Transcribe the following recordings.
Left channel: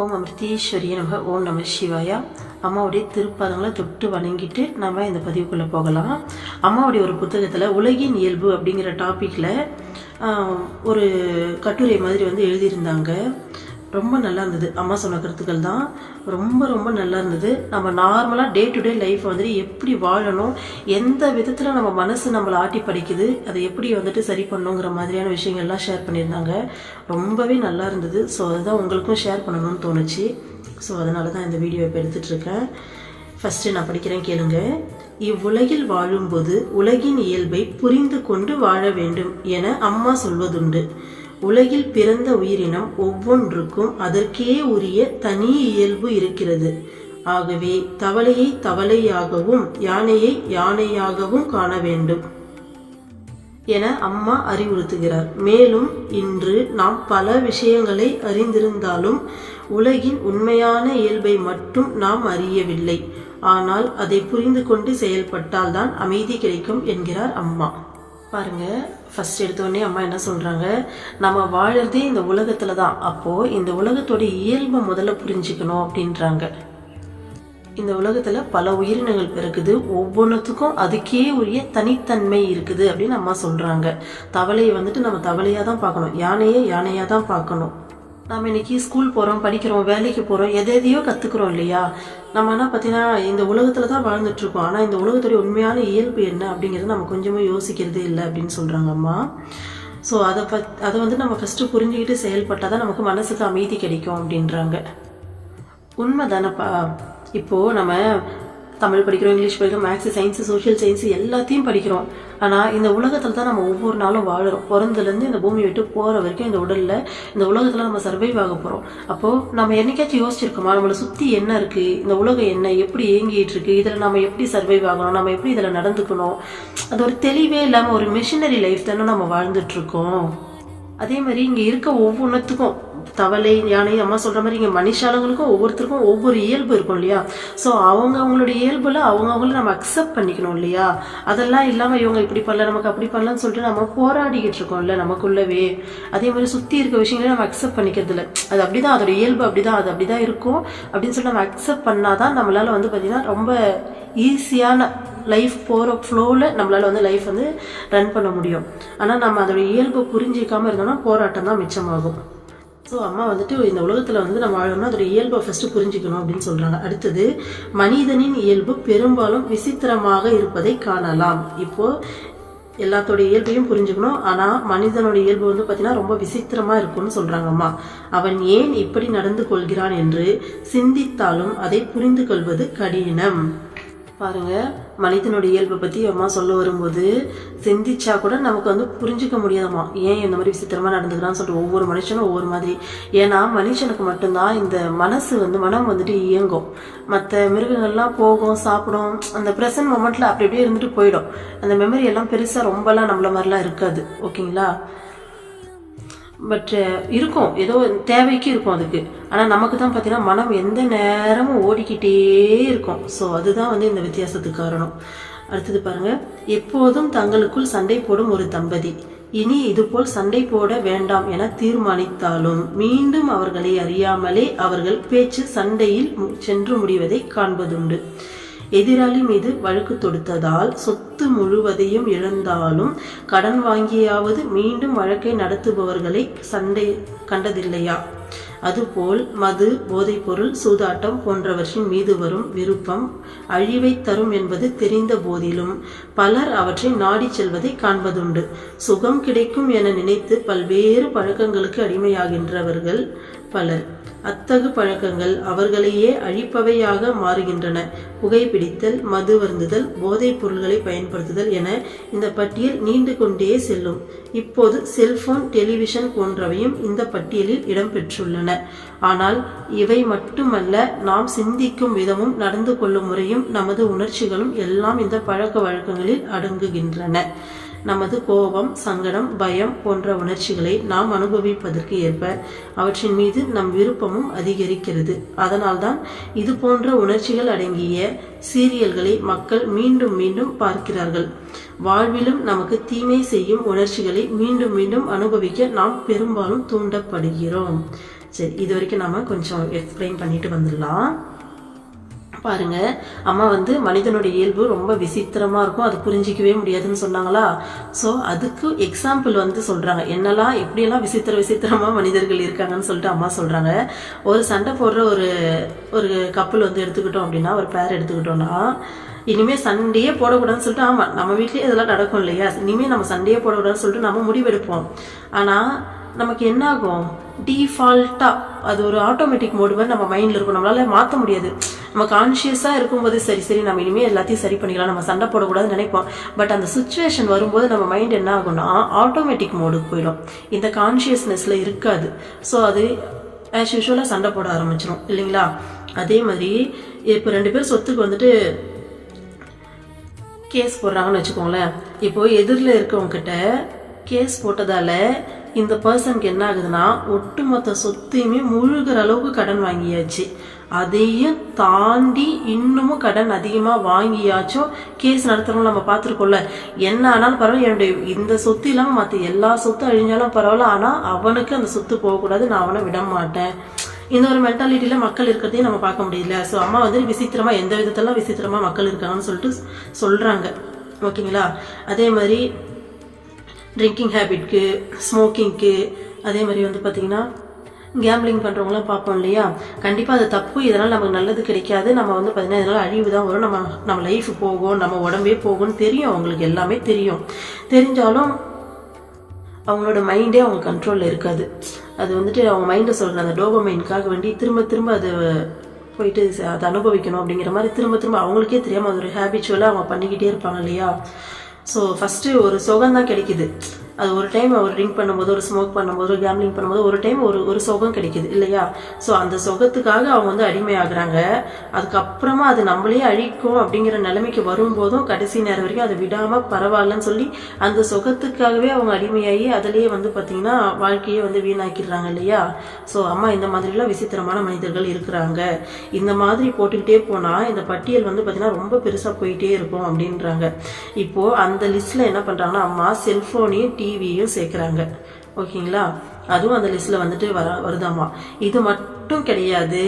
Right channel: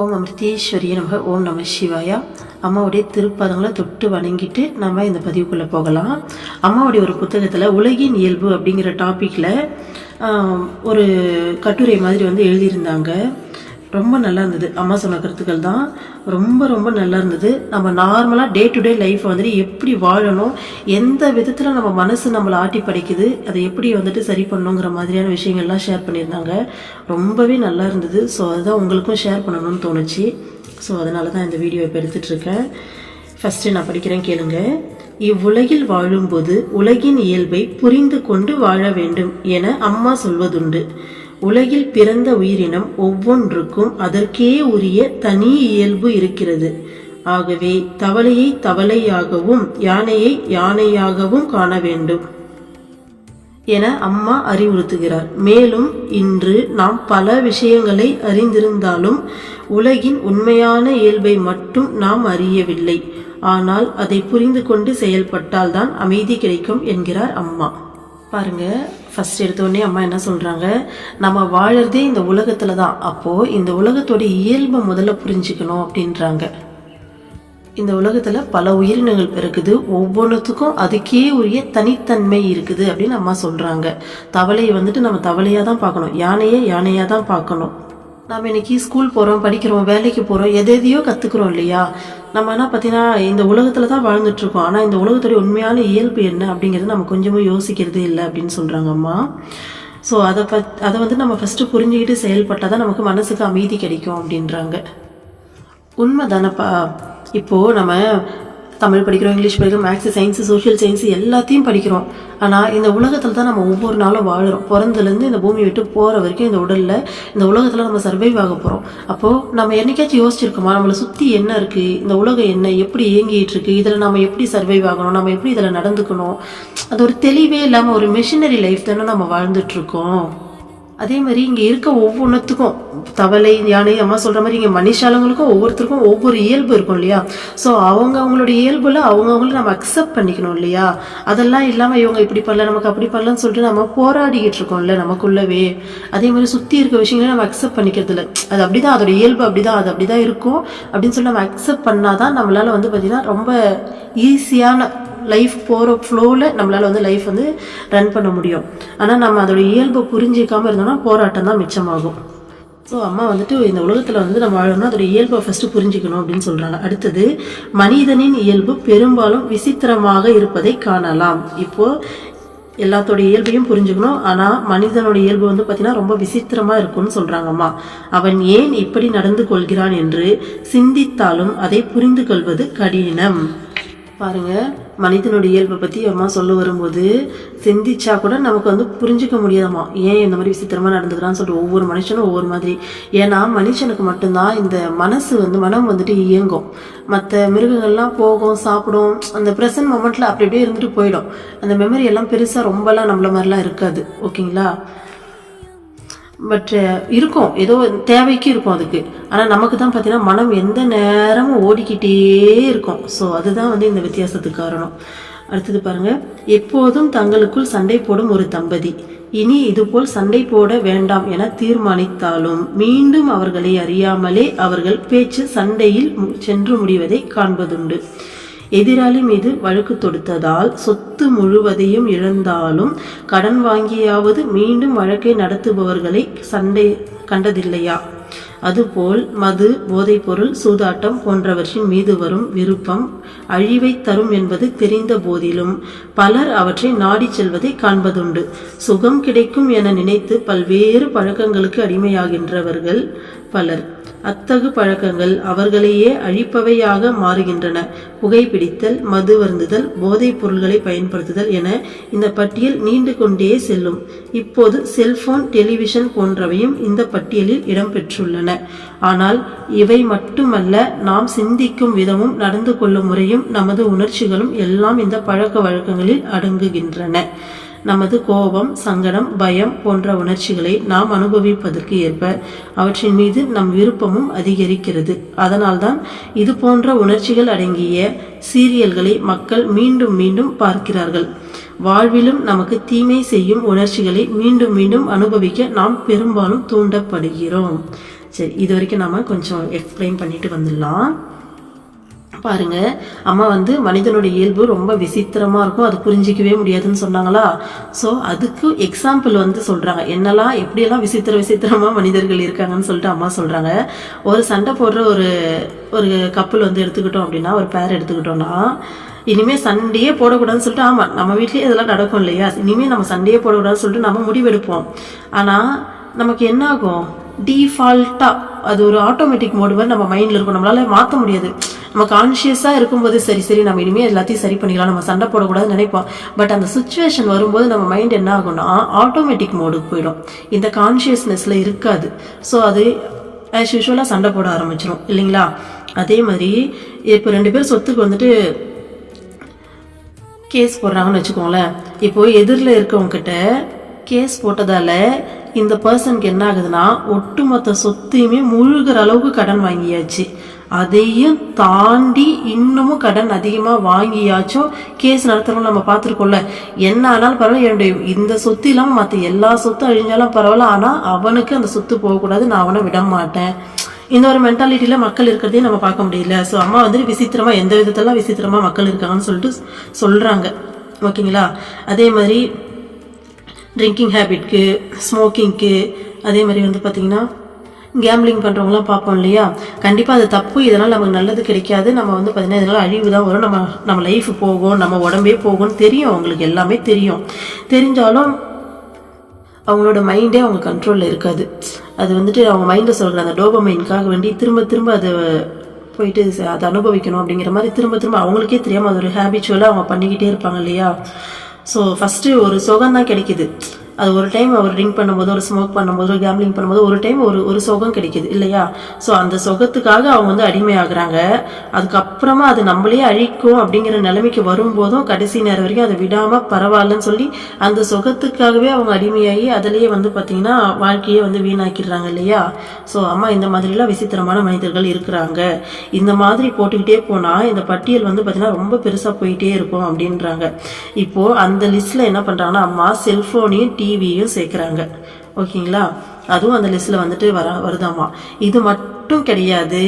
ஓம் அமிர்தீஸ்வரிய நமக. ஓம் நம சிவாயா. அம்மாவுடைய திருப்பாதங்களை தொட்டு வணங்கிட்டு நம்ம இந்த பதிவுக்குள்ளே போகலாம். அம்மாவுடைய ஒரு புத்தகத்தில் உலகின் இயல்பு அப்படிங்கிற டாப்பிக்கில் ஒரு கட்டுரை மாதிரி எழுதியிருந்தாங்க. ரொம்ப நல்லா இருந்தது. அம்மா சொன்ன கருத்துக்கள் தான் ரொம்ப ரொம்ப நல்லா இருந்தது. நம்ம நார்மலாக டே டு டே லைஃப் எப்படி வாழணும், எந்த விதத்தில் நம்ம மனசு நம்மளை ஆட்டி படைக்குது, அதை எப்படி சரி பண்ணணுங்கிற மாதிரியான விஷயங்கள்லாம் ஷேர் பண்ணியிருந்தாங்க. ரொம்பவே நல்லா இருந்தது. ஸோ அதுதான் உங்களுக்கும் ஷேர் பண்ணணும்னு தோணுச்சு. ஸோ அதனால தான் இந்த வீடியோ இப்போ எடுத்துகிட்ருக்கேன். ஃபஸ்ட்டு நான் படிக்கிறேன், கேளுங்க. இவ்வுலகில் வாழும்போது உலகின் இயல்பை புரிந்து கொண்டு வாழ வேண்டும் என அம்மா சொல்வதுண்டு. உலகில் பிறந்த உயிரினம் ஒவ்வொன்றுக்கும் அதற்கே உரிய தனி இயல்பு இருக்கிறது. ஆகவே தவளையை தவளையாகவும் யானையை யானையாகவும் காண வேண்டும் என அம்மா அறிவுறுத்துகிறார். மேலும் இன்று நாம் பல விஷயங்களை அறிந்திருந்தாலும் உலகின் உண்மையான இயல்பை மட்டும் நாம் அறியவில்லை. ஆனால் அதை புரிந்து கொண்டு செயல்பட்டால் தான் அமைதி கிடைக்கும் என்கிறார் அம்மா. பாருங்க, ஃபர்ஸ்ட் எடுத்தோடனே அம்மா என்ன சொல்றாங்க, நம்ம வாழறதே இந்த உலகத்துல தான். அப்போ இந்த உலகத்தோட இயல்பை முதல்ல புரிஞ்சுக்கணும் அப்படின்றாங்க. இந்த உலகத்துல பல உயிரினங்கள் பிறகுது, ஒவ்வொன்றுத்துக்கும் அதுக்கே உரிய தனித்தன்மை இருக்குது அப்படின்னு அம்மா சொல்றாங்க. தவளையை நம்ம தவளையா தான் பார்க்கணும், யானையை யானையா தான் பார்க்கணும். நம்ம இன்னைக்கு ஸ்கூல் போகிறோம், படிக்கிறோம், வேலைக்கு போகிறோம், எதையோ கற்றுக்குறோம் இல்லையா. நம்ம என்ன பார்த்தீங்கன்னா இந்த உலகத்தில் தான் வாழ்ந்துட்டுருக்கோம். ஆனால் இந்த உலகத்துடைய உண்மையான இயல்பு என்ன அப்படிங்கிறது நம்ம கொஞ்சமும் யோசிக்கிறதே இல்லை அப்படின்னு சொல்கிறாங்க அம்மா. ஸோ அதை நம்ம ஃபஸ்ட்டு புரிஞ்சுக்கிட்டு செயல்பட்டால் தான் நமக்கு மனசுக்கு அமைதி கிடைக்கும் அப்படின்றாங்க. உண்மை தானப்பா. இப்போது நம்ம தமிழ் படிக்கிறோம், இங்கிலீஷ் படிக்கிறோம், மேக்ஸ், சயின்ஸு, சோஷியல் சயின்ஸு எல்லாத்தையும் படிக்கிறோம். ஆனால் இந்த உலகத்தில் தான் நம்ம ஒவ்வொரு நாளும் வாழுறோம். பிறந்துலேருந்து இந்த பூமி விட்டு போகிற வரைக்கும் இந்த உடலில் இந்த உலகத்தில் நம்ம சர்வைவ் ஆக போகிறோம். அப்போது நம்ம என்னைக்காச்சும் யோசிச்சிருக்கோமா, நம்மளை சுற்றி என்ன இருக்குது, இந்த உலகம் என்ன, எப்படி இயங்கிட்டு இருக்கு, இதில் நம்ம எப்படி சர்வைவ் ஆகணும், நம்ம எப்படி இதில் நடந்துக்கணும், அது ஒரு தெளிவே இல்லாமல் ஒரு மிஷினரி லைஃப் தானே நம்ம வாழ்ந்துட்டுருக்கோம். அதே மாதிரி இங்கே இருக்க ஒவ்வொன்றுத்துக்கும் தவளை, யானை, அம்மா சொல்கிற மாதிரி இங்கே மனுஷாலங்களுக்கும் ஒவ்வொருத்தருக்கும் ஒவ்வொரு இயல்பு இருக்கும் இல்லையா. ஸோ அவங்களுடைய இயல்புல அவங்கவுங்கள நம்ம அக்செப்ட் பண்ணிக்கணும் இல்லையா. அதெல்லாம் இல்லாமல் இவங்க இப்படி பண்ணல, நமக்கு அப்படி பண்ணலன்னு சொல்லிட்டு நம்ம போராடிக்கிட்டு இருக்கோம்ல நமக்குள்ளவே. அதே மாதிரி சுற்றி இருக்க விஷயங்களே நம்ம அக்செப்ட் பண்ணிக்கிறது இல்லை. அது அப்படிதான், அதோட இயல்பு அப்படிதான், அது அப்படிதான் இருக்கும் அப்படின்னு சொல்லி நம்ம அக்செப்ட் பண்ணாதான் நம்மளால பார்த்தீங்கன்னா ரொம்ப ஈஸியான லைஃப் போகிற ஃப்ளோவில் நம்மளால் லைஃப் ரன் பண்ண முடியும். ஆனால் நம்ம அதோட இயல்பை புரிஞ்சிக்காமல் இருந்தோம்னா போராட்டம் தான் மிச்சமாகும். ஸோ அம்மா இந்த உலகத்தில் நம்ம வாழணும்னா அதோட இயல்பை ஃபஸ்ட்டு புரிஞ்சிக்கணும் அப்படின்னு சொல்கிறாங்க. அடுத்தது, மனிதனின் இயல்பு பெரும்பாலும் விசித்திரமாக இருப்பதை காணலாம். இப்போது எல்லாத்தோட இயல்பையும் புரிஞ்சுக்கணும். ஆனால் மனிதனோட இயல்பு பார்த்தீங்கன்னா ரொம்ப விசித்திரமாக இருக்கும்னு சொல்கிறாங்கம்மா. அவன் ஏன் இப்படி நடந்து கொள்கிறான் என்று சிந்தித்தாலும் அதை புரிந்து கொள்வது கடினம். பாருங்க, மனிதனுடைய இயல்பை பற்றி அம்மா சொல்ல வரும்போது சிந்திச்சா கூட நமக்கு புரிஞ்சிக்க முடியாதம்மா, ஏன் இந்த மாதிரி விசித்திரமாக நடந்துக்கிறான்னு சொல்லிட்டு. ஒவ்வொரு மனுஷனும் ஒவ்வொரு மாதிரி. ஏன்னா மனுஷனுக்கு மட்டும்தான் இந்த மனசு மனம் இயங்கும். மற்ற மிருகங்கள்லாம் போகும், சாப்பிடும், அந்த ப்ரெசன்ட் மொமெண்ட்டில் அப்படி அப்படியே இருந்துட்டு போயிடும். அந்த மெமரி எல்லாம் பெருசாக ரொம்பலாம் நம்மள மாதிரிலாம் இருக்காது. ஓகேங்களா. பட் இருக்கும், ஏதோ தேவைக்கு இருக்கும் அதுக்கு. ஆனால் நமக்கு தான் பார்த்தீங்கன்னா மனம் எந்த நேரமும் ஓடிக்கிட்டே இருக்கும். ஸோ அதுதான் இந்த வித்தியாசத்துக்கு காரணம். அடுத்தது பாருங்க, எப்போதும் தங்களுக்குள் சண்டை போடும் ஒரு தம்பதி இனி இதுபோல் சண்டை போட வேண்டாம் என தீர்மானித்தாலும் மீண்டும் அவர்களை அறியாமலே அவர்கள் பேச்சு சண்டையில் சென்று முடிவதை காண்பதுண்டு. எதிராளி மீது வழக்கு தொடுத்ததால் சொத்து முழுவதையும் இழந்தாலும் கடன் வாங்கியாவது மீண்டும் வழக்கை நடத்துபவர்களை சண்டை கண்டதில்லையா? அதுபோல் மது, போதைப்பொருள், சூதாட்டம் போன்றவற்றின் மீது வரும் விருப்பம் அழிவை தரும் என்பது தெரிந்த போதிலும் பலர் அவற்றை நாடி செல்வதை காண்பதுண்டு. சுகம் கிடைக்கும் என நினைத்து பல்வேறு பழக்கங்களுக்கு அடிமையாகின்றவர்கள் பலர். அத்தகு பழக்கங்கள் அவர்களையே அழிப்பவையாக மாறுகின்றன. புகைப்பிடித்தல், மது வருந்துதல், போதைப் பொருள்களை பயன்படுத்துதல் என இந்த பட்டியல் நீண்டு கொண்டே செல்லும். இப்போது செல்போன், டெலிவிஷன் போன்றவையும் இந்த பட்டியலில் இடம்பெற்றுள்ளன. ஆனால் இவை மட்டுமல்ல, நாம் சிந்திக்கும் விதமும் நடந்து கொள்ளும் முறையும் நமது உணர்ச்சிகளும் எல்லாம் இந்த பழக்க வழக்கங்களில் அடங்குகின்றன. நமது கோபம், சங்கடம், பயம் போன்ற உணர்ச்சிகளை நாம் அனுபவிப்பதற்கு ஏற்ப அவற்றின் மீது நம் விருப்பமும் அதிகரிக்கிறது. அதனால்தான் இது போன்ற உணர்ச்சிகள் அடங்கிய சீரியல்களை மக்கள் மீண்டும் மீண்டும் பார்க்கிறார்கள். வாழ்விலும் நமக்கு தீமை செய்யும் உணர்ச்சிகளை மீண்டும் மீண்டும் அனுபவிக்க நாம் பெரும்பாலும் தூண்டப்படுகிறோம். சரி, இது வரைக்கும் நம்ம கொஞ்சம் எக்ஸ்பிளைன் பண்ணிட்டு வந்துடலாம். பாருங்க, அம்மா வந்து மனிதனுடைய இயல்பு ரொம்ப விசித்திரமா இருக்கும், அது புரிஞ்சிக்கவே முடியாதுன்னு சொன்னாங்களா. ஸோ அதுக்கு எக்ஸாம்பிள் வந்து சொல்றாங்க, என்னெல்லாம் எப்படியெல்லாம் விசித்திரமா மனிதர்கள் இருக்காங்கன்னு சொல்லிட்டு அம்மா சொல்றாங்க. ஒரு சண்டை போடுற ஒரு கப்பல் வந்து எடுத்துக்கிட்டோம் அப்படின்னா, ஒரு பேர் எடுத்துக்கிட்டோம்னா, இனிமேல் சண்டையே போடக்கூடாதுன்னு சொல்லிட்டு, ஆமாம் நம்ம வீட்லேயே இதெல்லாம் நடக்கும் இல்லையா, இனிமேல் நம்ம சண்டையே போடக்கூடாதுன்னு சொல்லிட்டு நம்ம முடிவெடுப்போம். ஆனால் நமக்கு என்ன ஆகும், டிஃபால்ட்டாக அது ஒரு ஆட்டோமேட்டிக் மோடு மாதிரி நம்ம மைண்டில் இருக்கும், நம்மளால மாற்ற முடியாது. நம்ம கான்ஷியஸாக இருக்கும்போது சரி நம்ம இனிமேல் எல்லாத்தையும் சரி பண்ணிக்கலாம், நம்ம சண்டை போடக்கூடாதுன்னு நினைப்போம். பட் அந்த சுச்சுவேஷன் வரும்போது நம்ம மைண்ட் என்ன ஆகும்னா ஆட்டோமேட்டிக் மோடுக்கு போயிடும், இந்த கான்ஷியஸ்னஸில் இருக்காது. ஸோ அது ஆஸ் யூஷுவலாக சண்டை போட ஆரம்பிச்சிடும் இல்லைங்களா. அதே மாதிரி இப்போ 2 பேர் சொத்துக்கு வந்துட்டு கேஸ் போடுறாங்கன்னு வச்சுக்கோங்களேன். இப்போ எதிரில் இருக்கவங்ககிட்ட கேஸ் போட்டதால இந்த பர்சனுக்கு என்ன ஆகுதுன்னா, ஒட்டுமொத்த சொத்தையுமே முழுகிற அளவுக்கு கடன் வாங்கியாச்சு. அதையும் தாண்டி இன்னமும் கடன் அதிகமாக வாங்கியாச்சும் கேஸ் நடத்துறவங்க நம்ம பார்த்துருக்கோம்ல. என்ன ஆனாலும் பரவாயில்ல, என்னுடைய இந்த சொத்து இல்லாமல் மற்ற எல்லா சொத்தும் அழிஞ்சாலும் பரவாயில்ல, ஆனால் அவனுக்கு அந்த சொத்து போகக்கூடாது, நான் அவனை விட மாட்டேன். இந்த ஒரு மென்டாலிட்டியில் மக்கள் இருக்கிறதையும் நம்ம பார்க்க முடியல. ஸோ அம்மா வந்து விசித்திரமாக எந்த விதத்தெல்லாம் விசித்திரமாக மக்கள் இருக்காங்கன்னு சொல்லிட்டு சொல்கிறாங்க. ஓகேங்களா. அதே மாதிரி ட்ரிங்கிங் ஹேபிட்க்கு, ஸ்மோக்கிங்க்கு, அதே மாதிரி வந்து பார்த்திங்கன்னா கேம்லிங் பண்ணுறவங்களாம் பார்ப்போம் இல்லையா. கண்டிப்பாக அது தப்பு, இதனால் நமக்கு நல்லது கிடைக்காது, நம்ம வந்து பார்த்திங்கன்னா இதனால் அழிவு தான் வரும், நம்ம லைஃப் போகும், நம்ம உடம்பே போகும்னு தெரியும், அவங்களுக்கு எல்லாமே தெரியும். தெரிஞ்சாலும் அவங்களோட மைண்டே அவங்க கண்ட்ரோலில் இருக்காது. அது வந்துட்டு அவங்க மைண்டில் சொல்கிற அந்த டோபமைனுக்காக வேண்டி திரும்ப அது போயிட்டு அதை அனுபவிக்கணும் அப்படிங்கிற மாதிரி திரும்ப அவங்களுக்கே தெரியாமல் அது ஒரு ஹேபிச்சுவலாக அவங்க பண்ணிக்கிட்டே இருப்பாங்க இல்லையா. ஸோ ஃபஸ்ட்டு ஒரு சுகம் தான் கிடைக்குது. அது ஒரு டைம் ஒரு ட்ரிங்க் பண்ணும்போது, ஒரு ஸ்மோக் பண்ணும்போது, ஒரு கேம்லிங் பண்ணும்போது ஒரு டைம் ஒரு சுகம் கிடைக்குது இல்லையா. ஸோ அந்த சுகத்துக்காக அவங்க வந்து அடிமையாகிறாங்க. அதுக்கப்புறமா அது நம்மளே அழிக்கும் அப்படிங்கிற நிலைமைக்கு வரும்போதும் கடைசி நேரம் வரைக்கும் அதை விடாமல் பரவாயில்லன்னு சொல்லி அந்த சுகத்துக்காகவே அவங்க அடிமையாகி அதிலேயே வந்து பார்த்திங்கன்னா வாழ்க்கையே வந்து வீணாக்கிடுறாங்க இல்லையா. ஸோ அம்மா இந்த மாதிரிலாம் விசித்திரமான மனிதர்கள் இருக்கிறாங்க. இந்த மாதிரி போட்டுக்கிட்டே போனால் இந்த பட்டியல் வந்து பார்த்திங்கன்னா ரொம்ப பெருசாக போயிட்டே இருக்கும் அப்படின்றாங்க. இப்போது அந்த லிஸ்ட்டில் என்ன பண்ணுறாங்கன்னா அம்மா செல்ஃபோனையும் டிவியும் சேர்க்குறாங்க. ஓகேங்களா. அதுவும் அந்த லிஸ்ட்டில் வந்துட்டு வருதாமா. இது மட்டும் கிடையாது.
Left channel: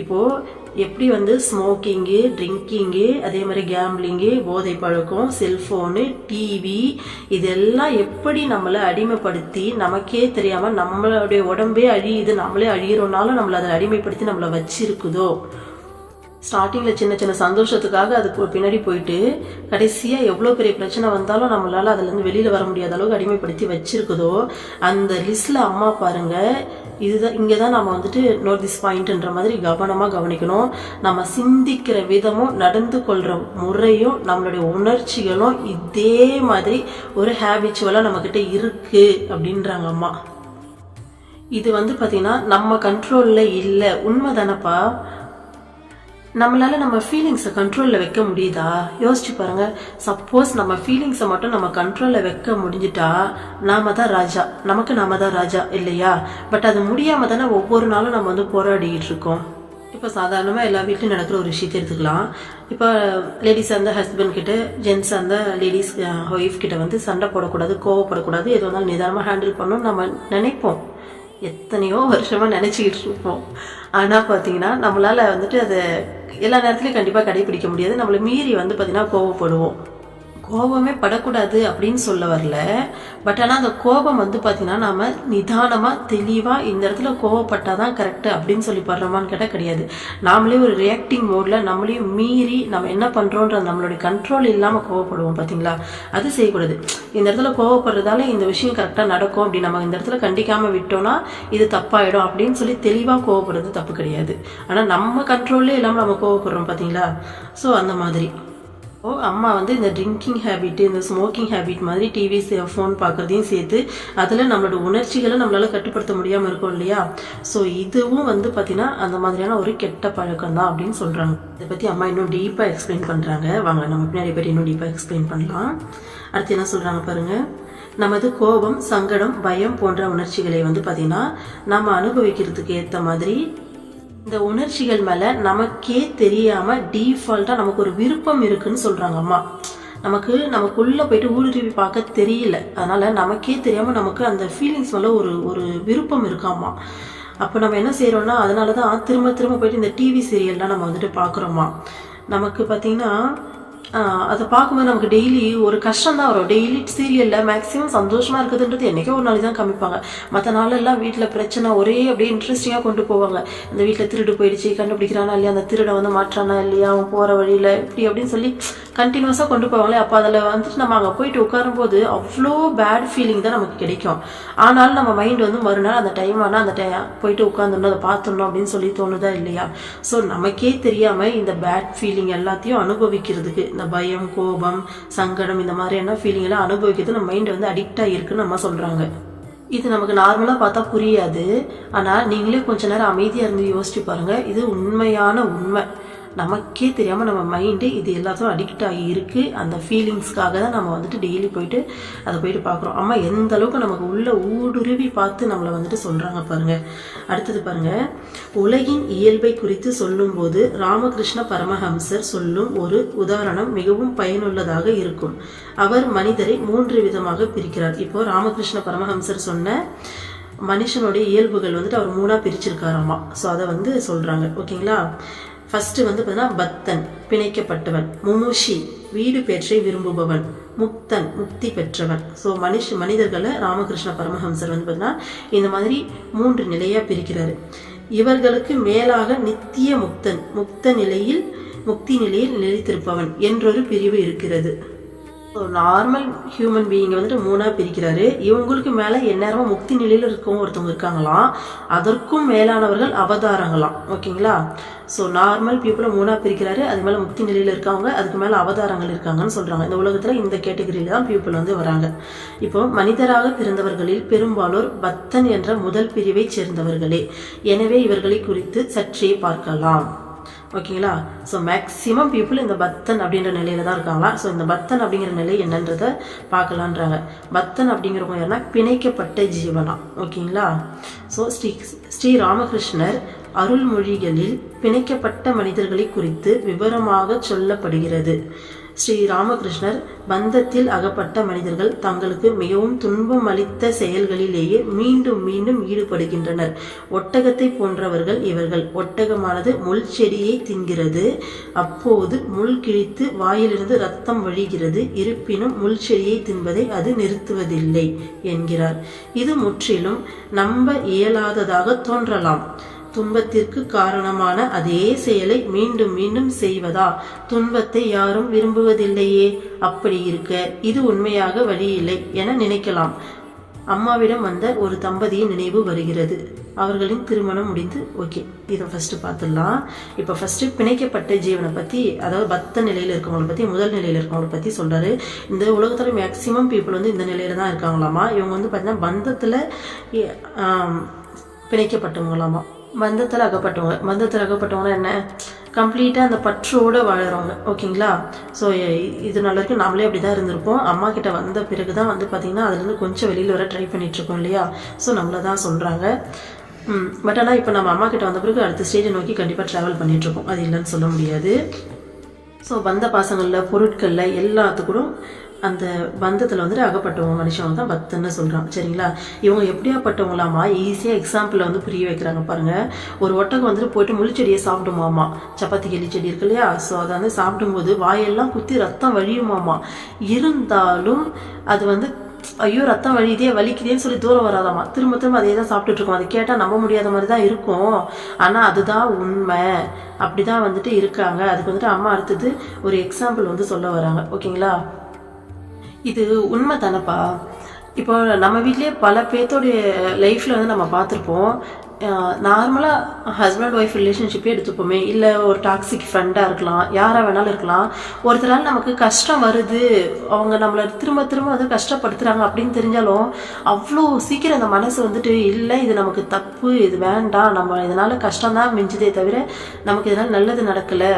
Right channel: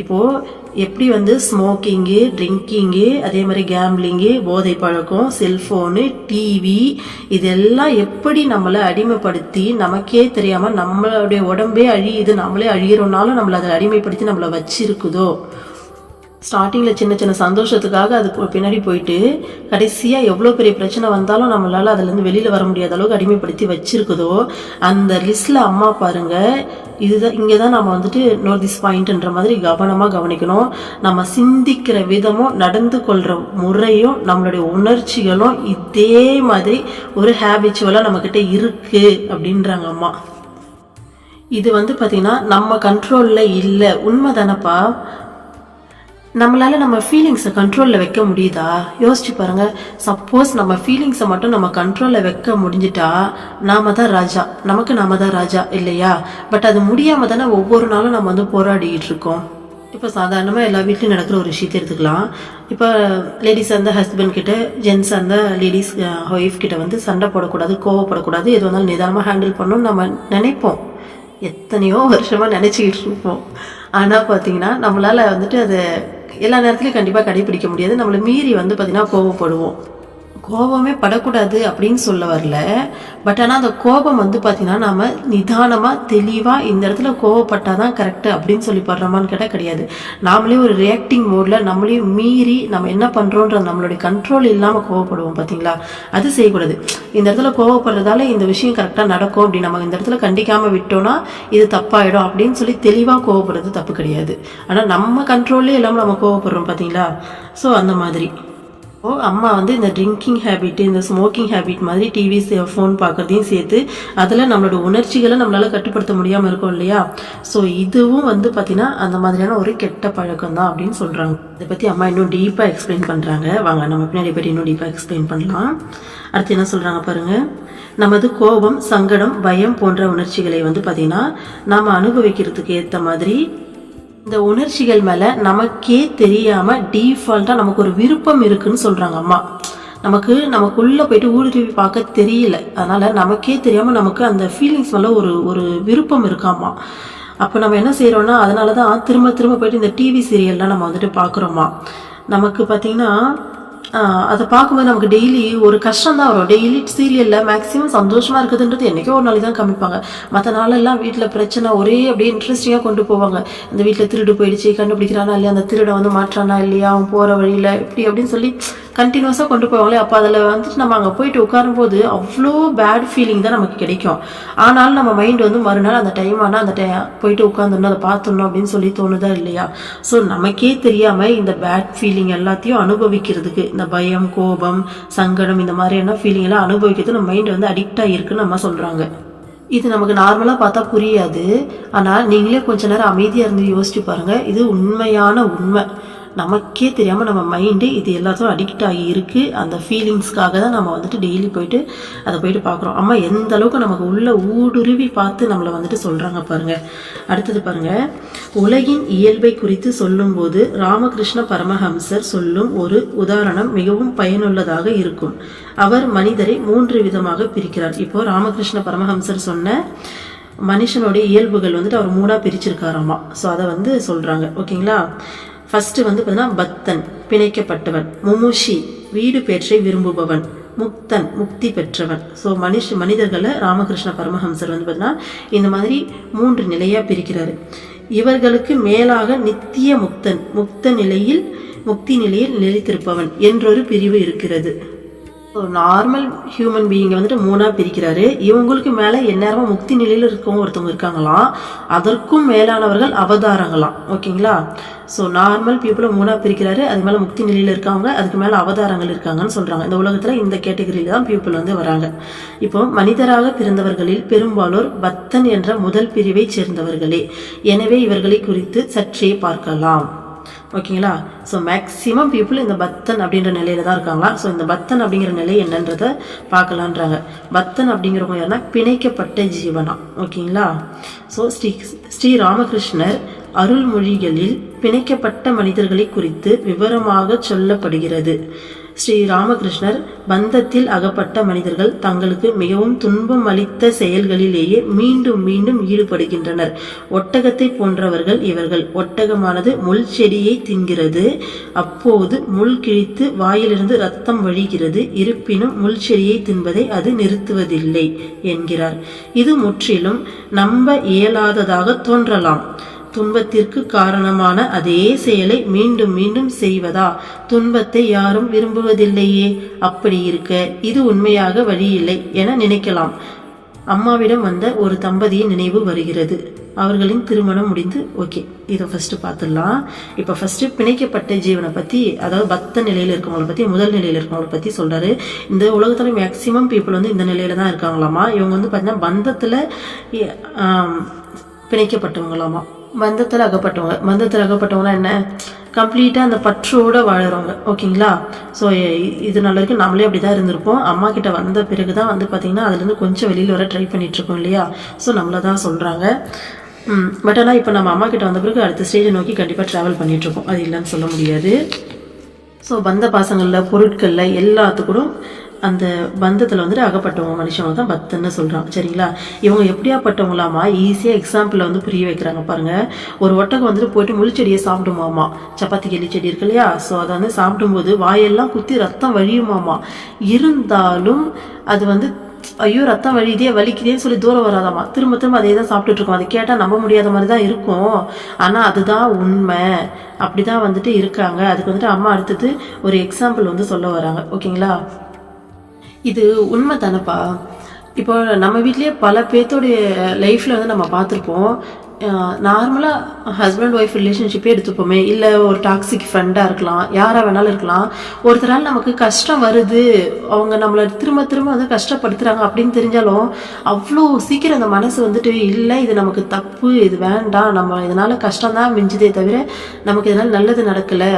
இப்போது எப்படி வந்து ஸ்மோக்கிங்கு, ட்ரிங்கிங்கு, அதே மாதிரி கேம்லிங்கு, போதை பழக்கம், செல்ஃபோனு, டிவி, இதெல்லாம் எப்படி நம்மளை அடிமைப்படுத்தி நமக்கே தெரியாமல் நம்மளுடைய உடம்பே அழியுது, நம்மளே அழியிறோம்னாலும் நம்மளை அதை அடிமைப்படுத்தி நம்மளை வச்சிருக்குதோ. ஸ்டார்டிங்கில் சின்ன சின்ன சந்தோஷத்துக்காக அதுக்கு பின்னாடி போயிட்டு கடைசியாக எவ்வளோ பெரிய பிரச்சனை வந்தாலும் நம்மளால் அதுலேருந்து வெளியில் வர முடியாத அளவுக்கு அடிமைப்படுத்தி வச்சிருக்குதோ. அந்த லிஸ்ட்டில் அம்மா பாருங்கள், இதுதான் இங்கே தான் நம்ம வந்துட்டு நோட் திஸ் பாயிண்ட்ன்ற மாதிரி கவனமாக கவனிக்கணும். நம்ம சிந்திக்கிற விதமும் நடந்து கொள்கிற முறையும் நம்மளுடைய உணர்ச்சிகளும் இதே மாதிரி ஒரு ஹேபிச்சுவலாக நம்மக்கிட்ட இருக்குது அப்படின்றாங்க அம்மா. இது வந்து பார்த்திங்கன்னா நம்ம கண்ட்ரோலில் இல்லை. உண்மை தானப்பா. நம்மளால் நம்ம ஃபீலிங்ஸை கண்ட்ரோலில் வைக்க முடியுதா? யோசிச்சு பாருங்கள். சப்போஸ் நம்ம ஃபீலிங்ஸை மட்டும் நம்ம கண்ட்ரோலில் வைக்க முடிஞ்சிட்டா நாம தான் ராஜா, நாம தான் ராஜா இல்லையா. பட் அது முடியாமல் தானே ஒவ்வொரு நாளும் நம்ம வந்து போராடிக்கிட்டு இருக்கோம். இப்போ சாதாரணமாக எல்லா வீட்லையும் நடக்கிற ஒரு விஷயத்தை எடுத்துக்கலாம். இப்போ லேடிஸ் அந்த ஹஸ்பண்ட் கிட்ட, ஜென்ஸ் அந்த லேடிஸ் ஒய்ஃப் கிட்ட வந்து சண்டை போடக்கூடாது, கோவப்படக்கூடாது, எது வந்தாலும் நிதானமாக ஹேண்டில் பண்ணணும்னு நம்ம நினைப்போம். எத்தனையோ வருஷமாக நினச்சிக்கிட்டு இருப்போம். ஆனால் பார்த்தீங்கன்னா நம்மளால் வந்துட்டு அதை எல்லா நேரத்துலையும் கண்டிப்பாக கடைபிடிக்க முடியாது. நம்மளை மீறி வந்து பார்த்திங்கன்னா கோவப்படுவோம். கோபமே படக்கூடாது அப்படின்னு சொல்ல வரல. பட் ஆனால் அந்த கோபம் வந்து பார்த்திங்கன்னா நம்ம நிதானமாக தெளிவாக இந்த இடத்துல கோவப்பட்டால் தான் கரெக்டு அப்படின்னு சொல்லி படுறோமான்னு கேட்டால் கிடையாது. நாமளே ஒரு ரியாக்டிங் மோடில் நம்மளையும் மீறி நம்ம என்ன பண்ணுறோன்ற நம்மளுடைய கண்ட்ரோல் இல்லாமல் கோவப்படுவோம் பார்த்தீங்களா. அது செய்யக்கூடாது. இந்த இடத்துல கோவப்படுறதால இந்த விஷயம் கரெக்டாக நடக்கும் அப்படி நம்ம இந்த இடத்துல கண்டிக்காமல் விட்டோம்னா இது தப்பாயிடும் அப்படின்னு சொல்லி தெளிவாக கோவப்படுறது தப்பு கிடையாது. ஆனால் நம்ம கண்ட்ரோல்லே இல்லாமல் நம்ம கோவப்படுறோம் பார்த்தீங்களா. ஸோ அந்த மாதிரி அம்மா வந்து இந்த ட்ரிங்கிங் ஹேபிட், இந்த ஸ்மோக்கிங் ஹேபிட் மாதிரி டிவி ஃபோன் பார்க்குறதையும் சேர்த்து அதில் நம்மளோட உணர்ச்சிகளை நம்மளால் கட்டுப்படுத்த முடியாமல் இருக்கும் இல்லையா. ஸோ இதுவும் வந்து பார்த்திங்கன்னா அந்த மாதிரியான ஒரு கெட்ட பழக்கம் தான் அப்படின்னு சொல்கிறாங்க. இதை பற்றி அம்மா இன்னும் டீப்பாக எக்ஸ்பிளைன் பண்ணுறாங்க. வாங்க நம்ம பின்னாடி பற்றி இன்னும் டீப்பாக எக்ஸ்பிளைன் பண்ணலாம். அடுத்து என்ன சொல்கிறாங்க பாருங்கள். நமது கோபம், சங்கடம், பயம் போன்ற உணர்ச்சிகளை வந்து பார்த்திங்கன்னா நம்ம அனுபவிக்கிறதுக்கு ஏற்ற மாதிரி இந்த உணர்ச்சிகள் மேலே நமக்கே தெரியாமல் டீஃபால்ட்டாக நமக்கு ஒரு விருப்பம் இருக்குன்னு சொல்கிறாங்க அம்மா. நமக்குள்ளே போயிட்டு ஊடுருவி பார்க்க தெரியல. அதனால் நமக்கே தெரியாமல் நமக்கு அந்த ஃபீலிங்ஸ் மேலே ஒரு விருப்பம் இருக்காமா. அப்போ நம்ம என்ன செய்கிறோம்னா, அதனால தான் திரும்ப திரும்ப போயிட்டு இந்த டிவி சீரியல்லாம் நம்ம வந்துட்டு பார்க்குறோமா. நமக்கு பார்த்திங்கன்னா அதை பார்க்கும்போது நமக்கு டெய்லி ஒரு கஷ்டம் தான் வரும். டெய்லி சீரியலில் மேக்ஸிமம் சந்தோஷமாக இருக்குதுன்றது என்றைக்கோ ஒரு நாளைக்கு தான் காமிப்பாங்க. மற்ற நாளெல்லாம் வீட்டில் பிரச்சனை ஒரே அப்படியே இன்ட்ரெஸ்டிங்காக கொண்டு போவாங்க. இந்த வீட்டில் திருடு போயிடுச்சு, கண்டுபிடிக்கிறானா இல்லையா, அந்த திருடை வந்து மாற்றானா இல்லையா, அவன் போகிற வழியில் இப்படி அப்படின்னு சொல்லி கண்டினியூஸாக கொண்டு போவாங்களே. அப்போ அதில் வந்துட்டு நம்ம அங்கே போயிட்டு உட்காரும்போது அவ்வளோ பேட் ஃபீலிங் தான் நமக்கு கிடைக்கும். ஆனாலும் நம்ம மைண்ட் வந்து மறுநாள் அந்த டைம் ஆனால் அந்த போயிட்டு உட்காந்துடணும், அதை பார்த்துடணும் அப்படின்னு சொல்லி தோணுதா இல்லையா. ஸோ நமக்கே தெரியாமல் இந்த பேட் ஃபீலிங் எல்லாத்தையும் அனுபவிக்கிறதுக்கு, இந்த பயம், கோபம், சங்கடம், இந்த மாதிரியான ஃபீலிங் எல்லாம் அனுபவிக்கிறது நம்ம மைண்ட் வந்து அடிக்ட் ஆகிருக்குன்னு நம்ம சொல்கிறாங்க. இது நமக்கு நார்மலாக பார்த்தா புரியாது. ஆனால் நீங்களே கொஞ்ச நேரம் அமைதியாக இருந்து யோசிச்சு பாருங்கள். இது உண்மையான உண்மை. நமக்கே தெரியாமல் நம்ம மைண்டு இது எல்லாத்தையும் அடிக்ட் ஆகி இருக்குது. அந்த ஃபீலிங்ஸ்க்காக தான் நம்ம வந்துட்டு டெய்லி போயிட்டு அதை போயிட்டு பார்க்குறோம். அம்மா எந்த அளவுக்கு நமக்கு உள்ள ஊடுருவி பார்த்து நம்மளை வந்துட்டு சொல்கிறாங்க பாருங்கள். அடுத்தது பாருங்கள், உலகின் இயல்பை குறித்து சொல்லும்போது ராமகிருஷ்ண பரமஹம்சர் சொல்லும் ஒரு உதாரணம் மிகவும் பயனுள்ளதாக இருக்கும். அவர் மனிதரை 3 விதமாக பிரிக்கிறார். இப்போ ராமகிருஷ்ண பரமஹம்சர் சொன்ன மனுஷனுடைய இயல்புகள் வந்துட்டு அவர் 3ஆக பிரிச்சிருக்காராமா. ஸோ அதை வந்து சொல்கிறாங்க. ஓகேங்களா. ஃபஸ்ட்டு வந்து பார்த்தீங்கன்னா பக்தன், பிணைக்கப்பட்டவன். முமுஷி, வீடு பேற்றை விரும்புபவன். முக்தன், முக்தி பெற்றவன். ஸோ மனிதர்களை ராமகிருஷ்ண பரமஹம்சர் வந்து பார்த்தீங்கன்னா இந்த மாதிரி 3 நிலையாக பிரிக்கிறாரு. இவர்களுக்கு மேலாக நித்திய முக்தன், முக்தி நிலையில் நிலைத்திருப்பவன் என்றொரு பிரிவு இருக்கிறது. நார்மல் ஹியூமன் பீயிங்கை வந்துட்டு 3ஆக பிரிக்கிறாரு. இவங்களுக்கு மேலே எந்நேரமும் முக்தி நிலையில் இருக்கவங்க ஒருத்தவங்க இருக்காங்களாம். அதற்கும் மேலானவர்கள் அவதாரங்களாம். ஓகேங்களா. ஸோ நார்மல் பீப்புளை 3ஆக பிரிக்கிறாரு. அது மேலே முக்தி நிலையில் இருக்காங்க, அதுக்கு மேலே அவதாரங்கள் இருக்காங்கன்னு சொல்கிறாங்க. இந்த உலகத்தில் இந்த கேட்டகரியில் தான் பீப்புள் வந்து வராங்க. இப்போ மனிதராக பிறந்தவர்களில் பெரும்பாலோர் பக்தன் என்ற முதல் பிரிவை சேர்ந்தவர்களே. எனவே இவர்களை குறித்து சற்றே பார்க்கலாம். ஓகேங்களா. ஸோ மேக்ஸிமம் பீப்புள் இந்த பக்தன் அப்படின்ற நிலையில தான் இருக்காங்களா. ஸோ இந்த பக்தன் அப்படிங்கிற நிலை என்னன்றதை பார்க்கலான்றாங்க. பக்தன் அப்படிங்கிறவங்க யாருன்னா பிணைக்கப்பட்ட ஜீவனா. ஓகேங்களா. ஸோ ஸ்ரீ ராமகிருஷ்ணர் அருள்மொழிகளில் பிணைக்கப்பட்ட மனிதர்களை குறித்து விவரமாக சொல்லப்படுகிறது. ஸ்ரீ ராமகிருஷ்ணர் பந்தத்தில் அகப்பட்ட மனிதர்கள் தங்களுக்கு மிகவும் துன்பம் அளித்த செயல்களிலேயே மீண்டும் மீண்டும் ஈடுபடுகின்றனர். ஒட்டகத்தை போன்றவர்கள் இவர்கள். ஒட்டகமானது முள் செடியை தின்கிறது. அப்போது முள் கிழித்து வாயிலிருந்து இரத்தம் வழிகிறது. இருப்பினும் முள் செடியை தின்பதை அது நிறுத்துவதில்லை என்கிறார். இது முற்றிலும் நம்ப இயலாததாக தோன்றலாம். துன்பத்திற்கு காரணமான அதே செயலை மீண்டும் மீண்டும் செய்வதா? துன்பத்தை யாரும் விரும்புவதில்லையே. அப்படி இருக்க இது உண்மையாக வழியில்லை என நினைக்கலாம். அம்மாவிடம் வந்த ஒரு தம்பதியின் நினைவு வருகிறது. அவர்களின் திருமணம் முடிந்து. ஓகே, இதை ஃபஸ்ட்டு பார்த்துடலாம். இப்போ ஃபஸ்ட்டு பிணைக்கப்பட்ட ஜீவனை பற்றி, அதாவது பக்த நிலையில் இருக்கவங்களை பற்றி, முதல் நிலையில் இருக்கவங்களை பற்றி சொல்கிறாரு. இந்த உலகத்தில் மேக்சிமம் பீப்புள் வந்து இந்த நிலையில் தான் இருக்காங்களாமா. இவங்க வந்து பார்த்தீங்கன்னா பந்தத்தில் பிணைக்கப்பட்டவங்களாமா. பந்தத்தில் அகப்பட்டவங்கன்னா என்ன, கம்ப்ளீட்டாக அந்த பற்றோடு வாழறவங்க. ஓகேங்களா. ஸோ இது நல்லா இருக்குது. நம்மளே அப்படி தான் இருந்திருப்போம். அம்மா கிட்ட வந்த பிறகு தான் வந்து பார்த்திங்கன்னா அதுலேருந்து கொஞ்சம் வெளியில் வர ட்ரை பண்ணிகிட்ருக்கோம் இல்லையா. ஸோ நம்மளை தான் சொல்கிறாங்க. பட் ஆனால் இப்போ நம்ம அம்மா கிட்ட வந்த பிறகு அடுத்த ஸ்டேஜை நோக்கி கண்டிப்பாக ட்ராவல் பண்ணிகிட்ருக்கோம். அது இல்லைன்னு சொல்ல முடியாது. ஸோ பந்த பாசங்களில், பொருட்களில் எல்லாத்துக்கூடும் அந்த பந்தத்தில் வந்துட்டு அகப்பட்டவங்க மனுஷங்க தான் பக்தன்னு சொல்கிறாங்க. சரிங்களா. இவங்க எப்படியாப்பட்டவங்களாமா, ஈஸியாக எக்ஸாம்பிளில் வந்து புரிய வைக்கிறாங்க பாருங்கள். ஒரு ஒட்டகம் வந்துட்டு போயிட்டு முள்செடியை சாப்பிடுமாமா. சப்பாத்தி கிளி செடி இருக்கு இல்லையா. ஸோ அதை வந்து சாப்பிடும்போது வாயெல்லாம் குத்தி ரத்தம் வழியுமாமா. இருந்தாலும் அது வந்து ஐயோ ரத்தம் வழியுதே, வலிக்குதேன்னு சொல்லி தூரம் வராதாமா. திரும்ப திரும்ப அதே தான் சாப்பிட்டுட்டு இருக்கோம். அதை கேட்டால் நம்ப முடியாத மாதிரி தான் இருக்கும். ஆனால் அதுதான் உண்மை. அப்படி தான் வந்துட்டு இருக்காங்க. அதுக்கு வந்துட்டு அம்மா அடுத்தது ஒரு எக்ஸாம்பிள் வந்து சொல்ல வராங்க. ஓகேங்களா. இது உண்மை தானேப்பா. இப்போ நம்ம வீட்லேயே பல பேர்த்தோடைய லைஃப்பில் வந்து நம்ம பார்த்துருப்போம். நார்மலாக ஹஸ்பண்ட் ஒய்ஃப் ரிலேஷன்ஷிப்பே எடுத்துப்போமே, இல்லை ஒரு டாக்ஸிக் ஃப்ரெண்டாக இருக்கலாம், யாராக வேணாலும் இருக்கலாம். ஒருத்தரால் நமக்கு கஷ்டம் வருது, அவங்க நம்மளை திரும்ப திரும்ப வந்து கஷ்டப்படுத்துகிறாங்க அப்படின்னு தெரிஞ்சாலும் அவ்வளோ சீக்கிரம் அந்த மனசு வந்துட்டு இல்லை இது நமக்கு தப்பு, இது வேண்டாம், நம்ம இதனால் கஷ்டம்தான் மிஞ்சுதே தவிர நமக்கு இதனால் நல்லது நடக்கலை,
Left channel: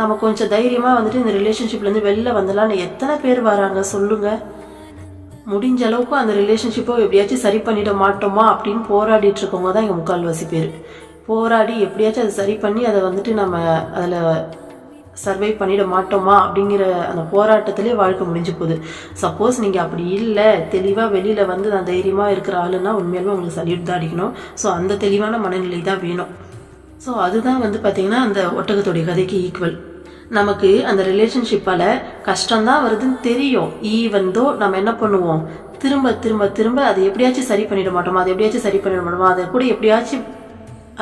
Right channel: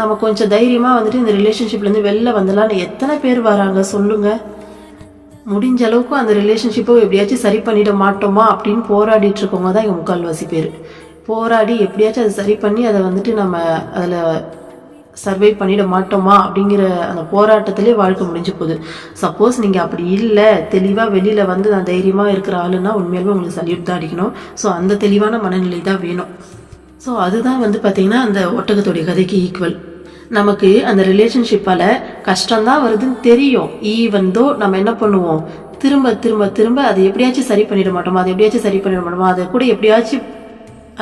நம்ம கொஞ்சம் தைரியமாக வந்துட்டு இந்த ரிலேஷன்ஷிப்லேருந்து வெளில வந்துடலான்னு எத்தனை பேர் வராங்க சொல்லுங்கள். முடிஞ்ச அளவுக்கு அந்த ரிலேஷன்ஷிப்பை எப்படியாச்சும் சரி பண்ணிட மாட்டோமா அப்படின்னு போராடிட்டு இருக்கவங்க தான் எங்கள் முக்கால்வாசி பேர். போராடி எப்படியாச்சும் அதை சரி பண்ணி அதை வந்துட்டு நம்ம அதில் சர்வை பண்ணிட மாட்டோமா அப்படிங்கிற அந்த போராட்டத்திலே வாழ்க்கை முடிஞ்சு போகுது. சப்போஸ் நீங்கள் அப்படி இல்லை, தெளிவாக வெளியில் வந்து நான் தைரியமாக இருக்கிற ஆளுன்னா உண்மையாலுமே உங்களுக்கு சல்யூட் தான் அடிக்கணும். ஸோ அந்த தெளிவான மனநிலை தான் வேணும். ஸோ அதுதான் வந்து பார்த்திங்கன்னா அந்த ஒட்டகத்துடைய கதைக்கு ஈக்குவல். நமக்கு அந்த ரிலேஷன்ஷிப்பால் கஷ்டம்தான் வருதுன்னு தெரியும். ஈவன் தோ நம்ம என்ன பண்ணுவோம், திரும்ப திரும்ப திரும்ப அதை எப்படியாச்சும் சரி பண்ணிட மாட்டோமா, அதை எப்படியாச்சும் சரி பண்ணிட மாட்டோமா, அதை கூட எப்படியாச்சும்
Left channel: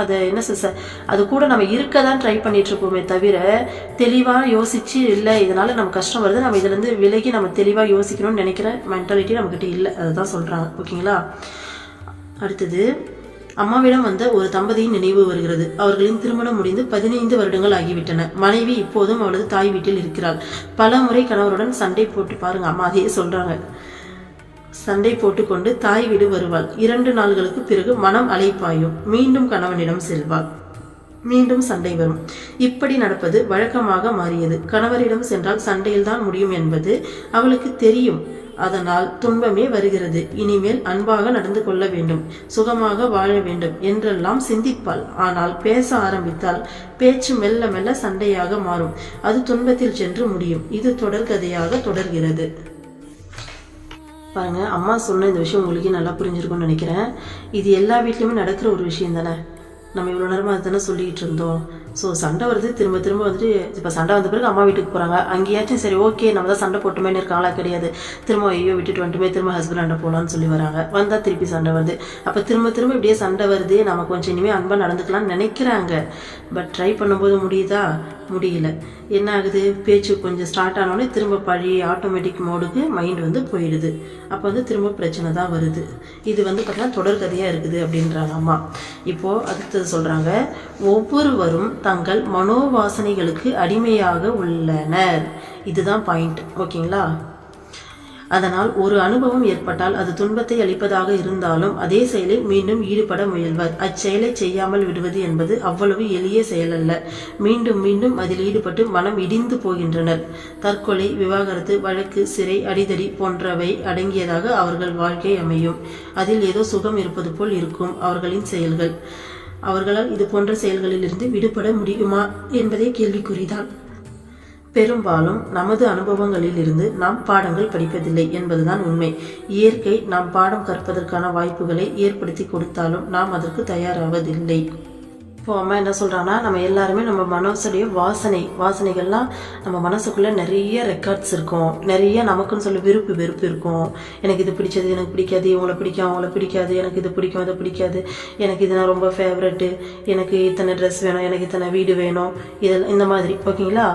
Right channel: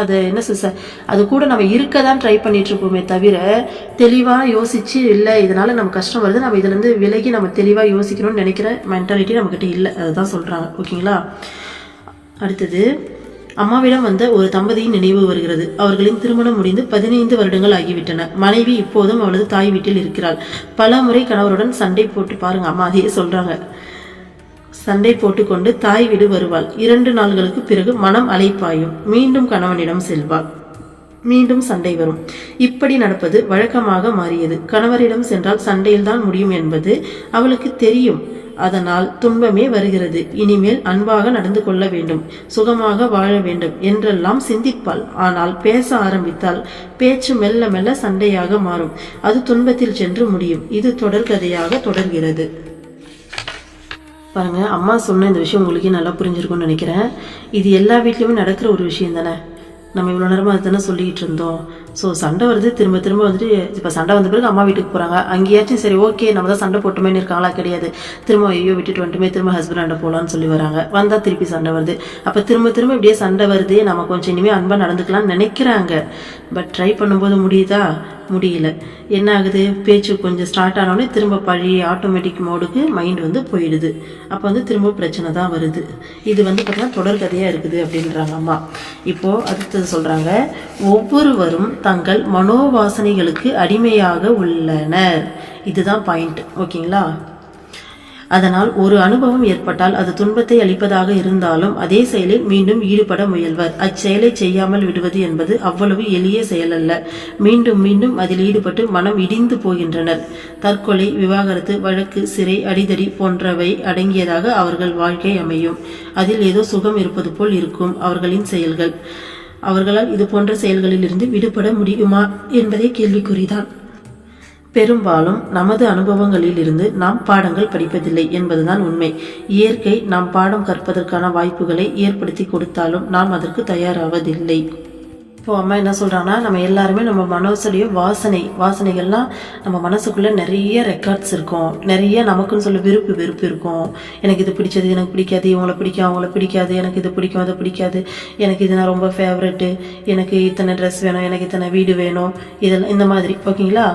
அதை என்ன சார் அது கூட நம்ம இருக்க தான் ட்ரை பண்ணிட்டு இருப்போமே தவிர தெளிவாக யோசிச்சு இல்லை இதனால நம்ம கஷ்டம் வருது, நம்ம இதுலேருந்து விலகி நம்ம தெளிவாக யோசிக்கணும்னு நினைக்கிற மென்டாலிட்டி நம்மக்கிட்ட இல்லை. அதுதான் சொல்கிறாங்க. ஓகேங்களா. அடுத்தது, அம்மாவிடம் வந்த ஒரு தம்பதியின் நினைவு வருகிறது. அவர்களின் திருமணம் முடிந்து 15 வருடங்கள் ஆகிவிட்டன. மனைவி இப்போதும் அவளது தாய் வீட்டில் இருக்கிறாள். பல முறை கணவருடன் சண்டை போட்டு, பாருங்க அம்மா அதையே சொல்றாங்க, சண்டை போட்டுக்கொண்டு தாய் வீடு வருவாள். 2 நாள்களுக்கு பிறகு மனம் அலைப்பாயும். மீண்டும் கணவனிடம் செல்வாள். மீண்டும் சண்டை வரும். இப்படி நடப்பது வழக்கமாக மாறியது. கணவரிடம் சென்றால் சண்டையில்தான் முடியும் என்பது அவளுக்கு தெரியும். அதனால் துன்பமே வருகிறது. இனிமேல் அன்பாக நடந்து கொள்ள வேண்டும், சுகமாக வாழ வேண்டும் என்றெல்லாம் சிந்திப்பாள். ஆனால் பேச ஆரம்பித்தால் பேச்சு மெல்ல மெல்ல சண்டையாக மாறும். அது துன்பத்தில் சென்று முடியும். இது தொடர்கதையாக தொடர்கிறது. பாருங்க, அம்மா சொன்ன இந்த விஷயம் உங்களுக்கே நல்லா புரிஞ்சிருக்கும்னு நினைக்கிறேன். இது எல்லா வீட்லையுமே நடக்கிற ஒரு விஷயம் தானே. நம்ம இவ்வளோ நேரமாக தானே சொல்லிக்கிட்டு இருந்தோம். ஸோ சண்டை வருது, திரும்ப திரும்ப வந்துட்டு இப்போ சண்டை வந்த பிறகு அம்மா வீட்டுக்கு போகிறாங்க. அங்கேயாச்சும் சரி ஓகே நம்ம தான் சண்டை போட்டுமேன்னு இருக்காங்களா, கிடையாது. திரும்ப ஐயோ விட்டுட்டு வந்துட்டுமே திரும்ப ஹஸ்பண்ட் போகலான்னு சொல்லி வராங்க. வந்தால் திருப்பி சண்டை வருது. அப்போ திரும்ப திரும்ப இப்படியே சண்டை வருது. நம்ம கொஞ்சம் இனிமேல் அன்பாக நடந்துக்கலாம்னு நினைக்கிறாங்க. பட் ட்ரை பண்ணும்போது முடியுதா? முடியல. என்ன ஆகுது, பேச்சு கொஞ்சம் ஸ்டார்ட் ஆனோடனே திரும்ப பழைய ஆட்டோமேட்டிக் மோடுக்கு மைண்ட் வந்து போயிடுது. அப்போ வந்து திரும்ப பிரச்சனை தான் வருது. இது வந்து பார்த்தீங்கன்னா தொடர்கதையாக இருக்குது அப்படின்றாங்க அம்மா. இப்போது அடுத்தது சொல்கிறாங்க, ஒவ்வொருவரும் தங்கள் மனோவாசனைகளுக்கு அடிமையாக உள்ளனர். இதுதான் பாயிண்ட். ஓகேங்களா. அதனால் ஒரு அனுபவம் ஏற்பட்டால் அது துன்பத்தை அளிப்பதாக இருந்தாலும் அதே செயலில் மீண்டும் ஈடுபட முயல்வர். அச்செயலை செய்யாமல் விடுவது என்பது அவ்வளவு எளிய செயல் அல்ல. மீண்டும் மீண்டும் அதில் ஈடுபட்டு மனம் இடிந்து போகின்றனர். தற்கொலை, விவாகரத்து, வழக்கு, சிறை, அடிதடி போன்றவை அடங்கியதாக அவர்கள் வாழ்க்கை அமையும். அதில் ஏதோ சுகம் இருப்பது போல் இருக்கும் அவர்களின் செயல்கள். அவர்களால் இது போன்ற செயல்களில் இருந்து விடுபட முடியுமா என்பதே கேள்விக்குறிதான். பெரும்பாலும் நமது அனுபவங்களில் இருந்து நாம் பாடங்கள் படிப்பதில்லை என்பதுதான் உண்மை. இயற்கை நாம் பாடம் கற்பதற்கான வாய்ப்புகளை ஏற்படுத்தி கொடுத்தாலும் நாம் அதற்கு தயாராவதில்லை. இப்போ அம்மா என்ன சொல்கிறாங்கன்னா, நம்ம எல்லாருமே நம்ம மனசுடைய வாசனைகள்லாம் நம்ம மனசுக்குள்ளே நிறைய ரெக்கார்ட்ஸ் இருக்கும். நிறைய நமக்குன்னு சொல்ல வெறுப்பு இருக்கும். எனக்கு இது பிடிச்சது, எனக்கு பிடிக்காது, இவங்களை பிடிக்கும், அவங்கள பிடிக்காது, எனக்கு இது பிடிக்கும், அதை பிடிக்காது, எனக்கு இது நான் ரொம்ப ஃபேவரெட்டு, எனக்கு இத்தனை ட்ரெஸ் வேணும், எனக்கு இத்தனை வீடு வேணும், இதெல்லாம் இந்த மாதிரி. ஓகேங்களா.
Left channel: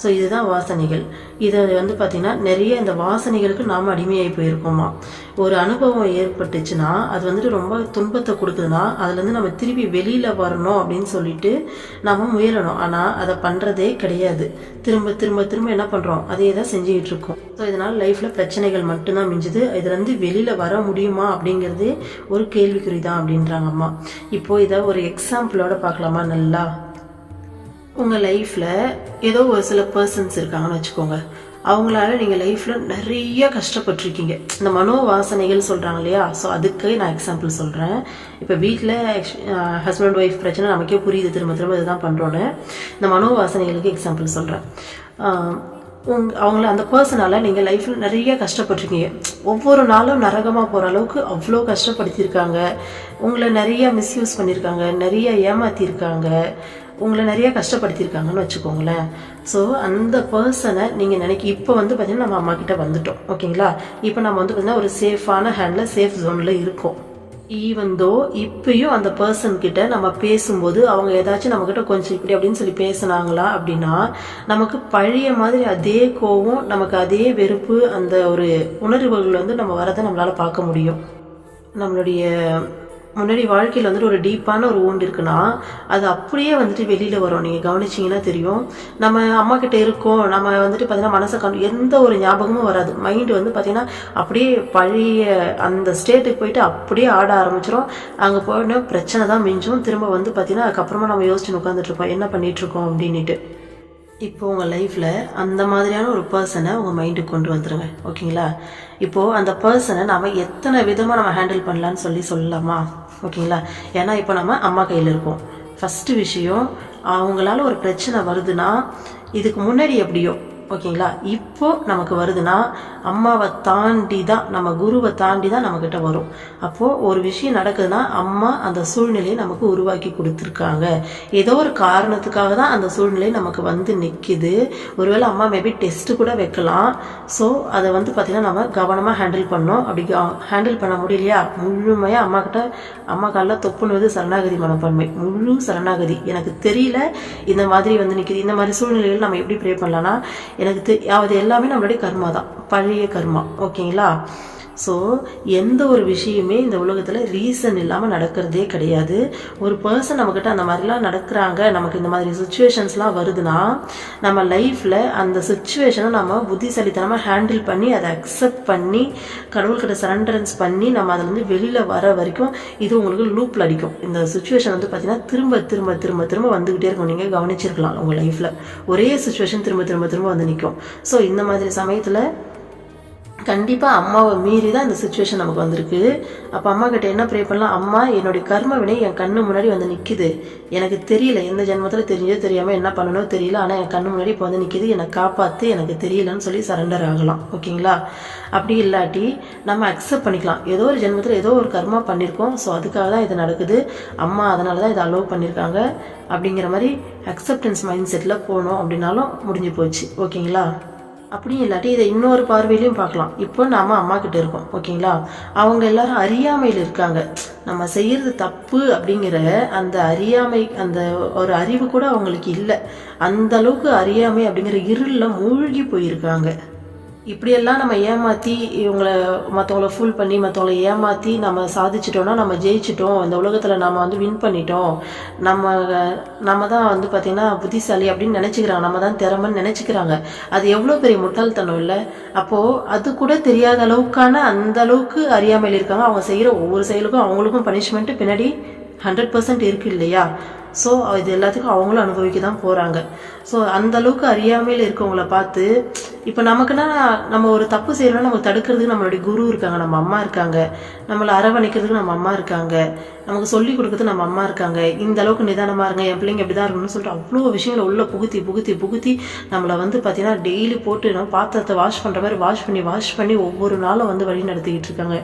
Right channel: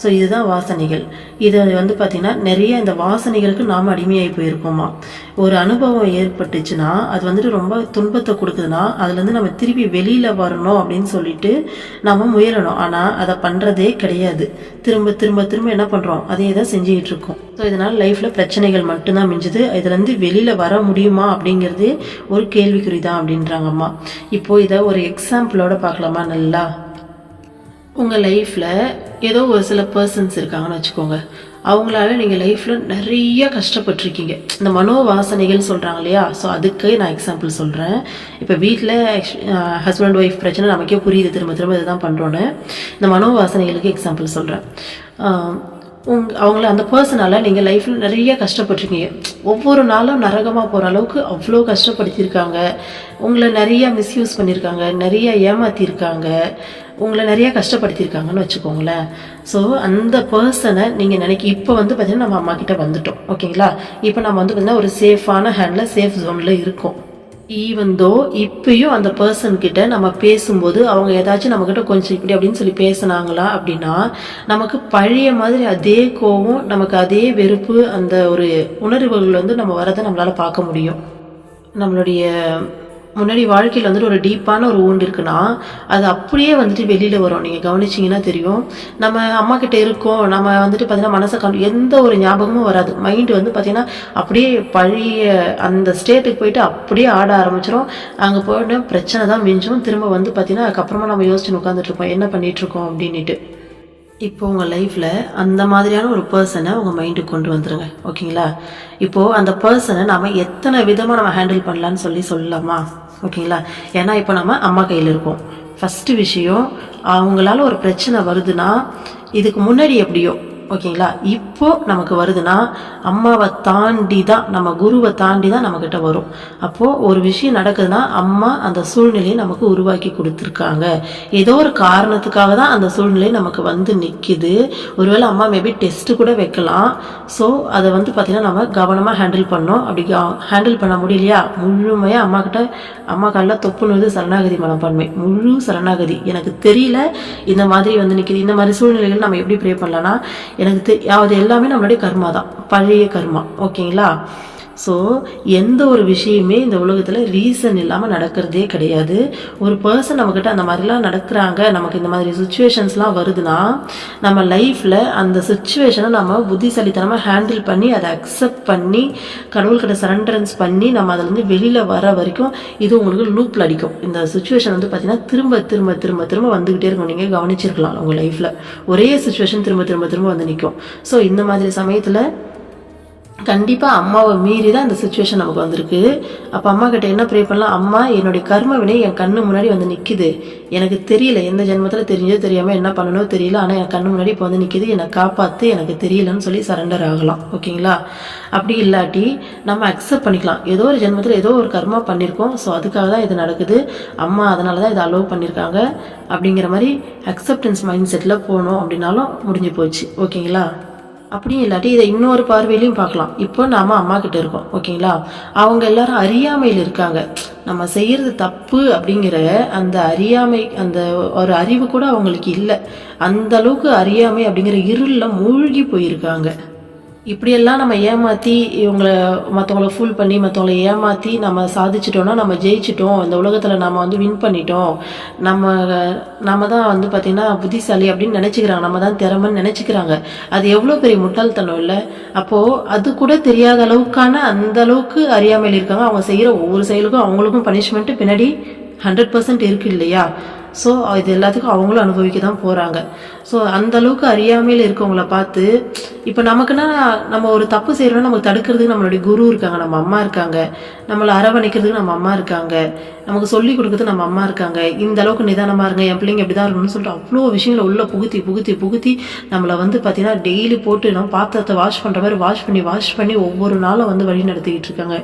ஸோ இதுதான் வாசனைகள். இதை வந்து பார்த்திங்கன்னா நிறைய இந்த வாசனைகளுக்கு நாம் அடிமையாகி போயிருக்கோமா. ஒரு அனுபவம் ஏற்பட்டுச்சுன்னா அது வந்துட்டு ரொம்ப துன்பத்தை கொடுக்குதுன்னா அதுலேருந்து நம்ம திருப்பி வெளியில் வரணும் அப்படின்னு சொல்லிட்டு நம்ம முயலணும். ஆனால் அதை பண்ணுறதே கிடையாது. திரும்ப திரும்ப திரும்ப என்ன பண்ணுறோம், அதே தான் செஞ்சுக்கிட்டு இருக்கோம். ஸோ இதனால் லைஃப்பில் பிரச்சனைகள் மட்டும்தான் மிஞ்சுது. இதுலேருந்து வெளியில் வர முடியுமா அப்படிங்கிறது ஒரு கேள்விக்குறி தான் அப்படின்றாங்க அம்மா. இப்போது இதை ஒரு எக்ஸாம்பிளோட பார்க்கலாமா. நல்லா உங்கள் லைஃப்பில் ஏதோ ஒரு சில பர்சன்ஸ் இருக்காங்கன்னு வச்சுக்கோங்க. அவங்களால நீங்கள் லைஃப்பில் நிறைய கஷ்டப்பட்டுருக்கீங்க. இந்த மனோவாசனைகள் சொல்கிறாங்க இல்லையா. ஸோ அதுக்கு நான் எக்ஸாம்பிள் சொல்கிறேன். இப்போ வீட்டில் ஹஸ்பண்ட் ஒய்ஃப் பிரச்சனை நமக்கே புரியுது, திரும்ப திரும்ப இதுதான் பண்ணுறோன்னு. இந்த மனோவாசனைகளுக்கு எக்ஸாம்பிள் சொல்கிறேன். அவங்கள அந்த பர்சனால் நீங்கள் லைஃப்பில் நிறைய கஷ்டப்பட்டுருக்கீங்க. ஒவ்வொரு நாளும் நரகமாக போகிற அளவுக்கு அவ்வளோ கஷ்டப்படுத்தியிருக்காங்க. உங்களை நிறையா மிஸ்யூஸ் பண்ணியிருக்காங்க, நிறைய ஏமாற்றிருக்காங்க, உங்களை நிறைய கஷ்டப்படுத்தியிருக்காங்கன்னு வச்சுக்கோங்களேன். ஸோ அந்த பர்சனை நீங்கள் இப்போ வந்து பார்த்திங்கன்னா நம்ம அம்மா கிட்ட வந்துட்டோம். ஓகேங்களா. இப்போ நம்ம வந்து பார்த்திங்கன்னா ஒரு சேஃபான ஹேண்டில், சேஃப் ஜோனில் இருக்கோம். ஈவன் தோ இப்பயும் அந்த பர்சன் கிட்ட நம்ம பேசும்போது அவங்க ஏதாச்சும் நம்மக்கிட்ட கொஞ்சம் இப்படி அப்படின்னு சொல்லி பேசினாங்களா அப்படின்னா நமக்கு பழைய மாதிரி அதே கோவம், நமக்கு அதே வெறுப்பு, அந்த ஒரு உணர்வுகள் வந்து நம்ம வரதை நம்மளால் பார்க்க முடியும். நம்மளுடைய முன்னாடி வாழ்க்கையில் வந்துட்டு ஒரு டீப்பான ஒரு ஊண்டு இருக்குன்னா அது அப்படியே வந்துட்டு வெளியில் வரும். நீங்கள் கவனிச்சிங்கன்னா தெரியும். நம்ம அம்மா கிட்டே இருக்கோம், நம்ம வந்துட்டு பார்த்தீங்கன்னா மனசை எந்த ஒரு ஞாபகமும் வராது. மைண்டு வந்து பார்த்திங்கன்னா அப்படியே பழைய அந்த ஸ்டேட்டுக்கு போயிட்டு அப்படியே ஆட ஆரம்பிச்சிடும். அங்கே போயிட்டு பிரச்சனை தான் மிஞ்சும். திரும்ப வந்து பார்த்திங்கன்னா அதுக்கப்புறமா நம்ம யோசிச்சு உட்காந்துட்ருக்கோம் என்ன பண்ணிகிட்ருக்கோம் அப்படின்ட்டு. இப்போ உங்கள் லைஃப்பில் அந்த மாதிரியான ஒரு பர்சனை உங்கள் மைண்டுக்கு கொண்டு வந்துடுங்க. ஓகேங்களா. இப்போது அந்த பர்சனை நம்ம எத்தனை விதமாக நம்ம ஹேண்டில் பண்ணலான்னு சொல்லலாமா. ஓகேங்களா. ஏன்னா இப்போ நம்ம அம்மா கையில் இருக்கோம். ஃபஸ்ட்டு விஷயம், அவங்களால ஒரு பிரச்சனை வருதுன்னா இதுக்கு முன்னாடி எப்படியோ ஓகேங்களா, இப்போ நமக்கு வருதுன்னா அம்மாவை தாண்டி தான், நம்ம குருவை தாண்டி தான் நம்மக்கிட்ட வரும். அப்போது ஒரு விஷயம் நடக்குதுன்னா அம்மா அந்த சூழ்நிலையை நமக்கு உருவாக்கி கொடுத்துருக்காங்க. ஏதோ ஒரு காரணத்துக்காக தான் அந்த சூழ்நிலை நமக்கு வந்து நிற்கிது. ஒருவேளை அம்மா மேபி டெஸ்ட்டு கூட வைக்கலாம். ஸோ அதை வந்து பார்த்திங்கன்னா நம்ம கவனமாக ஹேண்டில் பண்ணோம். அப்படி ஹேண்டில் பண்ண முடியலையா, முழுமையாக அம்மா காலில் தொப்புனது சரணாகதி மனப்பான்மை, முழு சரணாகதி. எனக்கு தெரியல இந்த மாதிரி வந்து நிற்கிது. இந்த மாதிரி சூழ்நிலைகள் நம்ம எப்படி ப்ரே பண்ணலான்னா, எனக்கு அது எல்லாமே நம்மளுடைய கர்மா தான், பழைய கர்மா. ஓகேங்களா. ஸோ எந்த ஒரு விஷயமே இந்த உலகத்தில் ரீசன் இல்லாமல் நடக்கிறதே கிடையாது. ஒரு பர்சன் நம்மக்கிட்ட அந்த மாதிரிலாம் நடக்கிறாங்க, நமக்கு இந்த மாதிரி சுச்சுவேஷன்ஸ்லாம் வருதுன்னா நம்ம லைஃப்பில் அந்த சுச்சுவேஷனை நம்ம புத்திசாலித்தனமாக ஹேண்டில் பண்ணி அதை அக்செப்ட் பண்ணி கடவுள்கிட்ட சரண்டரன்ஸ் பண்ணி நம்ம அதிலேருந்து வெளியில் வர வரைக்கும் இது உங்களுக்கு லூப்பில் அடிக்கும். இந்த சுச்சுவேஷன் வந்து பார்த்திங்கன்னா திரும்ப திரும்ப திரும்ப திரும்ப வந்துக்கிட்டே இருக்கும். நீங்கள் கவனிச்சிருக்கலாம் உங்கள் லைஃப்பில் ஒரே சுச்சுவேஷன் திரும்ப திரும்ப திரும்ப வந்து நிற்கும். ஸோ இந்த மாதிரி சமயத்தில் கண்டிப்பாக அம்மாவை மீறி தான் இந்த சுச்சுவேஷன் நமக்கு வந்திருக்கு. அப்போ அம்மா கிட்ட என்ன ப்ரே பண்ணலாம், அம்மா என்னுடைய கர்ம வினை என் கண்ணு முன்னாடி வந்து நிற்கிது, எனக்கு தெரியல எந்த ஜென்மத்தில் தெரிஞ்சோ தெரியாமல் என்ன பண்ணணும் தெரியல, ஆனால் என் கண்ணு முன்னாடி இப்போ வந்து நிற்கிது, என்னை காப்பாற்று, எனக்கு தெரியலன்னு சொல்லி சரண்டர் ஆகலாம். ஓகேங்களா. அப்படி இல்லாட்டி நம்ம அக்செப்ட் பண்ணிக்கலாம், ஏதோ ஒரு ஜென்மத்தில் ஏதோ ஒரு கர்மா பண்ணியிருக்கோம், ஸோ அதுக்காக தான் இது நடக்குது, அம்மா அதனால தான் இதை அலோவ் பண்ணியிருக்காங்க அப்படிங்கிற மாதிரி அக்செப்டன்ஸ் மைண்ட் செட்டில் போகணும். அப்படின்னாலும் முடிஞ்சு போச்சு. ஓகேங்களா. அப்படியும் இல்லாட்டி இதை இன்னொரு பார்வையிலையும் பார்க்கலாம். இப்போ நாம் அம்மா கிட்ட இருக்கோம். ஓகேங்களா. அவங்க எல்லாரும் அறியாமையில் இருக்காங்க. நம்ம செய்கிறது தப்பு அப்படிங்கிற அந்த அறியாமை, அந்த ஒரு அறிவு கூட அவங்களுக்கு இல்லை. அந்த அளவுக்கு அறியாமை அப்படிங்கிற இருளில் மூழ்கி போயிருக்காங்க. இப்படியெல்லாம் நம்ம ஏமாற்றி மற்றவங்கள ஃபுல் பண்ணி மற்றவங்கள ஏமாற்றி நம்ம சாதிச்சிட்டோம்னா நம்ம ஜெயிச்சிட்டோம், இந்த உலகத்தில் நம்ம வந்து வின் பண்ணிட்டோம், நம்ம தான் வந்து பார்த்திங்கன்னா புத்திசாலி அப்படின்னு நினச்சிக்கிறாங்க, நம்ம தான் திறமைன்னு நினச்சிக்கிறாங்க. அது எவ்வளோ பெரிய முட்டாள்தனம் இல்லை. அப்போது அது கூட தெரியாத அளவுக்கான அந்த அளவுக்கு அறியாமையில் இருக்காங்க. அவங்க செய்கிற ஒவ்வொரு செயலுக்கும் அவங்களுக்கும் பனிஷ்மெண்ட்டு பின்னாடி 100% இருக்குது இல்லையா. ஸோ இது எல்லாத்துக்கும் அவங்களும் அனுபவிக்க தான் போகிறாங்க. ஸோ அந்தளவுக்கு அறியாமையில் இருக்கவங்கள பார்த்து இப்போ நமக்குன்னா நம்ம ஒரு தப்பு செய்கிறோன்னா நமக்கு தடுக்கிறதுக்கு நம்மளுடைய குரு இருக்காங்க, நம்ம அம்மா இருக்காங்க, நம்மளை அரவணைக்கிறதுக்கு நம்ம அம்மா இருக்காங்க, நமக்கு சொல்லிக் கொடுக்குறது நம்ம அம்மா இருக்காங்க. இந்த அளவுக்கு நிதானமாக இருங்க, என் பிள்ளைங்க இப்படி தான் இருக்கணும்னு சொல்லிட்டு அவ்வளோ விஷயங்களை உள்ளே புகுத்தி நம்மளை வந்து பார்த்திங்கன்னா டெய்லி போட்டு நம்ம பாத்திரத்தை வாஷ் பண்ணுற மாதிரி வாஷ் பண்ணி ஒவ்வொரு நாளும் வந்து வழி நடத்திக்கிட்டு இருக்காங்க.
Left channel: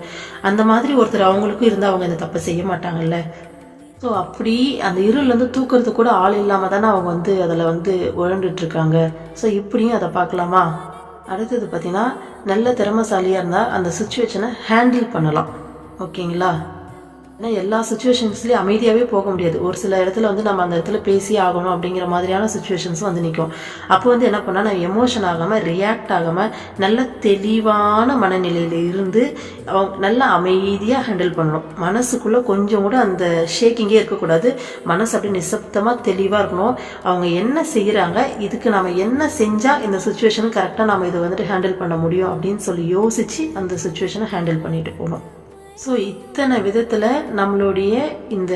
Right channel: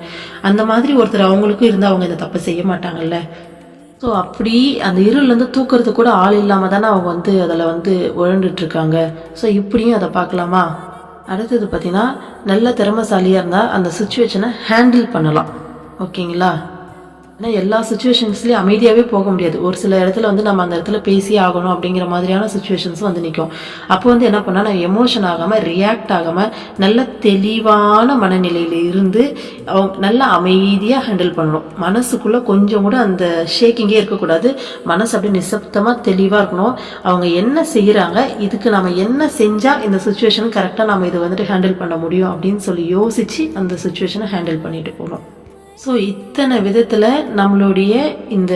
அந்த மாதிரி ஒருத்தர் அவங்களுக்கும் இருந்தால் அவங்க இந்த தப்பை செய்ய மாட்டாங்கல்ல. ஸோ அப்படி அந்த இருள்லேருந்து தூக்கிறதுக்கு கூட ஆள் இல்லாமல் தானே அவங்க வந்து அதில் வந்து உழண்டுட்ருக்காங்க. ஸோ இப்படியும் அதை பார்க்கலாமா. அடுத்தது பார்த்திங்கன்னா நல்ல திறமைசாலியாக இருந்தால் அந்த சுச்சுவேஷனை ஹேண்டில் பண்ணலாம். ஓகேங்களா. ஏன்னா எல்லா சுச்சுவேஷன்ஸ்லேயும் அமைதியாகவே போக முடியாது. ஒரு சில இடத்துல வந்து நம்ம அந்த இடத்துல பேசி ஆகணும் அப்படிங்கிற மாதிரியான சுச்சுவேஷன்ஸும் வந்து நிற்கும். அப்போ வந்து என்ன பண்ணால் நான் எமோஷன் ஆகாமல் ரியாக்ட் ஆகாமல் நல்ல தெளிவான மனநிலையில் இருந்து அவங்க நல்லா அமைதியாக ஹேண்டில் பண்ணணும். மனசுக்குள்ளே கொஞ்சம் கூட அந்த ஷேக்கிங்கே இருக்கக்கூடாது. மனசு அப்படி நிசப்தமாக தெளிவாக இருக்கணும். அவங்க என்ன செய்கிறாங்க, இதுக்கு நம்ம என்ன செஞ்சால் இந்த சுச்சுவேஷன் கரெக்டாக நம்ம இதை வந்துட்டு ஹேண்டில் பண்ண முடியும் அப்படின்னு சொல்லி யோசித்து அந்த சுச்சுவேஷனை ஹேண்டில் பண்ணிட்டு போகணும். ஸோ இத்தனை விதத்தில் நம்மளுடைய இந்த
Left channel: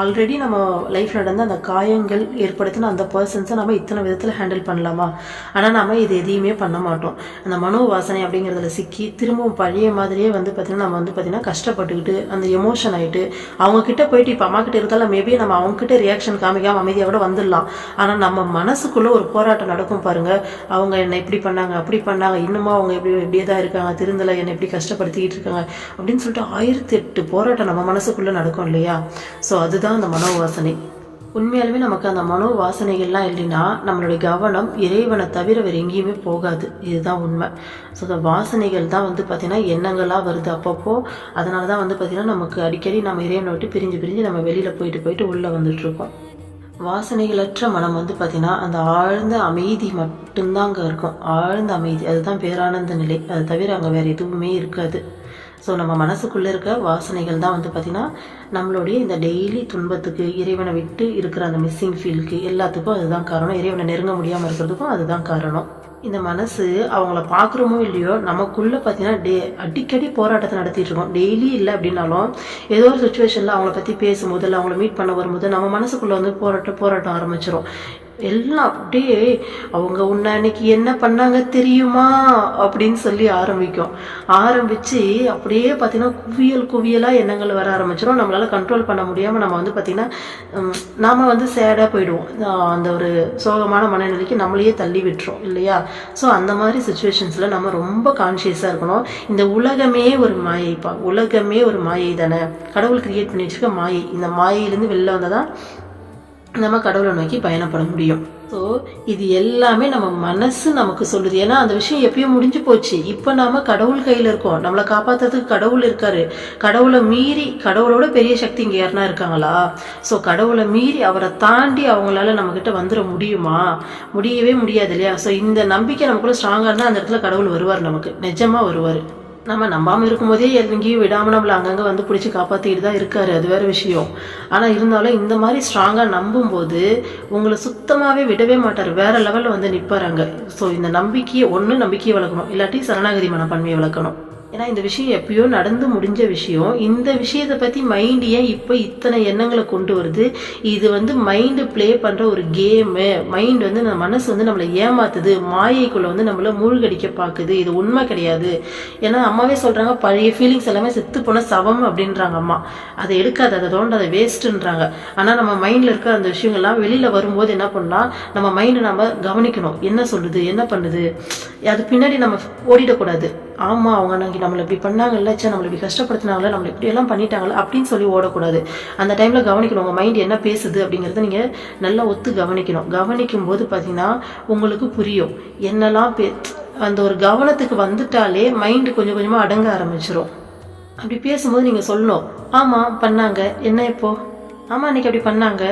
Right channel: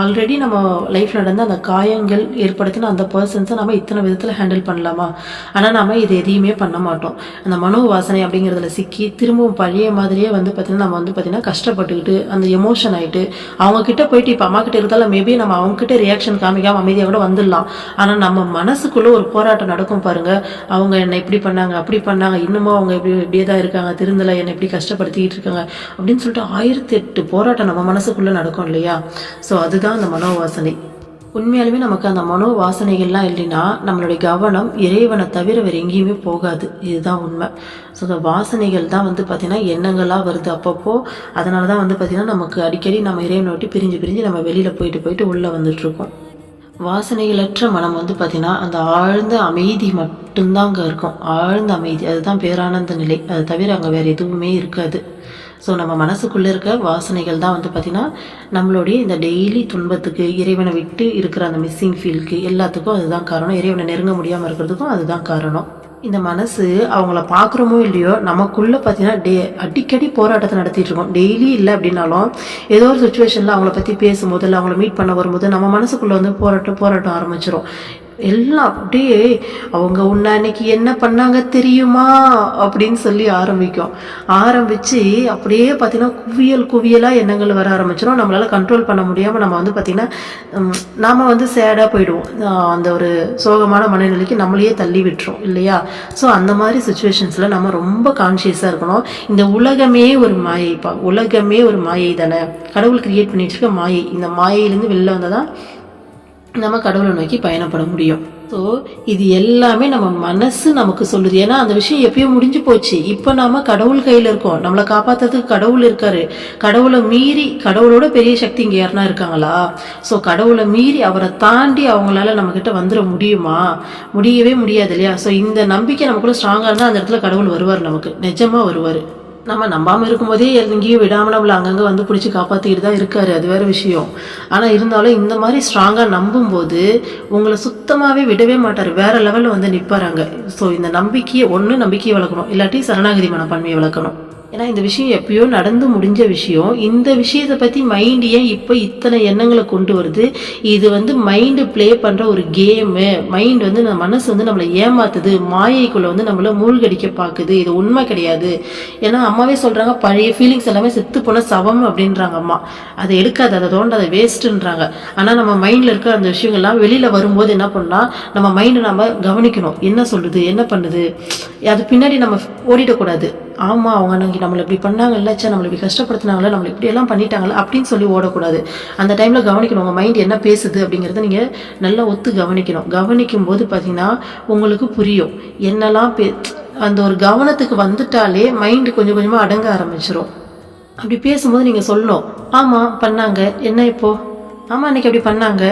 ஆல்ரெடி நம்ம லைஃப்பில் நடந்த அந்த காயங்கள் ஏற்படுத்தின அந்த பர்சன்ஸை நம்ம இத்தனை விதத்தில் ஹேண்டில் பண்ணலாமா. ஆனால் நம்ம இது எதையுமே பண்ண மாட்டோம். அந்த மனோ வாசனை அப்படிங்கிறதுல சிக்கி திரும்பவும் பழைய மாதிரியே வந்து பார்த்திங்கன்னா நம்ம வந்து பார்த்திங்கன்னா கஷ்டப்பட்டுக்கிட்டு அந்த எமோஷன் ஆகிட்டு அவங்கக்கிட்ட போயிட்டு இப்போ அம்மா கிட்ட இருந்தாலும் மேபி நம்ம அவங்ககிட்ட ரியாக்ஷன் காமிக்காமல் அமைதியாக கூட வந்துடலாம். ஆனால் நம்ம மனசுக்குள்ளே ஒரு போராட்டம் நடக்கும் பாருங்கள். அவங்க என்னை இப்படி பண்ணாங்க அப்படி பண்ணாங்க, இன்னமும் அவங்க இப்படியே தான் இருக்காங்க, திருந்தலை, என்னை இப்படி கஷ்டப்படுத்திக்கிட்டு இருக்காங்க அப்படின்னு சொல்லிட்டு 1008 போராட்டம் நம்ம மனசுக்குள்ளே நடக்கும் இல்லையா. ஸோ அதுதான் அந்த மனோவாசனை. உண்மையாலுமே நமக்கு அந்த மனோவாசனைகள்லாம் இல்லைன்னா நம்மளுடைய கவனம் இறைவனை தவிர வேறு எங்கேயுமே போகாது. இதுதான் உண்மை. ஸோ அந்த வாசனைகள் தான் வந்து பார்த்திங்கன்னா எண்ணங்களாக வருது அப்பப்போ. அதனால தான் வந்து பார்த்திங்கன்னா நமக்கு அடிக்கடி நம்ம இறைவனை விட்டு பிரிஞ்சு நம்ம வெளியில் போயிட்டு உள்ளே வந்துட்டுருக்கோம். வாசனைகளற்ற மனம் வந்து பார்த்திங்கன்னா அந்த ஆழ்ந்த அமைதி மட்டும்தான் அங்கே இருக்கும். ஆழ்ந்த அமைதி, அதுதான் பேரானந்த நிலை. அது தவிர அங்கே வேறு எதுவுமே இருக்காது. ஸோ நம்ம மனசுக்குள்ளே இருக்க வாசனைகள் தான் வந்து பார்த்திங்கன்னா நம்மளுடைய இந்த டெய்லி துன்பத்துக்கு, இறைவனை விட்டு இருக்கிற அந்த மிஸ்ஸிங் ஃபீலுக்கு எல்லாத்துக்கும் அதுதான் காரணம். இறைவனை நெருங்க முடியாமல் இருக்கிறதுக்கும் அதுதான் காரணம். இந்த மனசு அவங்கள பார்க்குறோமோ இல்லையோ நமக்குள்ளே பார்த்தீங்கன்னா அடிக்கடி போராட்டத்தை நடத்திட்டு இருக்கோம். டெய்லி இல்லை அப்படின்னாலும் ஏதோ ஒரு சுச்சுவேஷனில் அவங்கள பற்றி பேசும்போது இல்லை அவங்கள மீட் பண்ண வரும்போது நம்ம மனசுக்குள்ளே வந்து போராட்டம் ஆரம்பிச்சிடும். எல்லாம் அப்படியே அவங்க உன்னை அன்னைக்கு என்ன பண்ணாங்க தெரியுமா அப்படின்னு சொல்லி ஆரம்பிச்சு அப்படியே பார்த்தீங்கன்னா குவியலாக எண்ணங்கள் வர ஆரம்பிச்சிடும். நம்மளால கண்ட்ரோல் பண்ண முடியாமல் நம்ம வந்து பார்த்தீங்கன்னா நாம் வந்து சேடாக போயிடுவோம். அந்த ஒரு சோகமான மனநிலைக்கு நம்மளையே தள்ளி விட்டுரும் இல்லையா? ஸோ அந்த மாதிரி சுச்சுவேஷன்ஸில் நம்ம ரொம்ப கான்ஷியஸாக இருக்கணும். இந்த உலகமே ஒரு மாயைப்பா, உலகமே ஒரு மாயை தானே, கடவுள் கிரியேட் பண்ணி வச்சுக்க மாயை. இந்த மாயையிலேருந்து வெளில வந்தால் தான் நம்ம கடவுளை நோக்கி பயணப்பட முடியும். ஸோ இது எல்லாமே நம்ம மனசு நமக்கு சொல்லுது. ஏன்னா அந்த விஷயம் எப்பயோ முடிஞ்சு போச்சு. இப்போ நாம கடவுள் கையில் இருக்கோம். நம்மளை காப்பாற்றுறதுக்கு கடவுள் இருக்காரு. கடவுளை மீறி, கடவுளோட பெரிய சக்தி இங்கே யாருன்னா இருக்காங்களா? ஸோ கடவுளை மீறி அவரை தாண்டி அவங்களால நம்மக்கிட்ட வந்துட முடியுமா? முடியவே முடியாது இல்லையா? ஸோ இந்த நம்பிக்கை நமக்குள்ள ஸ்ட்ராங்காக இருந்தால் அந்த இடத்துல கடவுள் வருவார், நமக்கு நிஜமாக வருவார். நம்ம நம்பாமல் இருக்கும்போதே எங்கேயும் விடாமல் நம்மளை அங்கங்கே வந்து பிடிச்சி காப்பாற்றிக்கிட்டு தான் இருக்காரு, அது வேறு விஷயம். ஆனால் இருந்தாலும் இந்த மாதிரி ஸ்ட்ராங்காக நம்பும்போது உங்களை சுத்தமாகவே விடவே மாட்டார், வேறு லெவலில் வந்து நிற்பாராங்க. ஸோ இந்த நம்பிக்கையை நம்பிக்கையை வளர்க்கணும், இல்லாட்டி சரணாகதி மனப்பான்மையை வளர்க்கணும். ஏன்னா இந்த விஷயம் எப்பயோ நடந்து முடிஞ்ச விஷயம். இந்த விஷயத்தை பற்றி மைண்டு ஏன் இப்போ இத்தனை எண்ணங்களை கொண்டு வருது? இது வந்து மைண்டு ப்ளே பண்ணுற ஒரு கேமு. மைண்டு வந்து நம்ம மனசு வந்து நம்மளை ஏமாத்துது, மாயைக்குள்ளே வந்து நம்மளை மூழ்கடிக்க பார்க்குது. இது உண்மை கிடையாது. ஏன்னா அம்மாவே சொல்கிறாங்க, பழைய ஃபீலிங்ஸ் எல்லாமே செத்து போன சவம் அப்படின்றாங்க அம்மா. அதை எடுக்காது, அதை தோண்டாத, வேஸ்ட்டுன்றாங்க. ஆனால் நம்ம மைண்டில் இருக்க அந்த விஷயங்கள்லாம் வெளியில் வரும்போது என்ன பண்ணலாம், நம்ம மைண்டை நம்ம கவனிக்கணும். என்ன சொல்லுது, என்ன பண்ணுது, அது பின்னாடி நம்ம ஓடிடக்கூடாது. ஆமாம், அவங்க அன்னைக்கு நம்மளை இப்படி பண்ணாங்கல்ல, நம்மளை இப்படி கஷ்டப்படுத்தினாங்களே, நம்மளை இப்படியெல்லாம் பண்ணிட்டாங்களே அப்படின்னு சொல்லி ஓடக்கூடாது. அந்த டைமில் கவனிக்கணும், உங்கள் மைண்ட் என்ன பேசுது அப்படிங்கிறத நீங்கள் நல்லா ஒத்து கவனிக்கணும். கவனிக்கும் போது பார்த்தீங்கன்னா உங்களுக்கு புரியும் என்னெல்லாம் அந்த ஒரு கவனத்துக்கு வந்துட்டாலே மைண்டு கொஞ்சம் கொஞ்சமாக அடங்க ஆரம்பிச்சிடும். அப்படி பேசும்போது நீங்கள் சொல்லணும், ஆமாம் பண்ணாங்க, என்ன இப்போ, ஆமாம் அன்றைக்கி அப்படி பண்ணாங்க,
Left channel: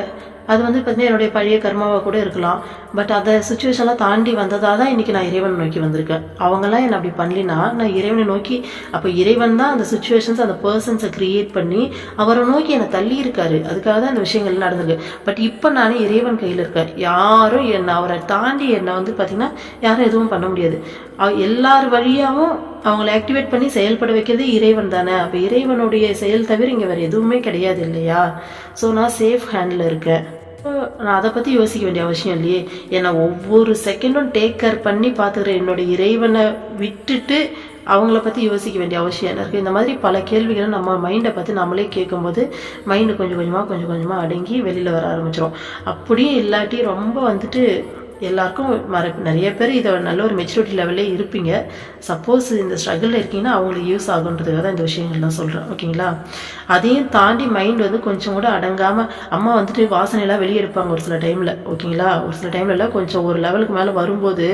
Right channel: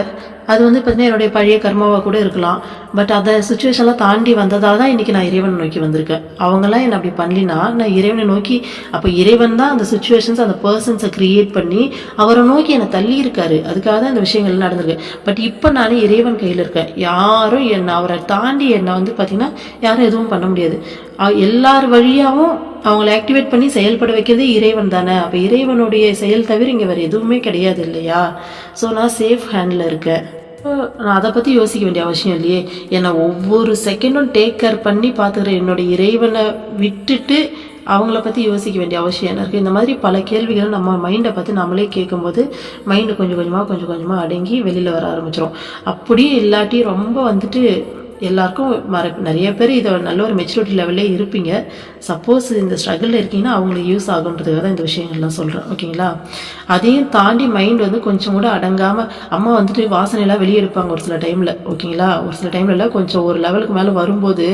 அது வந்து பார்த்தீங்கன்னா என்னுடைய பழைய கர்மாவாக கூட இருக்கலாம். பட் அந்த சுச்சுவேஷன்லாம் தாண்டி வந்ததாக தான் இன்றைக்கி நான் இறைவனை நோக்கி வந்திருக்கேன். அவங்களாம் என்னை அப்படி பண்ணலினா நான் இறைவனை நோக்கி, அப்போ இறைவன் தான் அந்த சுச்சுவேஷன்ஸ், அந்த பர்சன்ஸை க்ரியேட் பண்ணி அவரை நோக்கி என்னை தள்ளி இருக்காரு. அதுக்காக தான் இந்த விஷயங்கள்லாம் நடந்திருக்கு. பட் இப்போ நான் இறைவன் கையில் இருக்கேன். யாரும் என்னை, அவரை தாண்டி என்னை வந்து பார்த்திங்கன்னா யாரும் எதுவும் பண்ண முடியாது. எல்லார் வழியாகவும் அவங்கள ஆக்டிவேட் பண்ணி செயல்பட வைக்கிறதே இறைவன் தானே. அப்போ இறைவனுடைய செயல் தவிர இங்கே வேறு எதுவுமே கிடையாது இல்லையா? ஸோ நான் சேஃப் ஹேண்டில் இருக்கேன். நான் அதை பற்றி யோசிக்க வேண்டிய அவசியம் இல்லையே. என்னை ஒவ்வொரு செகண்டும் டேக் கேர் பண்ணி பார்த்துக்கிற என்னோட இறைவனை விட்டுட்டு அவங்கள பற்றி யோசிக்க வேண்டிய அவசியம் என்ன இருக்குது? இந்த மாதிரி பல கேள்விகள் நம்ம மைண்டை பார்த்து நம்மளே கேட்கும்போது மைண்டு கொஞ்சம் கொஞ்சமாக அடங்கி வெளியில் வர ஆரம்பிச்சிடும். அப்படியே இல்லாட்டி ரொம்ப வந்துட்டு எல்லாருக்கும் நிறைய பேர் இதை நல்ல ஒரு மெச்சூரிட்டி லெவல்லே இருப்பீங்க. சப்போஸ் இந்த ஸ்ட்ரகிளில் இருக்கீங்கன்னா அவங்களுக்கு யூஸ் ஆகுன்றதுக்காக தான் இந்த விஷயங்கள்லாம் சொல்கிறேன், ஓகேங்களா? அதையும் தாண்டி மைண்ட் வந்து கொஞ்சம் கூட அடங்காமல், அம்மா வந்துட்டு வாசனையெல்லாம் வெளியே எடுப்பாங்க ஒரு சில டைமில், ஓகேங்களா? ஒரு சில டைம்ல எல்லாம் கொஞ்சம் ஒரு லெவலுக்கு மேலே வரும்போது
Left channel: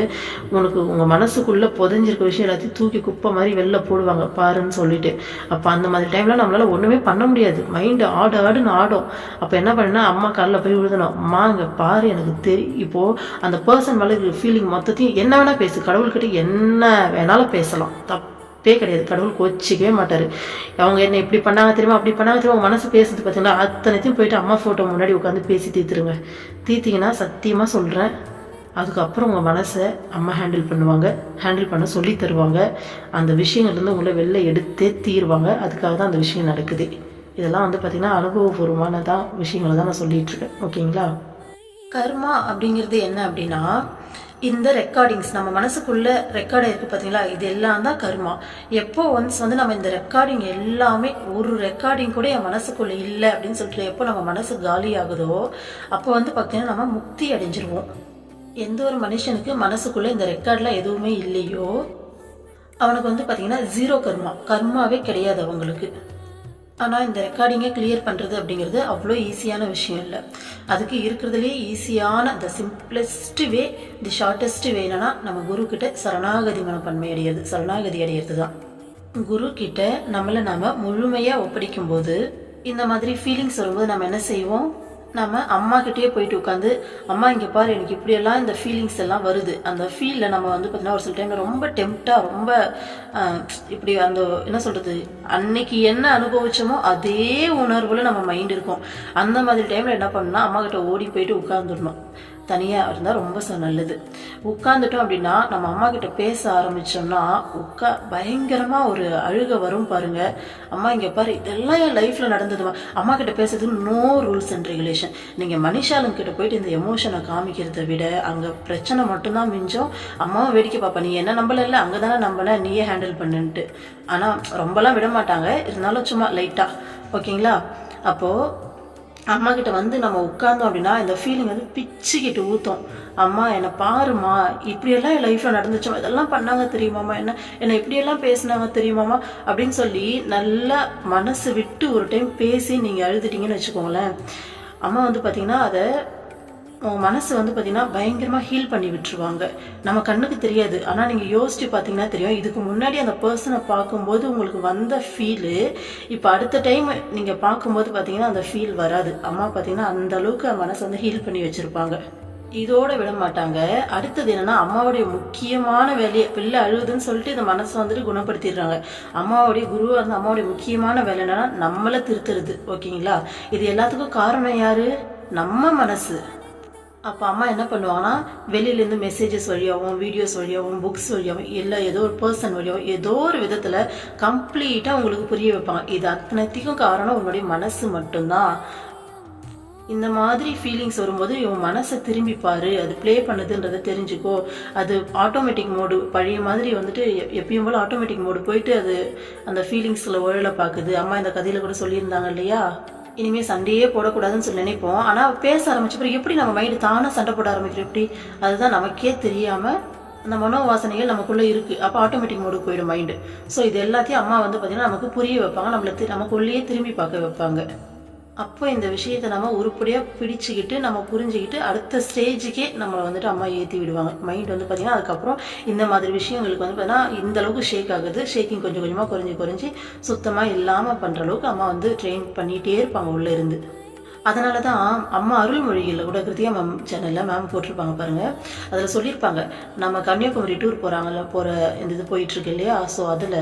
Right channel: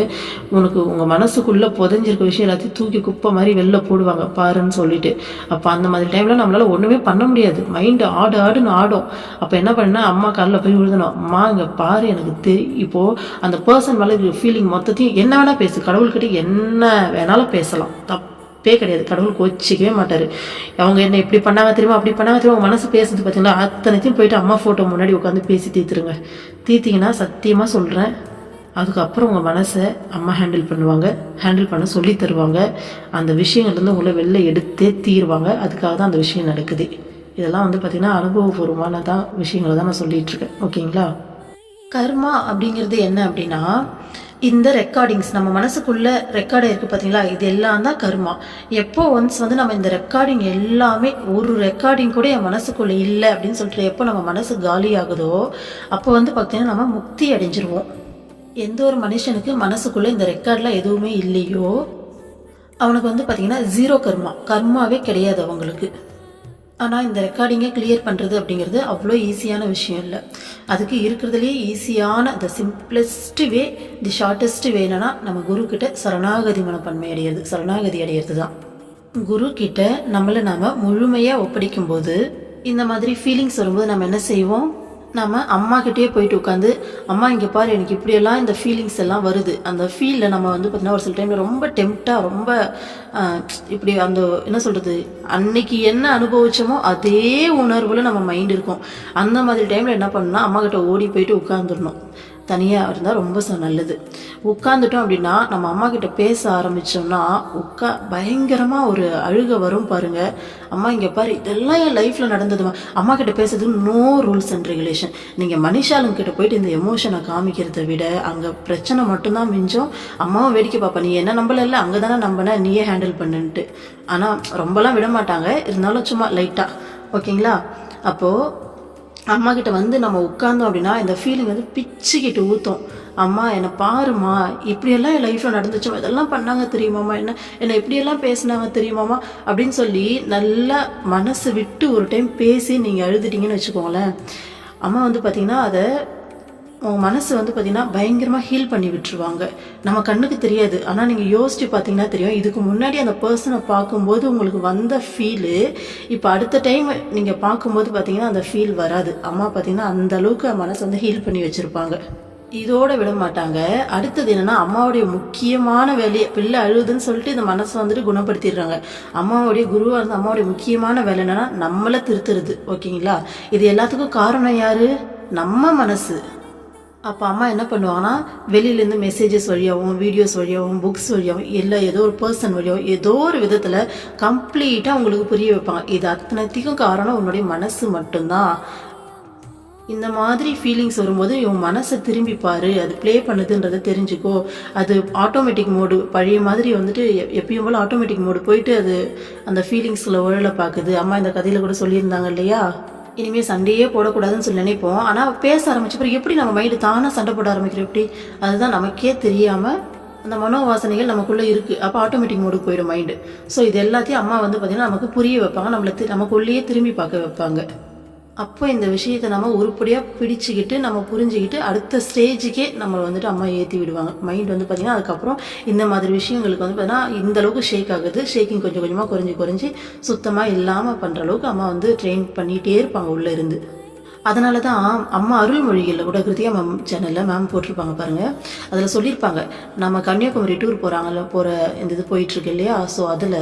உனக்கு உங்கள் மனசுக்குள்ளே புதைஞ்சிருக்க விஷயம் எல்லாத்தையும் தூக்கி குப்பை மாதிரி வெளில போடுவாங்க பாருன்னு சொல்லிட்டு. அப்போ அந்த மாதிரி டைமில் நம்மளால் ஒன்றுமே பண்ண முடியாது. மைண்டு ஆடுன்னு ஆடும். அப்போ என்ன பண்ணா, அம்மா காலில் போய் விழுதணும், அம்மா இங்கே பாரு, எனக்கு தெரியும் இப்போது அந்த பர்சன் மேலே ஃபீலிங் மொத்தத்தையும் என்ன வேணால் பேசு, கடவுள்கிட்ட என்ன வேணாலும் பேசலாம், தப்பே கிடையாது. கடவுள் கோச்சிக்கவே மாட்டார். அவங்க என்ன இப்படி பண்ணாங்க தெரியுமா, அப்படி பண்ணாங்க தெரியுமா, உங்கள் மனசு பேசுது பார்த்தீங்களா, அத்தனைத்தையும் போயிட்டு அம்மா ஃபோட்டோ முன்னாடி உட்காந்து பேசி தீர்த்திங்கன்னா சத்தியமாக சொல்கிறேன், அதுக்கப்புறம் உங்கள் மனசை அம்மா ஹேண்டில் பண்ணுவாங்க, ஹேண்டில் பண்ண சொல்லி தருவாங்க. அந்த விஷயங்கள்லேருந்து உங்களை வெளில எடுத்தே தீருவாங்க. அதுக்காக தான் அந்த விஷயம் நடக்குது. இதெல்லாம் வந்து பார்த்திங்கன்னா அனுபவபூர்வமான விஷயங்களை தான் நான் சொல்லிகிட்ருக்கேன், ஓகேங்களா? கர்மா அப்படிங்கிறது என்ன அப்படின்னா, இந்த ரெக்கார்டிங்ஸ் நம்ம மனசுக்குள்ள ரெக்கார்ட் இருக்குது பார்த்தீங்களா, இது எல்லாம் தான் கர்மா. எப்போ ஒன்ஸ் வந்து நம்ம இந்த ரெக்கார்டிங் எல்லாமே, ஒரு ரெக்கார்டிங் கூட என் மனசுக்குள்ள இல்லை அப்படின்னு சொல்லிட்டு எப்போ நம்ம மனசு காலி ஆகுதோ அப்போ வந்து பார்த்தீங்கன்னா நம்ம முக்தி அடைஞ்சிருவோம். எந்த ஒரு மனுஷனுக்கு மனசுக்குள்ள இந்த ரெக்கார்ட்லாம் எதுவுமே இல்லையோ அவனுக்கு வந்து பார்த்தீங்கன்னா ஜீரோ கர்மாவே கிடையாது அவங்களுக்கு. ஆனால் இந்த ரெக்கார்டிங்கை கிளியர் பண்ணுறது அப்படிங்கிறது அவ்வளோ ஈஸியான விஷயம் இல்லை. அதுக்கு இருக்கிறதுலே ஈஸியான த சிம்பிளஸ்ட் வே, தி ஷார்ட்டஸ்ட் வே என்னன்னா, நம்ம குருக்கிட்ட சரணாகதி மனப்பான்மை சரணாகதி அடையிறது தான். குரு கிட்ட நம்மளை நாம் முழுமையாக ஒப்படைக்கும் போது இந்த மாதிரி ஃபீலிங்ஸ் வரும்போது நம்ம என்ன செய்வோம், நம்ம அம்மா கிட்டேயே போயிட்டு உட்காந்து, அம்மா இங்கே பாரு எனக்கு இப்படியெல்லாம் இந்த ஃபீலிங்ஸ் எல்லாம் வருது. அந்த ஃபீலில் நம்ம வந்து பார்த்தீங்கன்னா ஒரு சில டைமில் ரொம்ப டெம்ப்டாக, ரொம்ப இப்படி அந்த என்ன சொல்கிறது, அன்னைக்கு என்ன அனுபவிச்சோமோ அதே உணர்வில் நம்ம மைண்ட் இருக்கும். அந்த மாதிரி டைமில் என்ன பண்ணணும்னா அம்மா கிட்ட ஓடி போயிட்டு உட்காந்துடணும். தனியாக இருந்தால் ரொம்ப நல்லது. உட்காந்துட்டோம் அப்படின்னா நம்ம அம்மா கிட்ட பேச ஆரம்பித்தோம்னா பயங்கரமாக ஒரு அழுக வரும் பாருங்க. அம்மா இங்கே பாரு, இதெல்லாம் என் லைஃப்பில் நடந்ததுமா. அம்மா கிட்ட பேசுறது நோ ரூல்ஸ் அண்ட் ரெகுலேஷன். நீங்கள் மனுஷாளுங்கிட்ட போயிட்டு இந்த எமோஷனை காமிக்கிறத விட அங்கே பிரச்சனை மட்டும்தான் மிஞ்சம். அம்மாவும் வேடிக்கை பார்ப்பா, நீ என்ன நம்பல, அங்கே தானே நம்பின, நீயே ஹேண்டில் பண்ணுன்ட்டு. ஆனால் ரொம்பலாம் விட மாட்டாங்க, இருந்தாலும் சும்மா லைட்டாக. ஓகேங்களா? அப்போது அம்மா கிட்ட வந்து நம்ம உட்கார்ந்தோம் அப்படின்னா இந்த ஃபீலிங் வந்து பிச்சுக்கிட்டு ஊற்றும். அம்மா என்னை பாருமா, இப்படியெல்லாம் என் லைஃப்பில் நடந்துச்சோ, இதெல்லாம் பண்ணாங்க தெரியுமாம்மா, என்னை இப்படியெல்லாம் பேசினாங்க தெரியுமாம்மா அப்படின்னு சொல்லி நல்லா மனசு விட்டு ஒரு டைம் பேசி நீங்கள் அழுதுட்டீங்கன்னு வச்சுக்கோங்களேன். அம்மா வந்து பார்த்திங்கன்னா அதை உங்கள் மனசு வந்து பார்த்திங்கன்னா பயங்கரமாக ஹீல் பண்ணி விட்டுருவாங்க. நம்ம கண்ணுக்கு தெரியாது, ஆனால் நீங்கள் யோசிச்சு பார்த்தீங்கன்னா தெரியும். இதுக்கு முன்னாடி அந்த பர்சனை பார்க்கும்போது உங்களுக்கு வந்த ஃபீலு இப்போ அடுத்த டைம் நீங்கள் பார்க்கும்போது பார்த்தீங்கன்னா அந்த ஃபீல் வராது. அம்மா பார்த்தீங்கன்னா அந்த அளவுக்கு மனசை வந்து ஹீல் பண்ணி வச்சுருப்பாங்க. இதோட விட மாட்டாங்க. அடுத்தது என்னன்னா, அம்மாவுடைய முக்கியமான வேலையை, பிள்ளை அழுதுன்னு சொல்லிட்டு இந்த மனசை வந்துட்டு குணப்படுத்திடுறாங்க. அம்மாவுடைய குருவாக இருந்து அம்மாவுடைய முக்கியமான வேலை என்னன்னா நம்மளை திருத்துறது. ஓகேங்களா? இது எல்லாத்துக்கும் காரணம் யாரு? நம்ம மனசு. அப்போ அம்மா என்ன பண்ணுவாங்கன்னா, வெளியிலேருந்து மெசேஜஸ் வழியாகவும், வீடியோஸ் வழியாகவும், புக்ஸ் வழியாகவும், இல்லை ஏதோ ஒரு பர்சன் வழியாகவும் ஏதோ ஒரு விதத்தில் கம்ப்ளீட்டாக உங்களுக்கு புரிய வைப்பாங்க. இது அத்தனைக்கும் காரணம் உன்னுடைய மனசு மட்டும்தான். இந்த மாதிரி ஃபீலிங்ஸ் வரும்போது இவன் மனசை திரும்பி பாரு, அது ப்ளே பண்ணுதுன்றதை தெரிஞ்சுக்கோ. அது ஆட்டோமேட்டிக் மோடு, பழைய மாதிரி வந்துட்டு எப்பயும் போல் ஆட்டோமேட்டிக் மோடு போயிட்டு அது அந்த ஃபீலிங்ஸில் உழல பார்க்குது. அம்மா இந்த கதையில் கூட சொல்லியிருந்தாங்க இல்லையா, இனிமேல் சண்டையே போடக்கூடாதுன்னு சொல்லி நினைப்போம். ஆனால் பேச ஆரம்பிச்சப்பறம் எப்படி நம்ம மைண்டு தானே சண்டை போட ஆரம்பிக்கிறோம், எப்படி அதுதான் நமக்கே தெரியாமல் அந்த மனோவாசனைகள் நமக்குள்ளே இருக்குது. அப்போ ஆட்டோமேட்டிக் மோடுக்கு போயிடும் மைண்டு. ஸோ இது எல்லாத்தையும் அம்மா வந்து பார்த்திங்கன்னா நமக்கு புரிய வைப்பாங்க, நமக்குள்ளேயே திரும்பி பார்க்க வைப்பாங்க. அப்போ இந்த விஷயத்தை நம்ம உருப்படியாக பிடிச்சிக்கிட்டு நம்ம புரிஞ்சுக்கிட்டு அடுத்த ஸ்டேஜுக்கே நம்மளை வந்துட்டு அம்மா ஏற்றி விடுவாங்க. மைண்ட் வந்து பார்த்திங்கன்னா அதுக்கப்புறம் இந்த மாதிரி விஷயங்களுக்கு வந்து பார்த்தீங்கன்னா இந்த அளவுக்கு ஷேக் ஆகுது. ஷேக்கிங் கொஞ்சம் கொஞ்சமாக குறைஞ்சி சுத்தமாக இல்லாமல் பண்ணுற அளவுக்கு அம்மா வந்து ட்ரெயின் பண்ணிகிட்டே இருப்பாங்க உள்ளே இருந்து. அதனால தான் அம்மா அருள்மொழிகளில் கூட கிருத்தியா மேம் சேனலில் மேம் போட்டிருப்பாங்க பாருங்கள். அதில் சொல்லியிருப்பாங்க, நம்ம கன்னியாகுமரி டூர் போகிற இந்த இது போயிட்டுருக்கு இல்லையா. ஸோ அதில்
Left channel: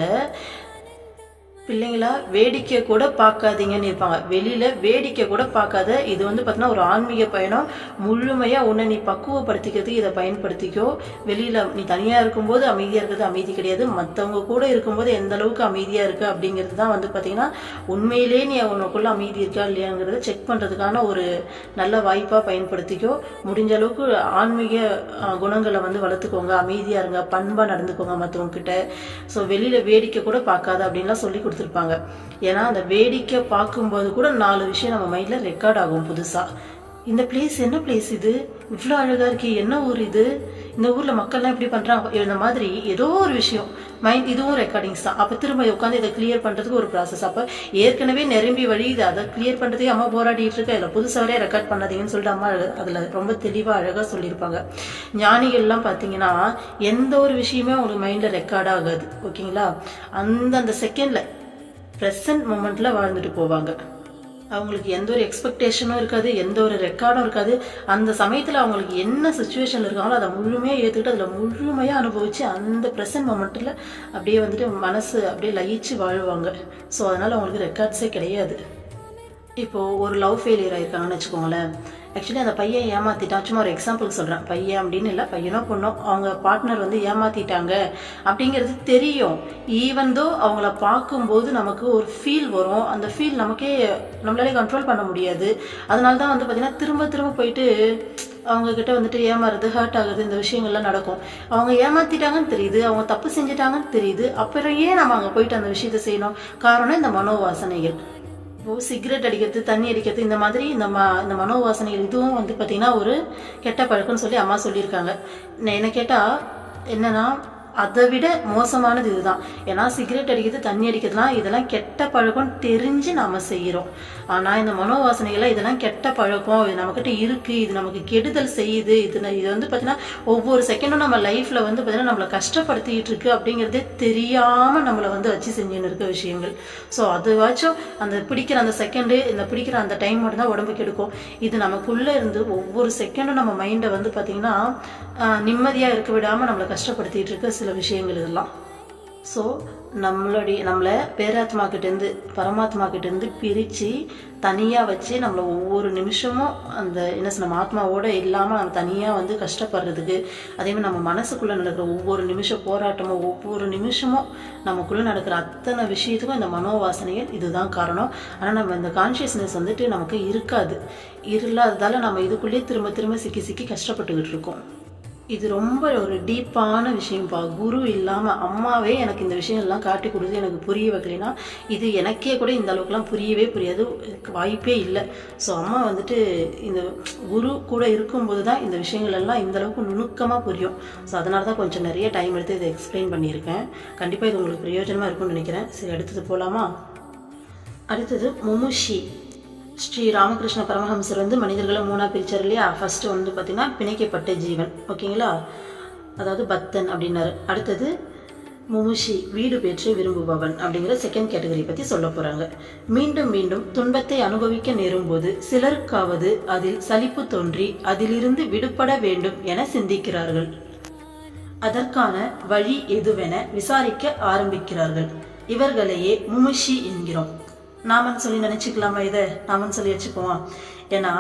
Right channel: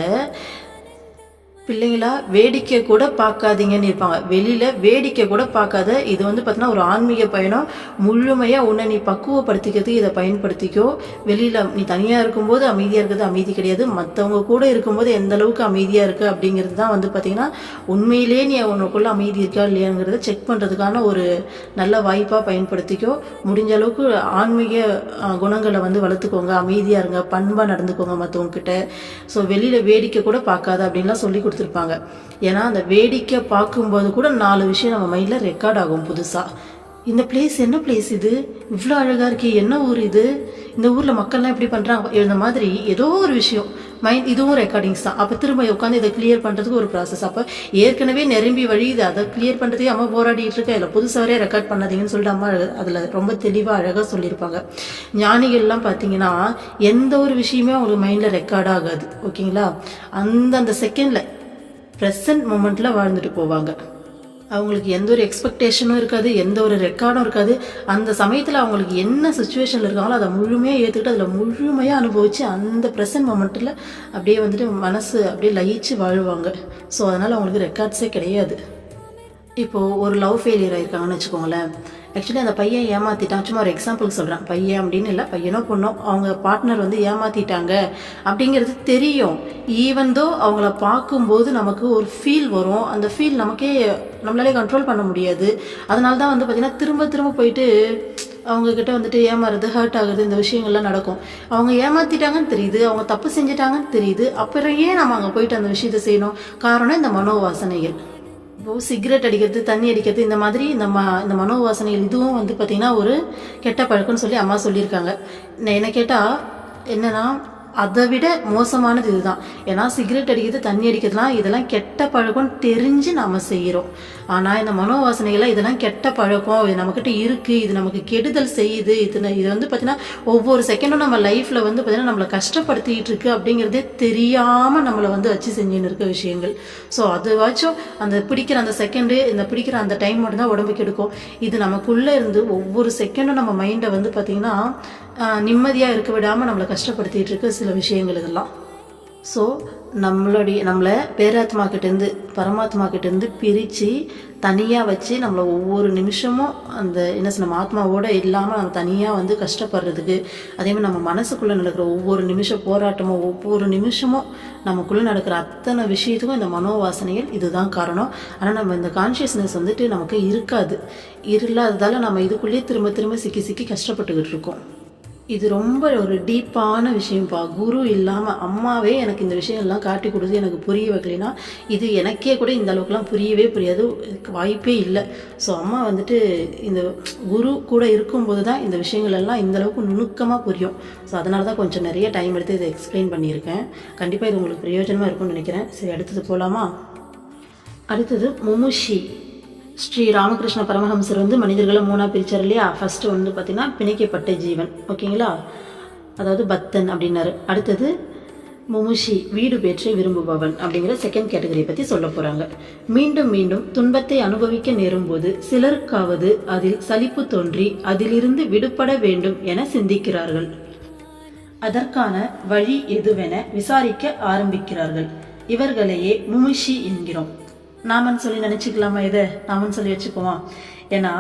பிள்ளைங்களா வேடிக்கை கூட பார்க்காதீங்கன்னு இருப்பாங்க. வெளியில் வேடிக்கை கூட பார்க்காத, இது வந்து பார்த்தீங்கன்னா ஒரு ஆன்மீக பயணம். முழுமையாக உன்னை நீ பக்குவப்படுத்திக்கிறதுக்கு இதை பயன்படுத்திக்கோ. வெளியில் நீ தனியாக இருக்கும்போது அமைதியாக இருக்கிறது அமைதி கிடையாது, மற்றவங்க கூட இருக்கும்போது எந்த அளவுக்கு அமைதியாக இருக்குது அப்படிங்கிறது தான் வந்து பார்த்திங்கன்னா உண்மையிலே நீ உனக்குள்ளே அமைதி இருக்கா இல்லையாங்கிறத செக் பண்ணுறதுக்கான ஒரு நல்ல வாய்ப்பாக பயன்படுத்திக்கோ. முடிஞ்ச அளவுக்கு ஆன்மீக குணங்களை வந்து வளர்த்துக்கோங்க, அமைதியாக இருங்க, பண்பாக நடந்துக்கோங்க மற்றவங்க கிட்ட. ஸோ வெளியில் வேடிக்கை கூட பார்க்காத அப்படின்லாம் சொல்லி கொடுத்துருப்பாங்க. ஏன்னா அந்த வேடிக்கை பார்க்கும்போது கூட 4 விஷயம் நம்ம மைண்டில் ரெக்கார்ட் ஆகும் புதுசாக. இந்த பிளேஸ் என்ன பிளேஸ், இது இவ்வளோ அழகாக இருக்கே, என்ன ஊர் இது, இந்த ஊரில் மக்கள்லாம் எப்படி பண்ணுறாங்க, இந்த மாதிரி ஏதோ ஒரு விஷயம் மைண்ட், இதுவும் ரெக்கார்டிங்ஸ் தான். அப்போ திரும்ப உட்காந்து இதை கிளியர் பண்ணுறதுக்கு ஒரு ப்ராசஸ். அப்போ ஏற்கனவே நிரம்பி வழியுது, அதை கிளியர் பண்ணுறதுக்கே அம்மா போராடிட்டு இருக்கா, இல்லை புதுசாகவே ரெக்கார்ட் பண்ணாதீங்கன்னு சொல்லிட்டு அம்மா அதில் ரொம்ப தெளிவாக அழகாக சொல்லியிருப்பாங்க. ஞானிகள்லாம் பார்த்தீங்கன்னா எந்த ஒரு விஷயமே உங்களுக்கு மைண்டில் ரெக்கார்ட் ஆகாது. ஓகேங்களா? அந்தந்த செகண்டில் ப்ரெசன்ட் மூமெண்ட்டில் வாழ்ந்துட்டு போவாங்க. அவங்களுக்கு எந்த ஒரு எக்ஸ்பெக்டேஷனும் இருக்காது, எந்த ஒரு ரெக்கார்டும் இருக்காது. அந்த சமயத்தில் அவங்களுக்கு என்ன சுச்சுவேஷனில் இருக்காங்களோ அதை முழுமையாக ஏற்றுக்கிட்டு அதில் முழுமையாக அனுபவித்து அந்த ப்ரெசன்ட் மொமெண்ட்டில் அப்படியே வந்துட்டு மனசு அப்படியே லயிச்சு வாழ்வாங்க. ஸோ அதனால் அவங்களுக்கு ரெக்கார்ட்ஸே கிடையாது. இப்போது ஒரு லவ் ஃபெயிலியர் ஆகிருக்காங்கன்னு வச்சுக்கோங்களேன். ஆக்சுவலி அந்த பையன் ஏமாற்றிட்டான், சும்மா ஒரு எக்ஸாம்பிள் சொல்கிறேன், பையன் அப்படின்னு இல்லை, பையனோ பொண்ணோ அவங்க பார்ட்னர் வந்து ஏமாற்றிட்டாங்க அப்படிங்கிறது தெரியும். ஈவன்தோ அவங்கள பார்க்கும்போது நமக்கு ஒரு ஃபீல் வரும், அந்த ஃபீல் நம்மளாலே கண்ட்ரோல் பண்ண முடியாது. அதனால தான் வந்து பார்த்திங்கன்னா திரும்ப திரும்ப போயிட்டு அவங்கக்கிட்ட வந்துட்டு ஏமாறுறது, ஹர்ட் ஆகுது, இந்த விஷயங்கள்லாம் நடக்கும். அவங்க ஏமாற்றிட்டாங்கன்னு தெரியுது, அவங்க தப்பு செஞ்சிட்டாங்கன்னு தெரியுது, அப்புறம் ஏன் நம்ம அங்கே போயிட்டு அந்த விஷயத்தை செய்யணும்? காரணம் இந்த மனோவாசனைகள். இப்போது சிகரெட் அடிக்கிறது, தண்ணி அடிக்கிறது, இந்த மாதிரி இந்த மனோவாசனைகள் இதுவும் வந்து பார்த்திங்கன்னா ஒரு கெட்ட பழக்கம்னு சொல்லி அம்மா சொல்லியிருக்காங்க. என்ன கேட்டால் என்னென்னா அதை விட மோசமானது இதுதான். ஏன்னா சிகரெட் அடிக்கிறது, தண்ணி அடிக்கிறதுலாம் இதெல்லாம் கெட்ட பழக்கம் தெரிஞ்சு நம்ம செய்கிறோம். ஆனால் இந்த மனோவாசனைகளை இதெல்லாம் கெட்ட பழக்கம், இது நம்மக்கிட்ட இருக்குது, இது நமக்கு கெடுதல் செய்யுது, இது வந்து பார்த்திங்கன்னா ஒவ்வொரு செகண்டும் நம்ம லைஃப்பில் வந்து பார்த்திங்கன்னா நம்மளை கஷ்டப்படுத்திக்கிட்டு இருக்கு அப்படிங்கிறதே தெரியாமல் நம்மளை வந்து வச்சு செஞ்சுன்னு இருக்க விஷயங்கள். ஸோ அதுவாச்சும் அந்த பிடிக்கிற அந்த செகண்டு, இந்த பிடிக்கிற அந்த டைம் மட்டும்தான் உடம்புக்கு எடுக்கும். இது நமக்குள்ளே இருந்து ஒவ்வொரு செகண்டும் நம்ம மைண்டை வந்து பார்த்திங்கன்னா நிம்மதியாக இருக்க விடாமல் நம்மளை கஷ்டப்படுத்திகிட்டு இருக்க சில விஷயங்கள் இதெல்லாம். ஸோ நம்மளை பேராத்மா கிட்டேருந்து பரமாத்மா கிட்டேருந்து பிரித்து தனியாக வச்சு நம்மளை ஒவ்வொரு நிமிஷமும் அந்த நம்ம ஆத்மாவோடு இல்லாமல் நம்ம தனியாக கஷ்டப்படுறதுக்கு, அதேமாதிரி நம்ம மனசுக்குள்ளே நடக்கிற ஒவ்வொரு நிமிஷம் போராட்டமும் ஒவ்வொரு நிமிஷமும் நமக்குள்ளே நடக்கிற அத்தனை விஷயத்துக்கும் இந்த மனோவாசனைகள் இதுதான் காரணம். ஆனால் நம்ம இந்த கான்ஷியஸ்னஸ் நமக்கு இருக்காது. இல்லாததால் நம்ம இதுக்குள்ளேயே திரும்ப திரும்ப சிக்கி சிக்கி கஷ்டப்பட்டுக்கிட்டு இருக்கோம். இது ரொம்ப ஒரு டீப்பான விஷயம்ப்பா. குரு இல்லாமல் அம்மாவே எனக்கு இந்த விஷயம் எல்லாம் காட்டி கொடுத்து எனக்கு புரிய வைக்கலைன்னா இது எனக்கே கூட இந்த அளவுக்குலாம் புரியவே புரியாது, வாய்ப்பே இல்லை. ஸோ அம்மா இந்த குரு கூட இருக்கும்போது தான் இந்த விஷயங்கள் எல்லாம் இந்த அளவுக்கு நுணுக்கமாக புரியும். ஸோ அதனால தான் கொஞ்சம் நிறைய டைம் எடுத்து இதை எக்ஸ்பிளைன் பண்ணியிருக்கேன். கண்டிப்பாக இது உங்களுக்கு பிரயோஜனமாக இருக்கும்னு நினைக்கிறேன். சரி, அடுத்தது போகலாமா? அடுத்தது முமுஷி. ஸ்ரீ ராமகிருஷ்ண பரமஹம்சர் மனிதர்களை 3ஆக பிரிச்சார் இல்லையா? ஃபர்ஸ்ட் பார்த்தீங்கன்னா பிணைக்கப்பட்ட ஜீவன், ஓகேங்களா, அதாவது பக்தன் அப்படின்னாரு. அடுத்தது முமுஷி, வீடு பெற்று விரும்புபவன் அப்படிங்கிற செகண்ட் கேட்டகரியை பற்றி சொல்ல போகிறாங்க. மீண்டும் மீண்டும் துன்பத்தை அனுபவிக்க நேரும் போது சிலருக்காவது அதில் சலிப்பு தோன்றி அதிலிருந்து விடுபட வேண்டும் என சிந்திக்கிறார்கள். அதற்கான வழி எதுவென விசாரிக்க ஆரம்பிக்கிறார்கள். இவர்களையே முமுஷி என்கிறோம். நாமன்னு சொல்லி நினச்சிக்கலாமா? இதை நாமன்னு சொல்லி வச்சுக்குவோம். ஏன்னா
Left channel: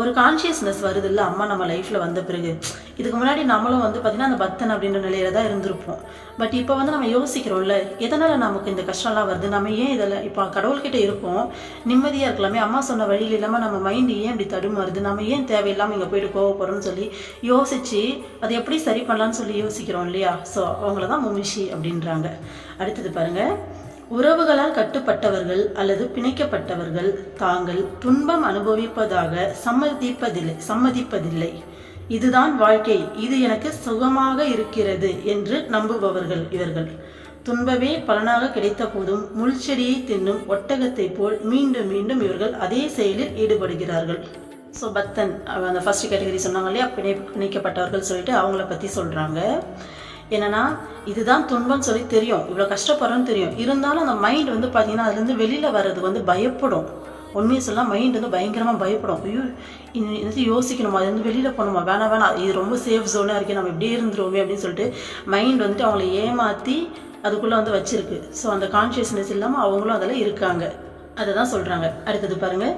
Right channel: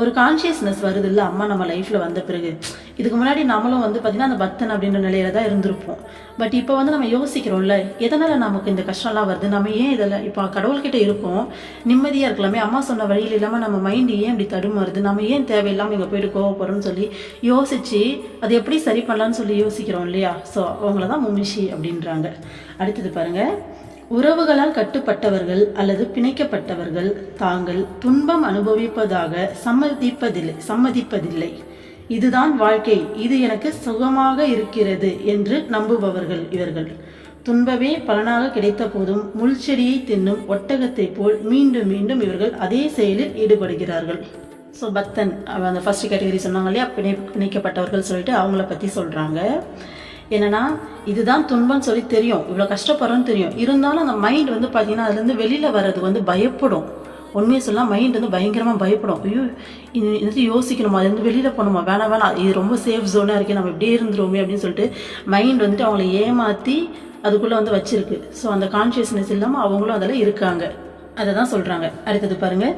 ஒரு கான்ஷியஸ்னஸ் வருது இல்லை அம்மா நம்ம லைஃப்பில் வந்த பிறகு. இதுக்கு முன்னாடி நம்மளும் பார்த்திங்கன்னா அந்த பக்தன் அப்படின்ற நிலையில தான் இருந்திருப்போம். பட் இப்போ நம்ம யோசிக்கிறோம்ல, எதனால் நமக்கு இந்த கஷ்டம்லாம் வருது, நம்ம ஏன் இதில் இப்போ கடவுள்கிட்ட இருக்கோம், நிம்மதியாக இருக்கலாமே, அம்மா சொன்ன வழியில் இல்லாமல் நம்ம மைண்டு ஏன் இப்படி தடுமாறுது, நம்ம ஏன் தேவையில்லாமல் இங்கே போயிட்டு கோவப்படுறோம்னு சொல்லி யோசித்து அதை எப்படி சரி பண்ணலான்னு சொல்லி யோசிக்கிறோம் இல்லையா? ஸோ அவங்கள தான் முமுஷி அப்படின்றாங்க. அடுத்தது பாருங்கள். உறவுகளால் கட்டுப்பட்டவர்கள் அல்லது பிணைக்கப்பட்டவர்கள் தாங்கள் துன்பம் அனுபவிப்பதாக சம்மதிப்பதில்லை. இதுதான் வாழ்க்கை, இது எனக்கு சுகமாக இருக்கிறது என்று நம்புபவர்கள் இவர்கள். துன்பமே பலனாக கிடைத்த போதும் முள்செடியை தின்னும் ஒட்டகத்தை போல் மீண்டும் மீண்டும் இவர்கள் அதே செயலில் ஈடுபடுகிறார்கள். ஸோ பக்தன் அந்த ஃபர்ஸ்ட் கேட்டகரி சொன்னாங்க இல்லையா, பிணைக்கப்பட்டவர்கள் சொல்லிட்டு அவங்கள பற்றி சொல்கிறாங்க. என்னன்னா இதுதான் துன்பம்னு சொல்லி தெரியும், இவ்வளோ கஷ்டப்படுறோன்னு தெரியும், இருந்தாலும் அந்த மைண்ட் பார்த்தீங்கன்னா அதுலேருந்து வெளியில் வர்றது பயப்படும். உண்மையை சொல்லலாம், மைண்ட் பயங்கரமாக பயப்படும். ஐயோ இது யோசிக்கணுமா, அது வெளியில் போகணுமா, வேணாம் இது ரொம்ப சேஃப் ஜோனாக இருக்கே, நம்ம இப்படியே இருந்துருவோமே அப்படின்னு சொல்லிட்டு மைண்ட் அவங்கள ஏமாற்றி அதுக்குள்ளே வச்சிருக்கு. ஸோ அந்த கான்ஷியஸ்னஸ் இல்லாமல் அவங்களும் அதில் இருக்காங்க. அதை தான் சொல்கிறாங்க. அடுத்தது பாருங்கள்.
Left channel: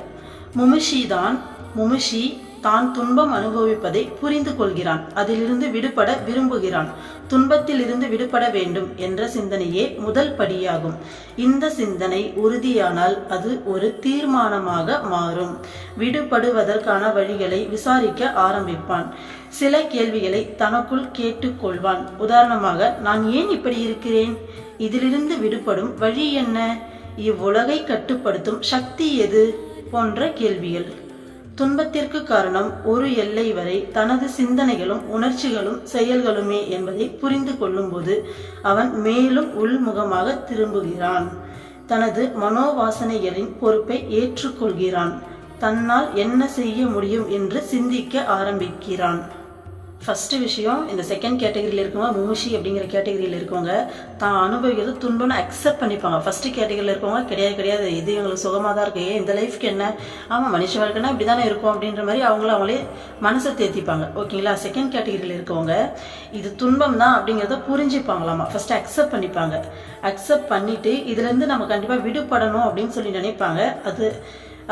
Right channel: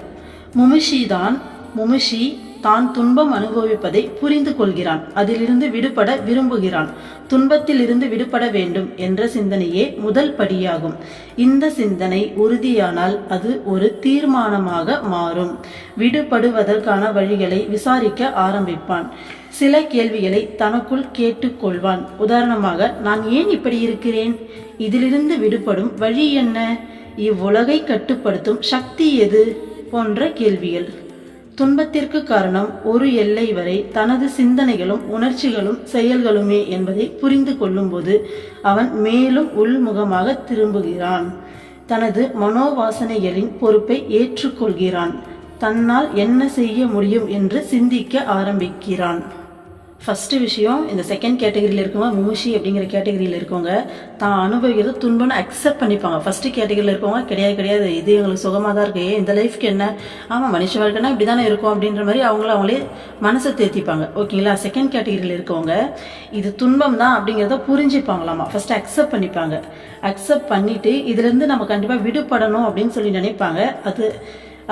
முமுஷி தான் துன்பம் அனுபவிப்பதை புரிந்து கொள்கிறான், அதிலிருந்து விடுபட விரும்புகிறான். துன்பத்தில் இருந்து விடுபட வேண்டும் என்ற சிந்தனையே முதல் படியாகும். இந்த சிந்தனை உறுதியானால் அது ஒரு தீர்மானமாக மாறும். விடுபடுவதற்கான வழிகளை விசாரிக்க ஆரம்பிப்பான். சில கேள்விகளை தனக்குள் கேட்டுக்கொள்வான். உதாரணமாக, நான் ஏன் இப்படி இருக்கிறேன், இதிலிருந்து விடுபடும் வழி என்ன, இவ்வுலகை கட்டுப்படுத்தும் சக்தி எது போன்ற கேள்விகள். துன்பத்திற்கு காரணம் ஒரு எல்லை வரை தனது சிந்தனைகளும் உணர்ச்சிகளும் செயல்களுமே என்பதை புரிந்து கொள்ளும்போது அவன் மேலும் உள்முகமாக திரும்புகிறான். தனது மனோவாசனைகளின் பொறுப்பை ஏற்றுக்கொள்கிறான். தன்னால் என்ன செய்ய முடியும் என்று சிந்திக்க ஆரம்பிக்கிறான். ஃபஸ்ட்டு விஷயம், இந்த செகண்ட் கேட்டகரியில் இருக்கவங்க முமுஷி அப்படிங்கிற கேட்டகரியில் இருக்கவங்க தான் அனுபவிக்கிறது துன்பம்னு அக்செப்ட் பண்ணிப்பாங்க. ஃபஸ்ட்டு கேட்டகரியில் இருக்கவங்க கிடையாது, இது எங்களுக்கு சுகமாக தான் இருக்கு, இந்த லைஃப்க்கு என்ன, ஆமாம் மனுஷ வாழ்க்கைனா இப்படி தானே இருக்கும் அப்படின்ற மாதிரி அவங்களே மனசை தேர்த்திப்பாங்க, ஓகேங்களா. செகண்ட் கேட்டகரியில் இருக்கவங்க இது துன்பம் தான் அப்படிங்கிறத புரிஞ்சுப்பாங்களாமா, ஃபஸ்ட்டு அக்செப்ட் பண்ணிப்பாங்க. அக்செப்ட் பண்ணிவிட்டு இதுலேருந்து நம்ம கண்டிப்பாக விடுபடணும் அப்படின்னு சொல்லி நினைப்பாங்க.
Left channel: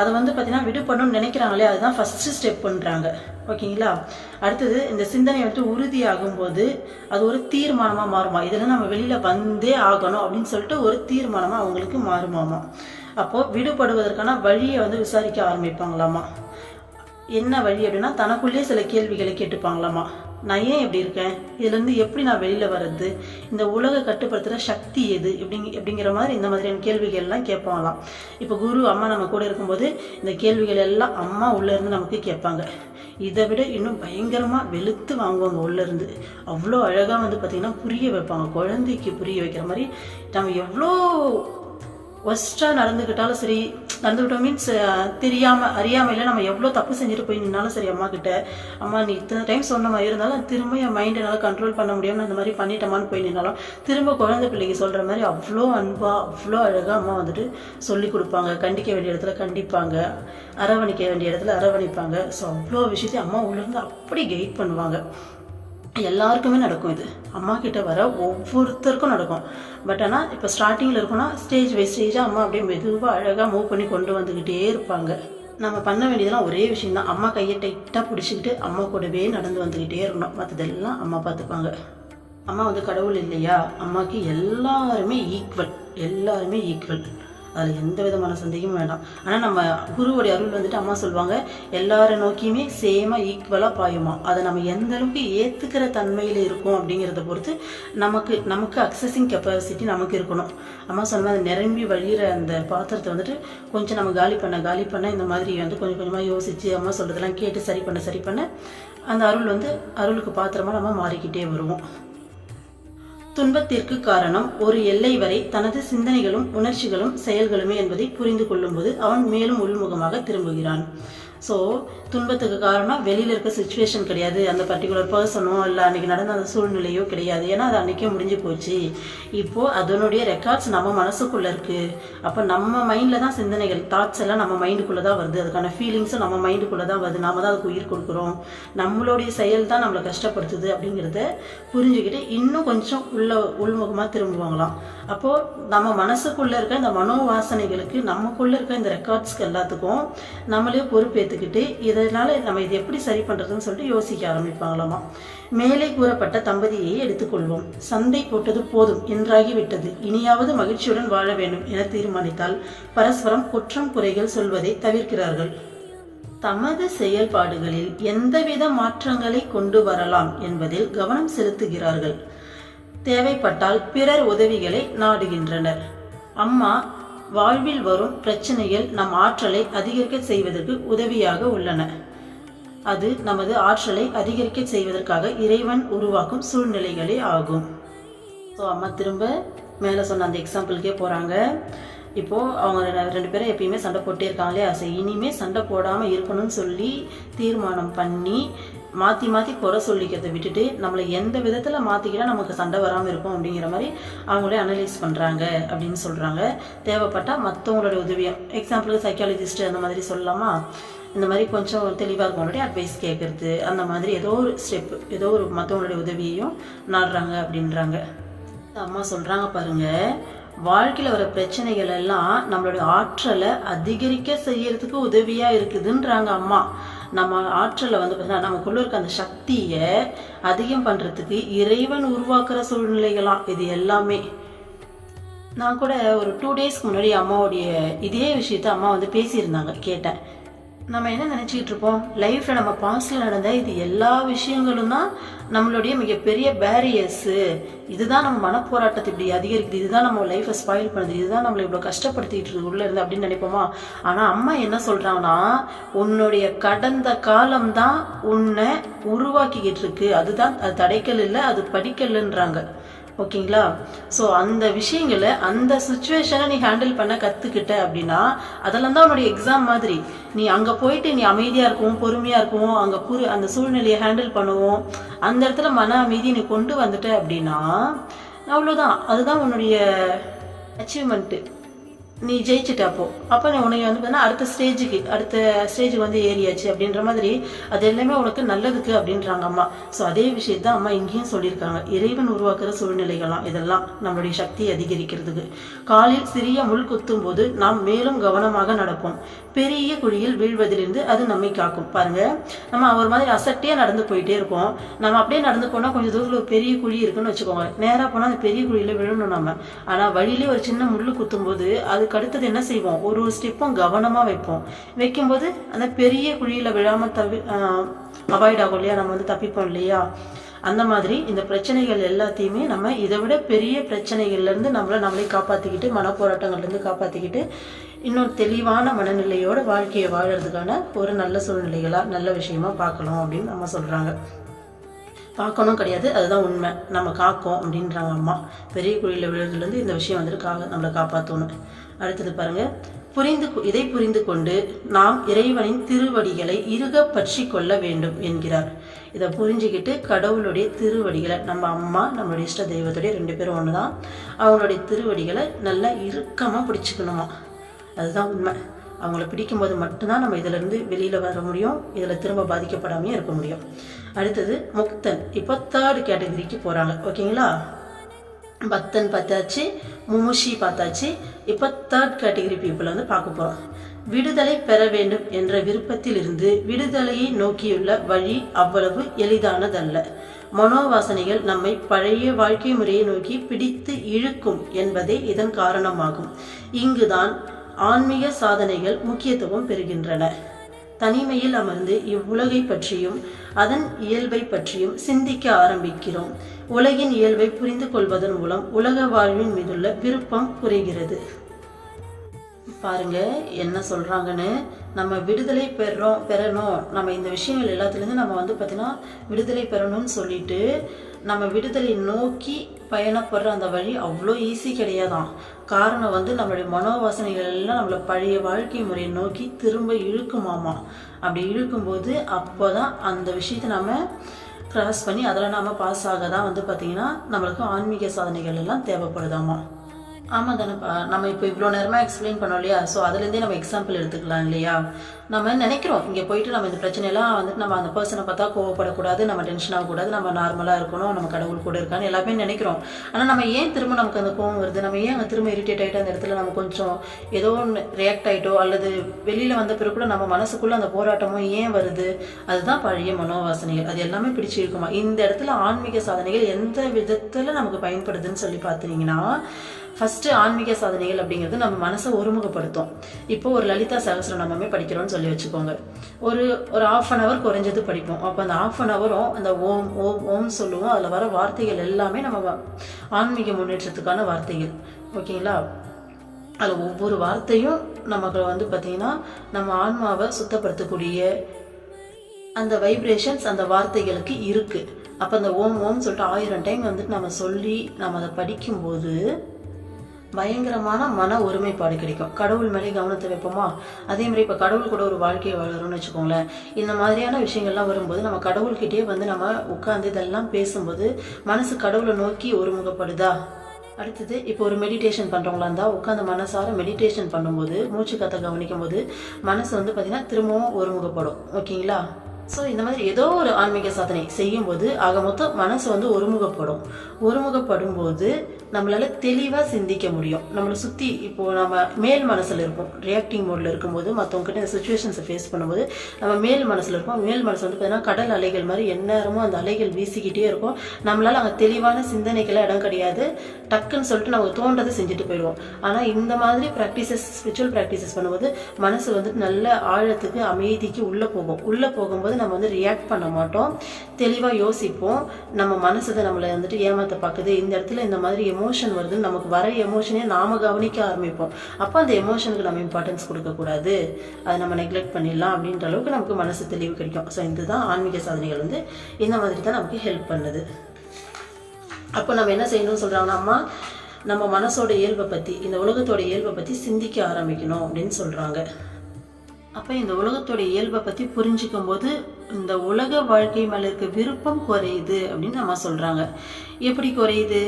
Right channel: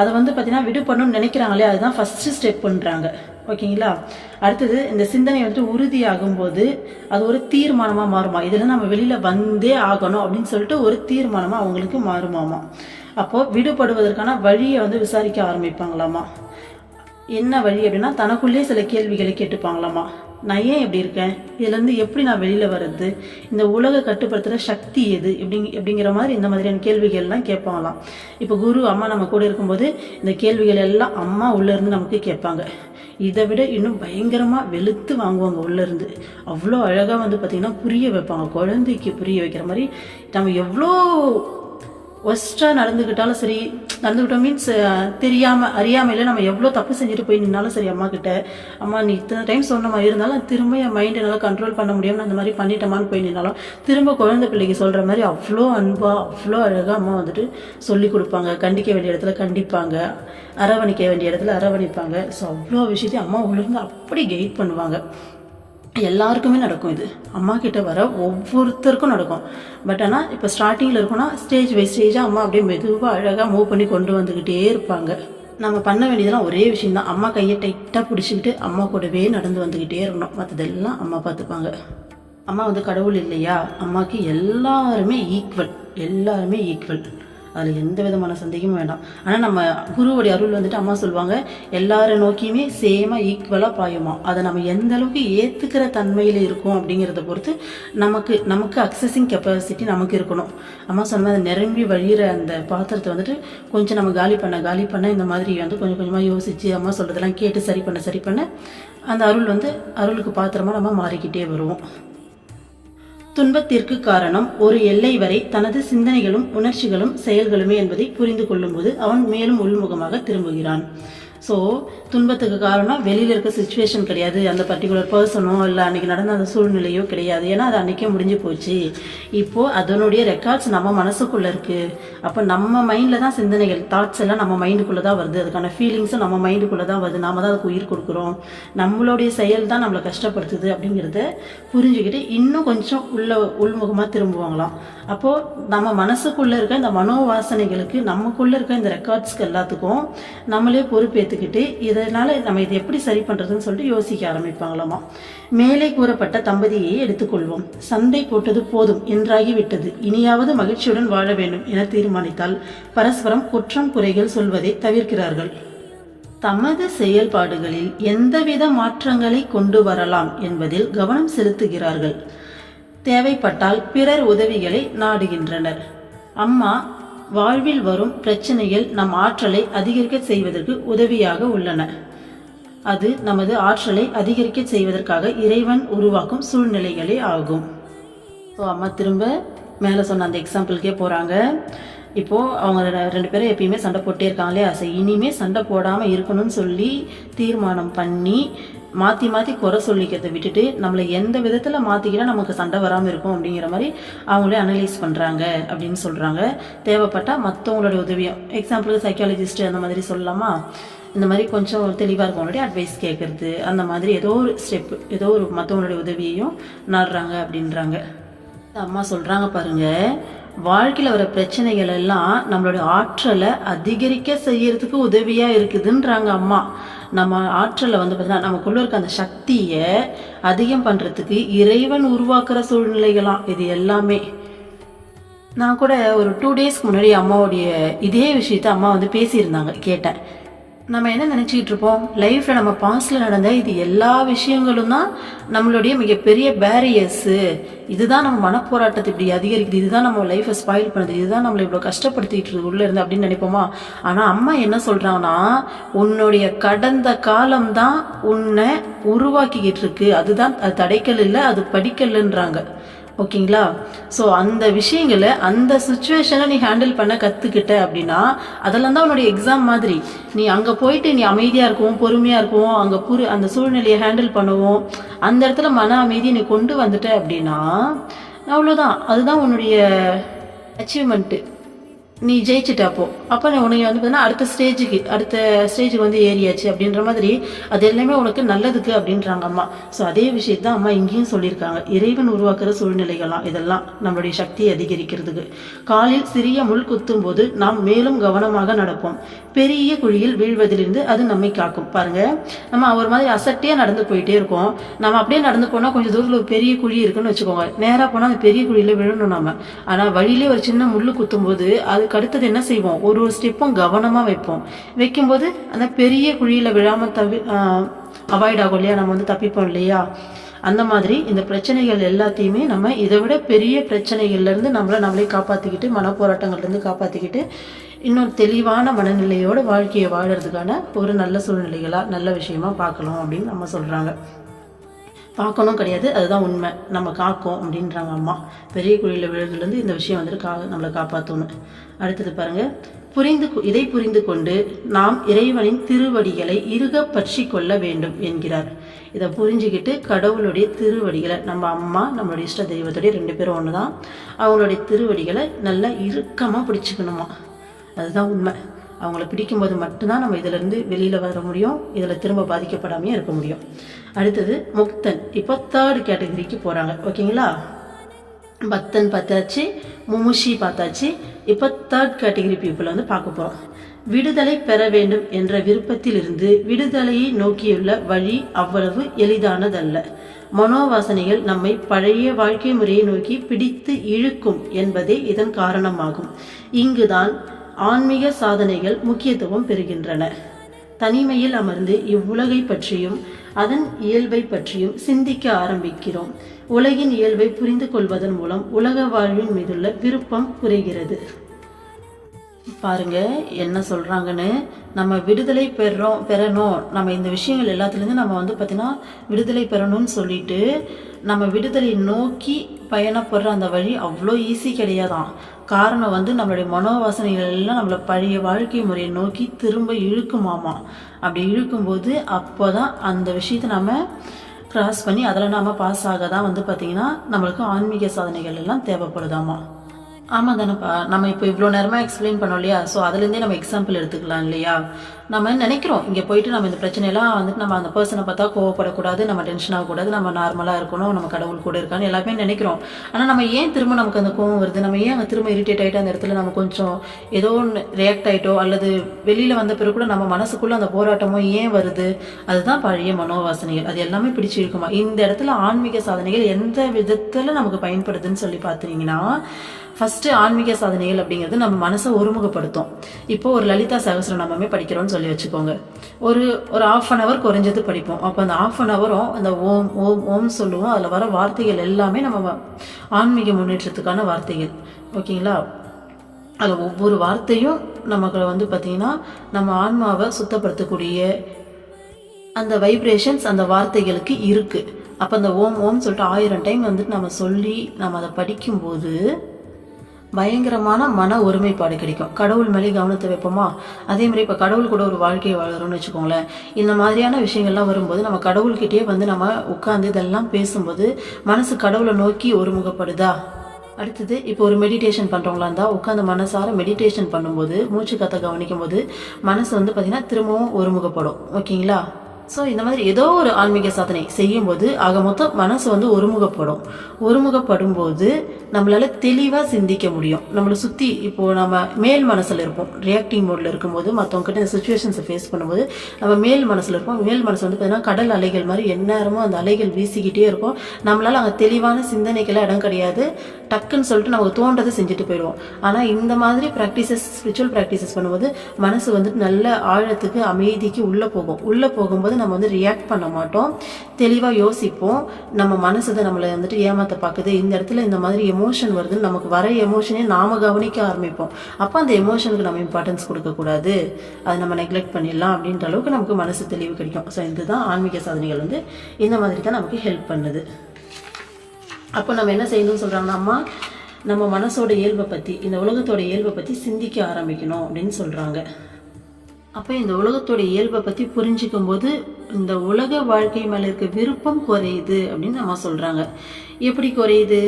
அதை பார்த்தீங்கன்னா விடுபடணும்னு நினைக்கிறாங்களே, அதுதான் ஃபஸ்ட்டு ஸ்டெப் பண்ணுறாங்க, ஓகேங்களா. அடுத்தது இந்த சிந்தனை உறுதியாகும் போது அது ஒரு தீர்மானமாக மாறுமா, இதில் நம்ம வெளியில் வந்தே ஆகணும் அப்படின்னு சொல்லிட்டு ஒரு தீர்மானமாக அவங்களுக்கு மாறுமாமா. அப்போது விடுபடுவதற்கான வழியை விசாரிக்க ஆரம்பிப்பாங்களாமா. என்ன வழி அப்படின்னா, தனக்குள்ளேயே சில கேள்விகளை கேட்டுப்பாங்களாமா. நான் ஏன் எப்படி இருக்கேன், இதுலேருந்து எப்படி நான் வெளியில் வர்றது, இந்த உலக கட்டுப்படுத்துகிற சக்தி எது எப்படிங்கிற மாதிரி இந்த மாதிரியான கேள்விகள்லாம் கேட்பாங்களாம். இப்போ குரு அம்மா நம்ம கூட இருக்கும்போது இந்த கேள்விகள் எல்லாம் அம்மா உள்ளேருந்து நமக்கு கேட்பாங்க. இதை விட இன்னும் பயங்கரமாக வெளுத்து வாங்குவாங்க உள்ளேருந்து. அவ்வளோ அழகாக பார்த்திங்கன்னா புரிய வைப்பாங்க, குழந்தைக்கு புரிய வைக்கிற மாதிரி. நம்ம எவ்வளோ ஒஸ்ட்டாக நடந்துக்கிட்டாலும் சரி, நடந்துக்கிட்டோம் மீன்ஸ் தெரியாமல் அறியாமையில் நம்ம எவ்வளோ தப்பு செஞ்சுட்டு போய் நின்னாலும் சரி, அம்மா கிட்ட, அம்மா நீ இத்தனை டைம் சொன்ன மாதிரி இருந்தாலும் திரும்ப என் மைண்ட் என்னால் கண்ட்ரோல் பண்ண முடியாமல் அந்த மாதிரி பண்ணிட்டோமான்னு போய் நின்னாலும் திரும்ப குழந்தை பிள்ளைக்கு சொல்கிற மாதிரி அவ்வளோ அன்பாக அவ்வளோ அழகாக அம்மா சொல்லி கொடுப்பாங்க. கண்டிக்க வேண்டிய இடத்துல கண்டிப்பாங்க, அரவணைக்க வேண்டிய இடத்துல அரவணைப்பாங்க. ஸோ அவ்வளோ விஷயத்தையும் அம்மா உள்ளேருந்து அப்படி கைட் பண்ணுவாங்க. எல்லாருக்குமே நடக்கும். இது அம்மா கிட்ட வர ஒவ்வொருத்தருக்கும் நடக்கும். பட் ஆனால் இப்போ ஸ்டார்டிங்கில் இருக்குன்னா ஸ்டேஜ் பை ஸ்டேஜாக அம்மா அப்படியே மெதுவாக அழகாக மூவ் பண்ணி கொண்டு வந்துக்கிட்டே இருப்பாங்க. நம்ம பண்ண வேண்டியதெல்லாம் ஒரே விஷயம் தான், அம்மா கையை டைட்டாக பிடிச்சிக்கிட்டு அம்மா கூடவே நடந்து வந்துக்கிட்டே இருக்கணும். மற்றதெல்லாம் அம்மா பார்த்துப்பாங்க. அம்மா வந்து கடவுள் இல்லையா, அம்மாவுக்கு எல்லாருமே ஈக்குவல். அதில் எந்த விதமான சந்தேகமும் வேண்டாம். ஆனால் நம்ம குருவுடைய அருள் வந்துட்டு அம்மா சொல்லுவாங்க, எல்லாரை நோக்கியுமே சேமாக ஈக்குவலாக பாயுமா. அதை நம்ம எந்த அளவுக்கு ஏற்றுக்கிற தன்மையில் இருக்கும் அப்படிங்கிறத பொறுத்து நமக்கு அக்சஸிங் கெப்பாசிட்டி நமக்கு இருக்கணும். அம்மா சொன்ன அதை நிரம்பி வழிகிற அந்த பாத்திரத்தை வந்துட்டு கொஞ்சம் நம்ம காலி பண்ண இந்த மாதிரி வந்து கொஞ்சம் கொஞ்சமாக யோசித்து அம்மா சொல்கிறதெல்லாம் கேட்டு சரி பண்ண அந்த அருளுக்கு பாத்திரமாக நம்ம மாறிக்கிட்டே வருவோம். துன்பத்திற்கு காரணம் ஒரு எல்லை வரை தனது சிந்தனைகளும் உணர்ச்சிகளும் செயல்களுமே என்பதை புரிந்து கொள்ளும்போது அவன் மேலும் உள்முகமாக திரும்புகிறான். ஸோ துன்பத்துக்கு காரணம் வெளியில் இருக்க சுச்சுவேஷன் கிடையாது, அந்த பர்டிகுலர் பர்சனோ இல்லை அன்றைக்கி நடந்த அந்த சூழ்நிலையோ கிடையாது. ஏன்னா அது அன்றைக்கே முடிஞ்சு போச்சு. இப்போது அதனுடைய ரெக்கார்ட்ஸ் நம்ம மனசுக்குள்ளே இருக்குது. அப்போ நம்ம மைண்டில் தான் சிந்தனைகள், தாட்ஸ் எல்லாம் நம்ம மைண்டுக்குள்ளே தான் வருது. அதுக்கான ஃபீலிங்ஸும் நம்ம மைண்டுக்குள்ளே தான் வருது. நாம தான் அதுக்கு உயிர் கொடுக்குறோம். நம்மளுடைய செயல் தான் நம்மளை கஷ்டப்படுத்துது அப்படிங்கிறத புரிஞ்சுக்கிட்டு இன்னும் கொஞ்சம் உள்முகமாக திரும்புவாங்களாம். அப்போது நம்ம மனசுக்குள்ளே இருக்க இந்த மனோவாசனைகளுக்கு, நமக்குள்ளே இருக்க இந்த ரெக்கார்ட்ஸ்க்கு எல்லாத்துக்கும் நம்மளே பொறுப்பேற்றுக்கிட்டு இதனால் நம்ம இதை எப்படி சரி பண்ணுறதுன்னு சொல்லிட்டு யோசிக்க ஆரம்பிப்பாங்களாமா. மேலே கூறப்பட்ட தம்பதியை எடுத்துக்கொள்வோம். சண்டை போட்டது போதும் என்றாகிவிட்டது, இனியாவது மகிழ்ச்சியுடன் வாழ வேண்டும் என தீர்மானித்தால் பரஸ்பரம் குற்றம் குறைகள் சொல்வதை தவிர்க்கிறார்கள். தமது செயல்பாடுகளில் எந்தவித மாற்றங்களை கொண்டு வரலாம் என்பதில் கவனம் செலுத்துகிறார்கள். தேவைப்பட்டால் பிறர் உதவிகளை நாடுகின்றனர். அம்மா வாழ்வில் வரும் பிரச்சனைகள் நம் ஆற்றலை அதிகரிக்க செய்வதற்கு உதவியாக உள்ளன. அது நமது ஆற்றலை அதிகரிக்க செய்வதற்காக இறைவன் உருவாக்கும் சூழ்நிலைகளே ஆகும். ஸோ அம்மா திரும்ப மேலே சொன்ன அந்த எக்ஸாம்பிளுக்கே போகிறாங்க. இப்போது அவங்க 2 பேரும் எப்பயுமே சண்டை போட்டே இருக்காங்களே, அதை இனிமேல் சண்டை போடாமல் இருக்கணும்னு சொல்லி தீர்மானம் பண்ணி மாற்றி குறை சொல்லிக்கிறத விட்டுட்டு நம்மளை எந்த விதத்தில் மாற்றிக்கிட்டால் நமக்கு சண்டை வராமல் இருக்கும் அப்படிங்கிற மாதிரி அவங்களே அனலைஸ் பண்ணுறாங்க அப்படின்னு சொல்கிறாங்க. தேவைப்பட்டால் மற்றவங்களோட உதவியும், எக்ஸாம்பிளுக்கு சைக்காலஜிஸ்ட்டு அந்த மாதிரி சொல்லலாமா, இந்த மாதிரி கொஞ்சம் தெளிவாக இருக்கவங்களுடைய அட்வைஸ் கேட்குறது, அந்த மாதிரி ஏதோ ஒரு மற்றவங்களுடைய உதவியையும் நாடுறாங்க அப்படின்றாங்க. அம்மா சொல்கிறாங்க பாருங்கள், வாழ்க்கையில் வர பிரச்சனைகள் எல்லாம் நம்மளோட ஆற்றலை அதிகரிக்க செய்யறதுக்கு உதவியாக இருக்குதுன்றாங்க அம்மா. நம்ம ஆற்றலை வந்து பார்த்தீங்கன்னா நமக்குள்ள இருக்க அந்த சக்தியை அதிகம் பண்ணுறதுக்கு இறைவன் உருவாக்குற சூழ்நிலைகளாம் இது எல்லாமே. நான் கூட ஒரு 2 டேஸ்க்கு முன்னாடி அம்மாவுடைய இதே விஷயத்த அம்மா வந்து பேசியிருந்தாங்க, கேட்டேன். நம்ம என்ன நினச்சிக்கிட்டு இருப்போம், லைஃப்பில் நம்ம பாஸ்டில் நடந்த இது எல்லா விஷயங்களும் தான் நம்மளுடைய மிகப்பெரிய பேரியர்ஸு, இதுதான் நம்ம மனப்போராட்டத்தை இப்படி அதிகரிக்குது, இதுதான் நம்ம லைஃப்பை ஸ்பாயில் பண்ணுது, இதுதான் நம்மளை இவ்வளோ கஷ்டப்படுத்திட்டு இருக்கு உள்ளே இருந்து அப்படின்னு நினைப்போமா. ஆனால் அம்மா என்ன சொல்கிறாங்கன்னா, உன்னுடைய கடந்த காலம்தான் உன்னை உருவாக்கிக்கிட்டு இருக்கு, அதுதான் அது தடைக்கல் இல்லை, அது படிக்கல்ன்றாங்க. ஓகேங்களா. ஸோ அந்த விஷயங்களை, அந்த சுச்சுவேஷனை நீ ஹேண்டில் பண்ண கற்றுக்கிட்ட அப்படின்னா அதெல்லாம் தான் உன்னுடைய எக்ஸாம் மாதிரி. நீ அங்கே போயிட்டு நீ அமைதியாக இருக்கவும் பொறுமையாக இருக்கவும் அங்கே அந்த சூழ்நிலையை ஹேண்டில் பண்ணுவோம், அந்த இடத்துல மன அமைதியை நீ கொண்டு வந்துட்ட அப்படின்னா அவ்வளோதான், அதுதான் உன்னுடைய அச்சீவ்மெண்ட்டு. நீ ஜெயிச்சுட்ட. அப்போ உனக்கு வந்து பார்த்தீங்கன்னா அடுத்த ஸ்டேஜுக்கு வந்து ஏறியாச்சு அப்படின்ற மாதிரி அது எல்லாமே உனக்கு நல்லதுக்கு அப்படின்றாங்க அம்மா. ஸோ அதே விஷயத்தான் அம்மா இங்கேயும் சொல்லியிருக்காங்க. இறைவன் உருவாக்குற சூழ்நிலைகள்லாம் இதெல்லாம் நம்மளுடைய சக்தியை அதிகரிக்கிறதுக்கு. காலில் சிறிய முள் குத்தும் போது நாம் மேலும் கவனமாக நடப்போம், பெரிய குழியில் வீழ்வதிலிருந்து அது நம்மை காக்கும். பாருங்க, நம்ம ஒரு மாதிரி அசட்டியாக நடந்து போயிட்டே இருக்கோம். நம்ம அப்படியே நடந்து போனால் கொஞ்சம் தூரத்தில் ஒரு பெரிய குழி இருக்குன்னு வச்சுக்கோங்க, நேராக போனால் அந்த பெரிய குழியில் விழணும் நம்ம. ஆனால் வழியிலே ஒரு சின்ன முள் குத்தும் போது அதுக்கு அடுத்தது என்ன செய்வோம், ஒரு ஸ்டெப்பும் கவனமாக வைக்கும்போது அந்த பெரிய குழியில் விழாமல் அவாய்ட் ஆகும் இல்லையா, நம்ம வந்து தப்பிப்போம் இல்லையா. அந்த மாதிரி இந்த பிரச்சனைகள் எல்லாத்தையுமே நம்ம இதை விட பெரிய பிரச்சனைகள்லேருந்து நம்மளே காப்பாற்றிக்கிட்டு, மனப்போராட்டங்கள்லேருந்து காப்பாற்றிக்கிட்டு இன்னொரு தெளிவான மனநிலையோட வாழ்க்கையை வாழறதுக்கான ஒரு நல்ல சூழ்நிலைகளாக நல்ல விஷயமா பார்க்கணும் அப்படின்னு நம்ம சொல்கிறாங்க. பார்க்கணும் கிடையாது, அதுதான் உண்மை, நம்ம காக்கும் அப்படின்றாங்க அம்மா. பெரிய குழியில் விழுதுலேருந்து இந்த விஷயம் வந்துட்டு நம்மளை காப்பாற்றணும். அடுத்தது பாருங்கள், இதை புரிந்து கொண்டு நாம் இறைவனின் திருவடிகளை இறுக பற்றி கொள்ள வேண்டும் என்கிறார். இதை புரிஞ்சுக்கிட்டு கடவுளுடைய திருவடிகளை, நம்ம அம்மா நம்மளுடைய இஷ்ட தெய்வத்துடைய 2 பேரும் ஒன்று தான், அவங்களுடைய திருவடிகளை நல்லா இறுக்கமாக பிடிச்சிக்கணுமா. அதுதான் உண்மை. அவங்கள பிடிக்கும்போது மட்டும்தான் நம்ம இதிலேருந்து வெளியில் வர முடியும், இதில் திரும்ப பாதிக்கப்படாமையே இருக்க முடியும். அடுத்தது முக்தன். இப்போ 3rd கேட்டகரிக்கு போகிறாங்க. ஓகேங்களா, பக்தன் பார்த்தாச்சு, முமுஷி பார்த்தாச்சு. இப்போ 3rd கேட்டகரி பீப்புளை வந்து பார்க்க போகிறோம். விடுதலை பெற வேண்டும் என்ற விருப்பத்தில் இருந்து விடுதலையை நோக்கியுள்ள வழி அவ்வளவு எளிதானதல்ல. மனோவாசனைகள் நம்மை பழைய வாழ்க்கை முறையை நோக்கி பிடித்து இழுக்கும் என்பதே இதன் காரணமாகும். இங்குதான் ஆன்மீக சாதனைகள் முக்கியத்துவம் பெறுகின்றன. தனிமையில் அமர்ந்து இவ்வுலகை பற்றியும் அதன் இயல்பை பற்றியும் சிந்திக்க ஆரம்பிக்கிறோம். உலகின் இயல்பை புரிந்து கொள்வதன் மூலம் உலக வாழ்வின் மீதுள்ள விருப்பம் குறைகிறது. பாருங்க என்ன சொல்றாங்கன்னு. நம்ம விடுதலை பெறணும், நம்ம இந்த விஷயங்கள் எல்லாத்துலேருந்து நம்ம வந்து பார்த்தீங்கன்னா விடுதலை பெறணும்னு சொல்லிட்டு நம்ம விடுதலை நோக்கி பயணப்படுற அந்த வழி அவ்வளோ ஈஸி கிடையாதான். காரணம் வந்து நம்மளுடைய மனோவாசனைகள் எல்லாம் நம்மளை பழைய வாழ்க்கை முறையை நோக்கி திரும்ப இழுக்குமாமா. அப்படி இழுக்கும்போது அப்போதான் அந்த விஷயத்தை நம்ம கிராஸ் பண்ணி அதில் நாம் பாஸ் ஆக தான் வந்து பார்த்திங்கன்னா நம்மளுக்கு ஆன்மீக சாதனைகள் எல்லாம் தேவைப்படுதாமா. ஆமாம் தானேப்பா, நம்ம இப்போ இவ்வளோ நேரமாக எக்ஸ்பிளைன் பண்ணோம் இல்லையா? ஸோ அதுலேருந்தே நம்ம எக்ஸாம்பிள் எடுத்துக்கலாம் இல்லையா? நம்ம நினைக்கிறோம் இங்கே போயிட்டு நம்ம இந்த பிரச்சனையெல்லாம் வந்துட்டு நம்ம அந்த பர்சனை பார்த்தா கோவப்படக்கூடாது, நம்ம டென்ஷன் ஆகக்கூடாது, நம்ம நார்மலாக இருக்கணும், நம்ம கடவுள் கூட இருக்கான்னு எல்லாமே நினைக்கிறோம். ஆனால் நம்ம ஏன் திரும்ப நமக்கு அந்த கோவம் வருது? நம்ம ஏன் அங்கே திரும்ப இரிட்டேட் ஆகிட்டு அந்த இடத்துல நம்ம கொஞ்சம் ஏதோ ஒன்று ரியாக்ட் ஆகிட்டோ அல்லது வெளியில் வந்த பிறகு கூட நம்ம மனசுக்குள்ளே அந்த போராட்டமோ ஏன் வருது? அதுதான் பழைய மனோவாசனைகள். அது எல்லாமே பிடிச்சிருக்குமா? இந்த இடத்துல ஆன்மீக சாதனைகள் எந்த விதத்தில் நமக்கு பயன்படுதுன்னு சொல்லி பார்த்தீங்கன்னா, ஃபஸ்ட்டு ஆன்மீக சாதனைகள் அப்படிங்கிறது நம்ம மனசை ஒருமுகப்படுத்தும். இப்போ ஒரு லலிதா சகஸ்ரநாமமே படிக்கிறோம்னு சொல்லி வச்சுக்கோங்க. ஒரு 1/2 hour குறைஞ்சது படிப்போம். அப்போ அந்த 1/2 hour அந்த ஓம் ஓம் ஓம் சொல்லுவோம். அதில் வர வார்த்தைகள் எல்லாமே நம்ம ஆன்மீக முன்னேற்றத்துக்கான வார்த்தைகள். ஓகேங்களா, அதில் ஒவ்வொரு வார்த்தையும் நமக்கு வந்து பார்த்திங்கன்னா நம்ம ஆன்மாவை சுத்தப்படுத்தக்கூடிய அந்த வைப்ரேஷன்ஸ் அந்த வார்த்தைகளுக்கு இருக்குது. அப்போ அந்த ஓம் ஓம் சொல்லிட்டு 1000 டைம் வந்துட்டு நம்ம சொல்லி நம்ம அதை படிக்கும்போது பயங்கரமான மன ஒருமைப்பாடு கிடைக்கும். கடவுள் மேலே கவனத்தை வைப்போமா? அதே மாதிரி இப்போ கடவுள் கூட ஒரு வாழ்க்கையை வாழறோம்னு வச்சுக்கோங்களேன். இந்த மாதிரியான விஷயங்கள்லாம் வரும்போது நம்ம கடவுள்கிட்டயே வந்து நம்ம உட்காந்து இதெல்லாம் பேசும்போது மனசு கடவுளை நோக்கி ஒருமுகப்படுதா? அடுத்தது இப்போ ஒரு மெடிடேஷன் பண்ணுறவங்களா இருந்தால் உட்காந்து மனசார மெடிடேஷன் பண்ணும்போது மூச்சு காற்றை கவனிக்கும் போது மனசு வந்து பார்த்திங்கன்னா திரும்பவும் ஒருமுகப்படும். ஓகேங்களா, ஸோ இந்த மாதிரி ஏதோ ஒரு ஆன்மீக சாதனை செய்யும்போது ஆக மொத்தம் மனசு வந்து ஒருமுகப்படும் போது நம்மளால தெளிவாக சிந்திக்க முடியும். நம்மளை சுற்றி இப்போது நம்ம மேல் மனசில் இருப்போம், ரியாக்டிங் மோடில் இருக்கும்போது மற்றவங்ககிட்ட இந்த சுச்சுவேஷன்ஸை ஃபேஸ் பண்ணும்போது நம்ம மேல் மனசில் இருப்போம். மேல் மனசு வந்து பார்த்தீங்கன்னா கடல் அலைகள் மாதிரி எந்நேரமும் அந்த அலைகள் வீசிக்கிட்டே இருக்கும். நம்மளால அங்கே தெளிவான சிந்தனைக்கெல்லாம் இடம் கிடையாது. டக்குன்னு சொல்லிட்டு நமக்கு தோன்றதை செஞ்சுட்டு போயிடுவோம். ஆனால் இந்த மாதிரி ப்ராக்டிசஸ், ஸ்பிரிச்சுவல் ப்ராக்டிசஸ் பண்ணும்போது மனசு வந்துட்டு நல்ல ஆழத்துக்கு அமைதிக்கு உள்ளே போகும்போது நம்ம வந்து ரியாக்ட் பண்ண மாட்டோம், தெளிவாக யோசிப்போம். நம்ம மனசு தான் நம்மளை வந்துட்டு ஏமாற்ற பார்க்குது, இந்த இடத்துல இந்த மாதிரி எமோஷன் வருதுன்னு நமக்கு வர எமோஷனே நாம கவனிக்க ஆரம்பிப்போம். அப்போ அந்த எமோஷனுக்கு நம்ம இம்பார்ட்டன்ஸ் கொடுக்கக்கூடாது, அதை நம்ம நெக்லெக்ட் பண்ணிடலாம் அப்படின்ற அளவுக்கு நமக்கு மனசு தெளிவு கிடைக்கும். ஸோ இதுதான் ஆன்மீக சாதனைகள் வந்து இந்த மாதிரி தான் நமக்கு ஹெல்ப் பண்ணுது. அப்போ நம்ம என்ன செய்யணும்னு சொல்கிறாங்கன்னா, நம்ம மனசோட இயல்பை பற்றி, இந்த உலகத்தோட இயல்பை பற்றி சிந்திக்க ஆரம்பிக்கணும் அப்படின்னு சொல்கிறாங்க. அப்போ இந்த உலகத்தோட இயல்பை பற்றி புரிஞ்சிக்கும் போது இந்த உலக வாழ்க்கை மேலே இருக்க விருப்பம் குறையுது அப்படின்னு நம்ம சொல்கிறாங்க. எப்படி குறையுது?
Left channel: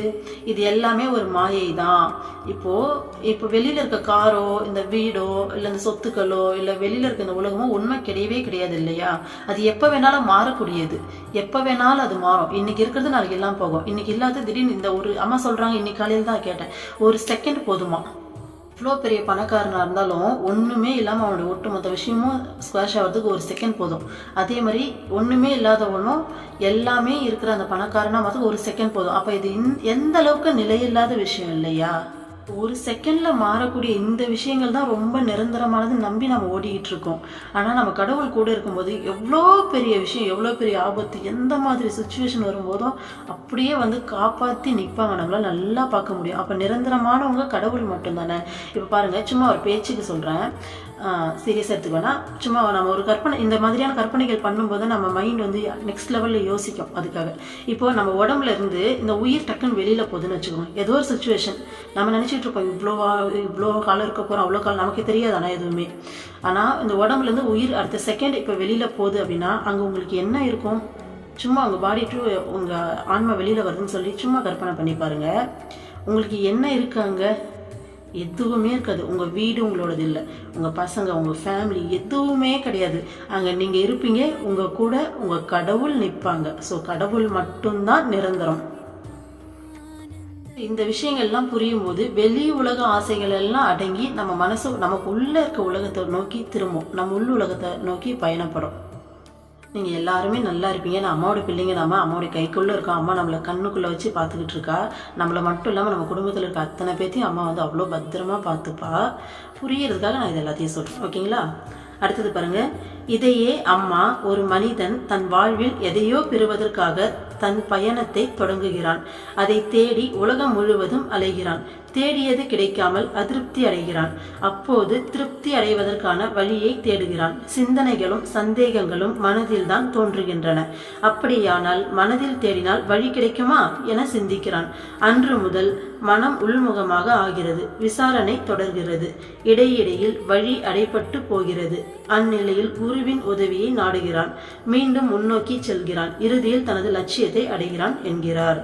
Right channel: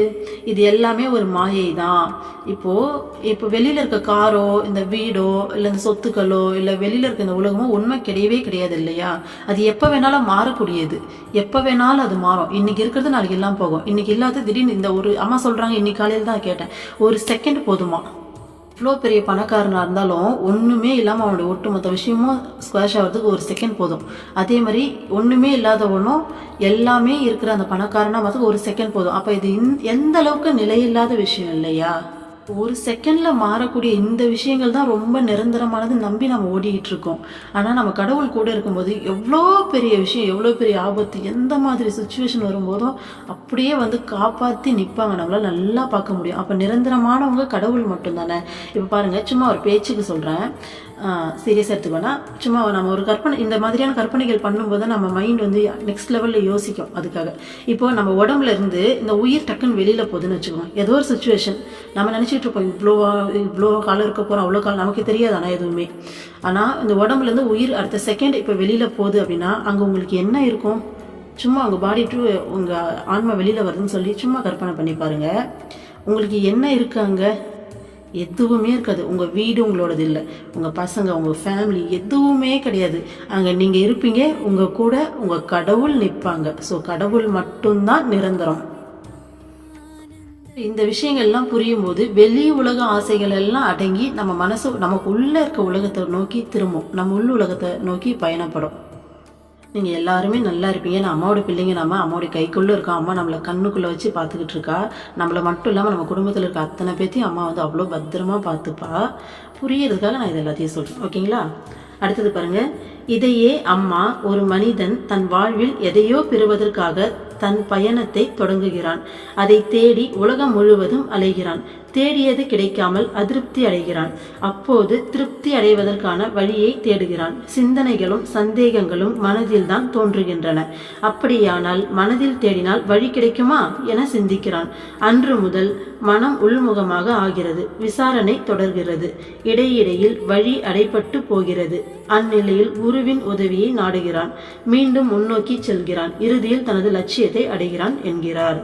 இது எல்லாமே ஒரு மாயை தான். இப்போ வெளியில் இருக்க காரோ இந்த வீடோ இல்லை இந்த சொத்துக்களோ இல்லை வெளியில் இருக்க இந்த உலகமோ உண்மை கிடையாது இல்லையா? அது எப்போ வேணாலும் மாறக்கூடியது, எப்போ வேணாலும் அது மாறும். இன்னைக்கு இருக்கிறது நாளைக்கு எல்லாம் போகும். இன்னைக்கு இல்லாத திடீர்னு இந்த ஒரு அம்மா சொல்கிறாங்க, இன்னைக்கு காலையில் தான் கேட்டேன், ஒரு செகண்ட் போதுமா? இவ்வளோ பெரிய பணக்காரனாக இருந்தாலும் ஒன்றுமே இல்லாமல் அவனுடைய ஒட்டுமொத்த விஷயமும் ஸ்குவாஷ் ஆகிறதுக்கு ஒரு செகண்ட் போதும். அதே மாதிரி ஒன்றுமே இல்லாதவனும் எல்லாமே இருக்கிற அந்த பணக்காரனாக பார்த்து ஒரு செகண்ட் போதும். அப்போ இது எந்த அளவுக்கு நிலையில்லாத விஷயம் இல்லையா? ஒரு செகண்டில் மாறக்கூடிய இந்த விஷயங்கள் தான் ரொம்ப நிரந்தரமானது நம்பி நம்ம ஓடிக்கிட்டு இருக்கோம். ஆனால் நம்ம கடவுள் கூட இருக்கும்போது எவ்வளோ பெரிய விஷயம், எவ்வளோ பெரிய ஆபத்து, எந்த மாதிரி சுச்சுவேஷன் வரும்போதும் அப்படியே வந்து காப்பாற்றி நிற்பாங்க, நம்மளால் நல்லா பார்க்க முடியும். அப்போ நிரந்தரமானவங்க கடவுள் மட்டும்தானே. இப்போ பாருங்கள், சும்மா ஒரு பேச்சுக்கு சொல்கிறேன், சீரியஸாக எடுத்துக்கோன்னா, சும்மா நம்ம ஒரு கற்பனை, இந்த மாதிரியான கற்பனைகள் பண்ணும்போது நம்ம மைண்ட் வந்து நெக்ஸ்ட் லெவலில் யோசிக்கும். அதுக்காக இப்போது நம்ம உடம்புல இருந்து இந்த உயிர் டக்குன்னு வெளியில் போகுதுன்னு வச்சுக்கோங்க. ஏதோ ஒரு சுச்சுவேஷன் நம்ம நினச்சிட்டு இருப்போம், இவ்வளோ காலம் இருக்க போகிறோம், அவ்வளோ காலம் நமக்கு தெரியாது ஆனால் எதுவுமே. ஆனால் இந்த உடம்புலேருந்து உயிர் அடுத்த செகண்ட் இப்போ வெளியில் போகுது அப்படின்னா அங்கே உங்களுக்கு என்ன இருக்கும்? சும்மா உங்கள் பாடி டு உங்கள் ஆன்மா வெளியில் வருதுன்னு சொல்லி சும்மா கற்பனை பண்ணி பாருங்கள். உங்களுக்கு என்ன இருக்குது அங்கே? எதுவுமே இருக்காது. உங்கள் வீடு உங்களோடது இல்லை, உங்கள் பசங்க, உங்கள் ஃபேமிலி எதுவுமே கிடையாது. அங்கே நீங்கள் இருப்பீங்க, உங்கள் கூட உங்கள் கடவுள் நிற்பாங்க. ஸோ கடவுள் மட்டும்தான் நிரந்தரம். இந்த விஷயங்கள்லாம் புரியும் போது வெளி உலக ஆசைகள் எல்லாம் அடங்கி நம்ம மனசு நமக்கு உள்ள இருக்க உலகத்தை நோக்கி திரும்பும், நம்ம உள்ள உலகத்தை நோக்கி பயணப்படும். நீங்கள் எல்லாருமே நல்லா இருப்பீங்க. நான் அம்மாவோட பிள்ளைங்க, நம்ம அம்மாவோட கைக்குள்ளே இருக்கோம். அம்மா நம்மளை கண்ணுக்குள்ளே வச்சு பார்த்துக்கிட்டு இருக்கா. நம்மளை மட்டும் இல்லாமல் நம்ம குடும்பத்தில் இருக்க அத்தனை பேர்த்தையும் அம்மா வந்து அவ்வளோ பத்திரமா பார்த்துப்பா. புரியறதுக்காக நான் இது எல்லாத்தையும் சொல்கிறேன். ஓகேங்களா? அடுத்தது பாருங்க. இதையே அம்மா, ஒரு மனிதன் தன் வாழ்வில் எதையோ பெறுவதற்காக தன் பயணத்தை தொடங்குகிறான். அதை தேடி உலகம் முழுவதும் அலைகிறான். தேடியது கிடைக்காமல் அதிருப்தி அடைகிறான். அப்போது திருப்தி அடைவதற்கான வழியை தேடுகிறான். சிந்தனைகளும் சந்தேகங்களும் மனதில் தான் தோன்றுகின்றன. அப்படியானால் மனதில் தேடினால் வழி கிடைக்குமா என சிந்திக்கிறான். அன்று முதல் மனம் உள்முகமாக ஆகிறது. விசாரணை தொடர்கிறது. இடையிடையில் வழி அடைபட்டு போகிறது. அந்நிலையில் குருவின் உதவியை நாடுகிறான். மீண்டும் முன்னோக்கி செல்கிறான். இறுதியில் தனது லட்சியத்தை அடைகிறான் என்கிறார்.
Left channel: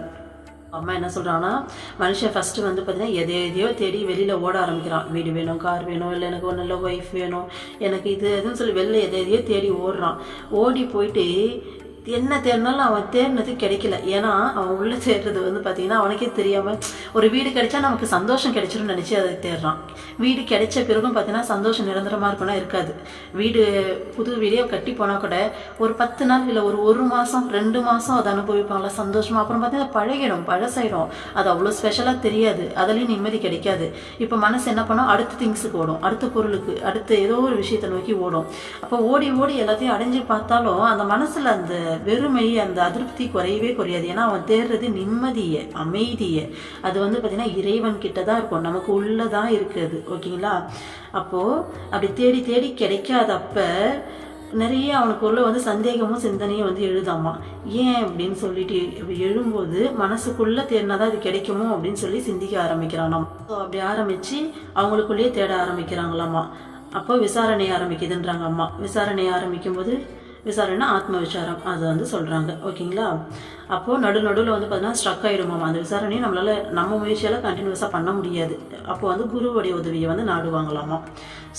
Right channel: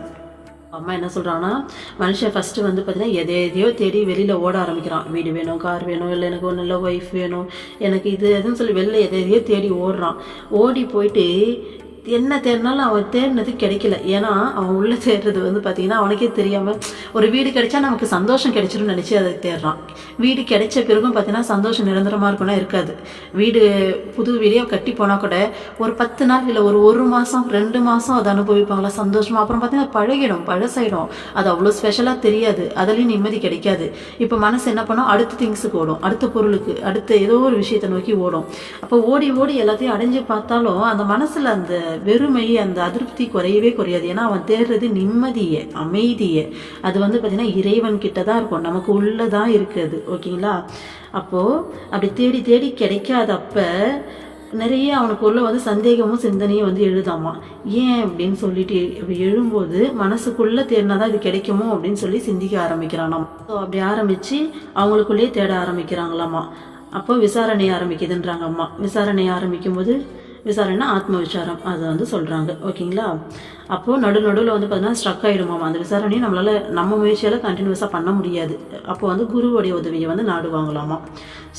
அம்மா என்ன சொல்கிறாங்கன்னா, மனுஷன் ஃபஸ்ட்டு வந்து பார்த்தீங்கன்னா எதையோ தேடி வெளியில் ஓட ஆரம்பிக்கிறான். வீடு வேணும், கார் வேணும், இல்லை எனக்கு ஒரு நல்ல ஒய்ஃப் வேணும், எனக்கு இது எதுன்னு சொல்லி வெளில எதையோ தேடி ஓடுறான். ஓடி போயிட்டு என்ன தேடினாலும் அவன் தேடினது கிடைக்கல. ஏன்னா அவன் உள்ளே தேடுறது வந்து பார்த்தீங்கன்னா அவனுக்கே தெரியாமல், ஒரு வீடு கிடைச்சா நமக்கு சந்தோஷம் கிடைச்சிடும்னு நினச்சி அதை தேடுறான். வீடு கிடைச்ச பிறகும் பார்த்தீங்கன்னா சந்தோஷம் நிரந்தரமாக இருக்குன்னா இருக்காது. வீடு புது வீடியோ கட்டி போனால் கூட ஒரு 10 நாள் இல்லை ஒரு மாதம் 2 மாதம் அதை அனுபவிப்பாங்களா சந்தோஷமாக. அப்புறம் பார்த்தீங்கன்னா பழகிடும், பழசாயிடும். அது அவ்வளோ ஸ்பெஷலாக தெரியாது. அதுலேயும் நிம்மதி கிடைக்காது. இப்போ மனசு என்ன பண்ணோம், அடுத்த திங்ஸுக்கு ஓடும், அடுத்த பொருளுக்கு, அடுத்த ஏதோ ஒரு விஷயத்தை நோக்கி ஓடும். அப்போ ஓடி ஓடி எல்லாத்தையும் அடைஞ்சு பார்த்தாலும் அந்த மனசில் அந்த வெறுமை, அந்த அதிருப்தி குறையவே குறையாது. ஏன்னா அவன் தேடுறது நிம்மதியை, அமைதியை. அது வந்து பார்த்தீங்கன்னா இறைவன் கிட்ட தான் இருக்கும், நமக்கு உள்ளதான் இருக்குது. ஓகேங்களா? அப்போது அப்படி தேடி தேடி கிடைக்காதப்ப நிறைய அவனுக்கு உள்ள வந்து சந்தேகமும் சிந்தனையும் வந்து எழுதாமா. ஏன் அப்படின்னு சொல்லிட்டு எழும்போது மனசுக்குள்ளே தேடினாதான் இது கிடைக்குமோ அப்படின்னு சொல்லி சிந்திக்க ஆரம்பிக்கிறானாம். ஸோ அப்படி ஆரம்பித்து அவங்களுக்குள்ளேயே தேட ஆரம்பிக்கிறாங்களாம்மா. அப்போ விசாரணை ஆரம்பிக்குதுன்றாங்க அம்மா. விசாரணை ஆரம்பிக்கும் போது, விசாரணை ஆத்ம விசாரம் அது வந்து சொல்கிறாங்க. ஓகேங்களா? அப்போது நடுவில் வந்து பார்த்தீங்கன்னா ஸ்ட்ரக் ஆகிடுமாமா அந்த விசாரணையை. நம்மளால் நம்ம முயற்சியால் கண்டினியூஸாக பண்ண முடியாது. அப்போது வந்து குருவோடைய உதவியை வந்து நாடுவாங்களாமா.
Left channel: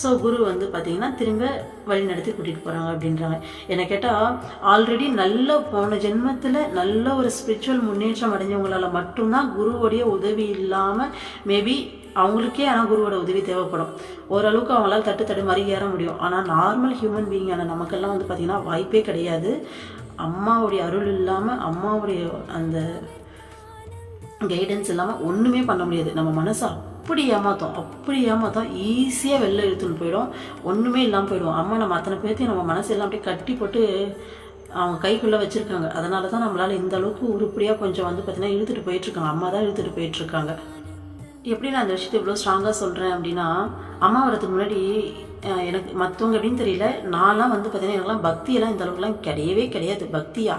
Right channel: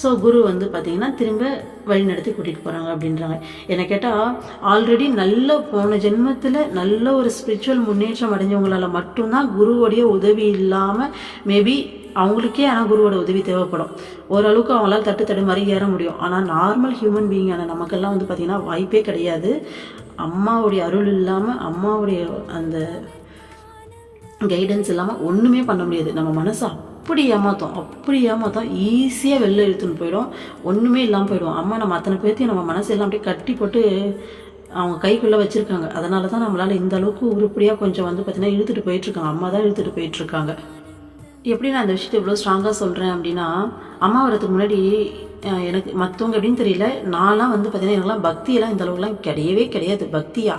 ஸோ குரு வந்து பார்த்திங்கன்னா திரும்ப வழி நடத்தி கூட்டிகிட்டு போகிறாங்க அப்படின்றாங்க. என்னை கேட்டால் ஆல்ரெடி நல்ல போன ஜென்மத்தில் நல்ல ஒரு ஸ்பிரிச்சுவல் முன்னேற்றம் அடைஞ்சவங்களால் மட்டும்தான் குருவோடைய உதவி இல்லாமல் மேபி அவங்களுக்கே ஆனால் குருவோட உதவி தேவைப்படும். ஓரளவுக்கு அவங்களால தட்டு மாதிரி ஏற முடியும். ஆனால் நார்மல் ஹியூமன் பீயிங்கான நமக்கெல்லாம் வந்து பார்த்திங்கன்னா வாய்ப்பே கிடையாது. அம்மாவுடைய அருள் இல்லாமல், அம்மாவுடைய அந்த கைடன்ஸ் இல்லாமல் ஒன்றுமே பண்ண முடியாது. நம்ம மனசை அப்படி ஏமாத்தோம் ஈஸியாக வெளில இழுத்துன்னு போயிடும். ஒன்றுமே இல்லாமல் போயிடுவோம். அம்மா நம்ம அத்தனை பேர்த்தையும் நம்ம மனசெல்லாம் அப்படியே கட்டி போட்டு அவங்க கைக்குள்ளே வச்சுருக்காங்க. அதனால தான் நம்மளால் இந்த அளவுக்கு உருப்படியாக கொஞ்சம் வந்து பார்த்திங்கன்னா இழுத்துட்டு போயிட்டுருக்காங்க. அம்மா தான் இழுத்துட்டு போயிட்டுருக்காங்க. எப்படி நான் அந்த விஷயத்தை இவ்வளோ ஸ்ட்ராங்காக சொல்கிறேன் அப்படின்னா, அம்மா வரதுக்கு முன்னாடி எனக்கு மற்றவங்க அப்படின்னு தெரியல, நான்லாம் வந்து பார்த்தீங்கன்னா எனக்குலாம் பக்தியெல்லாம் இந்த அளவுக்குலாம் கிடையவே கிடையாது. பக்தியா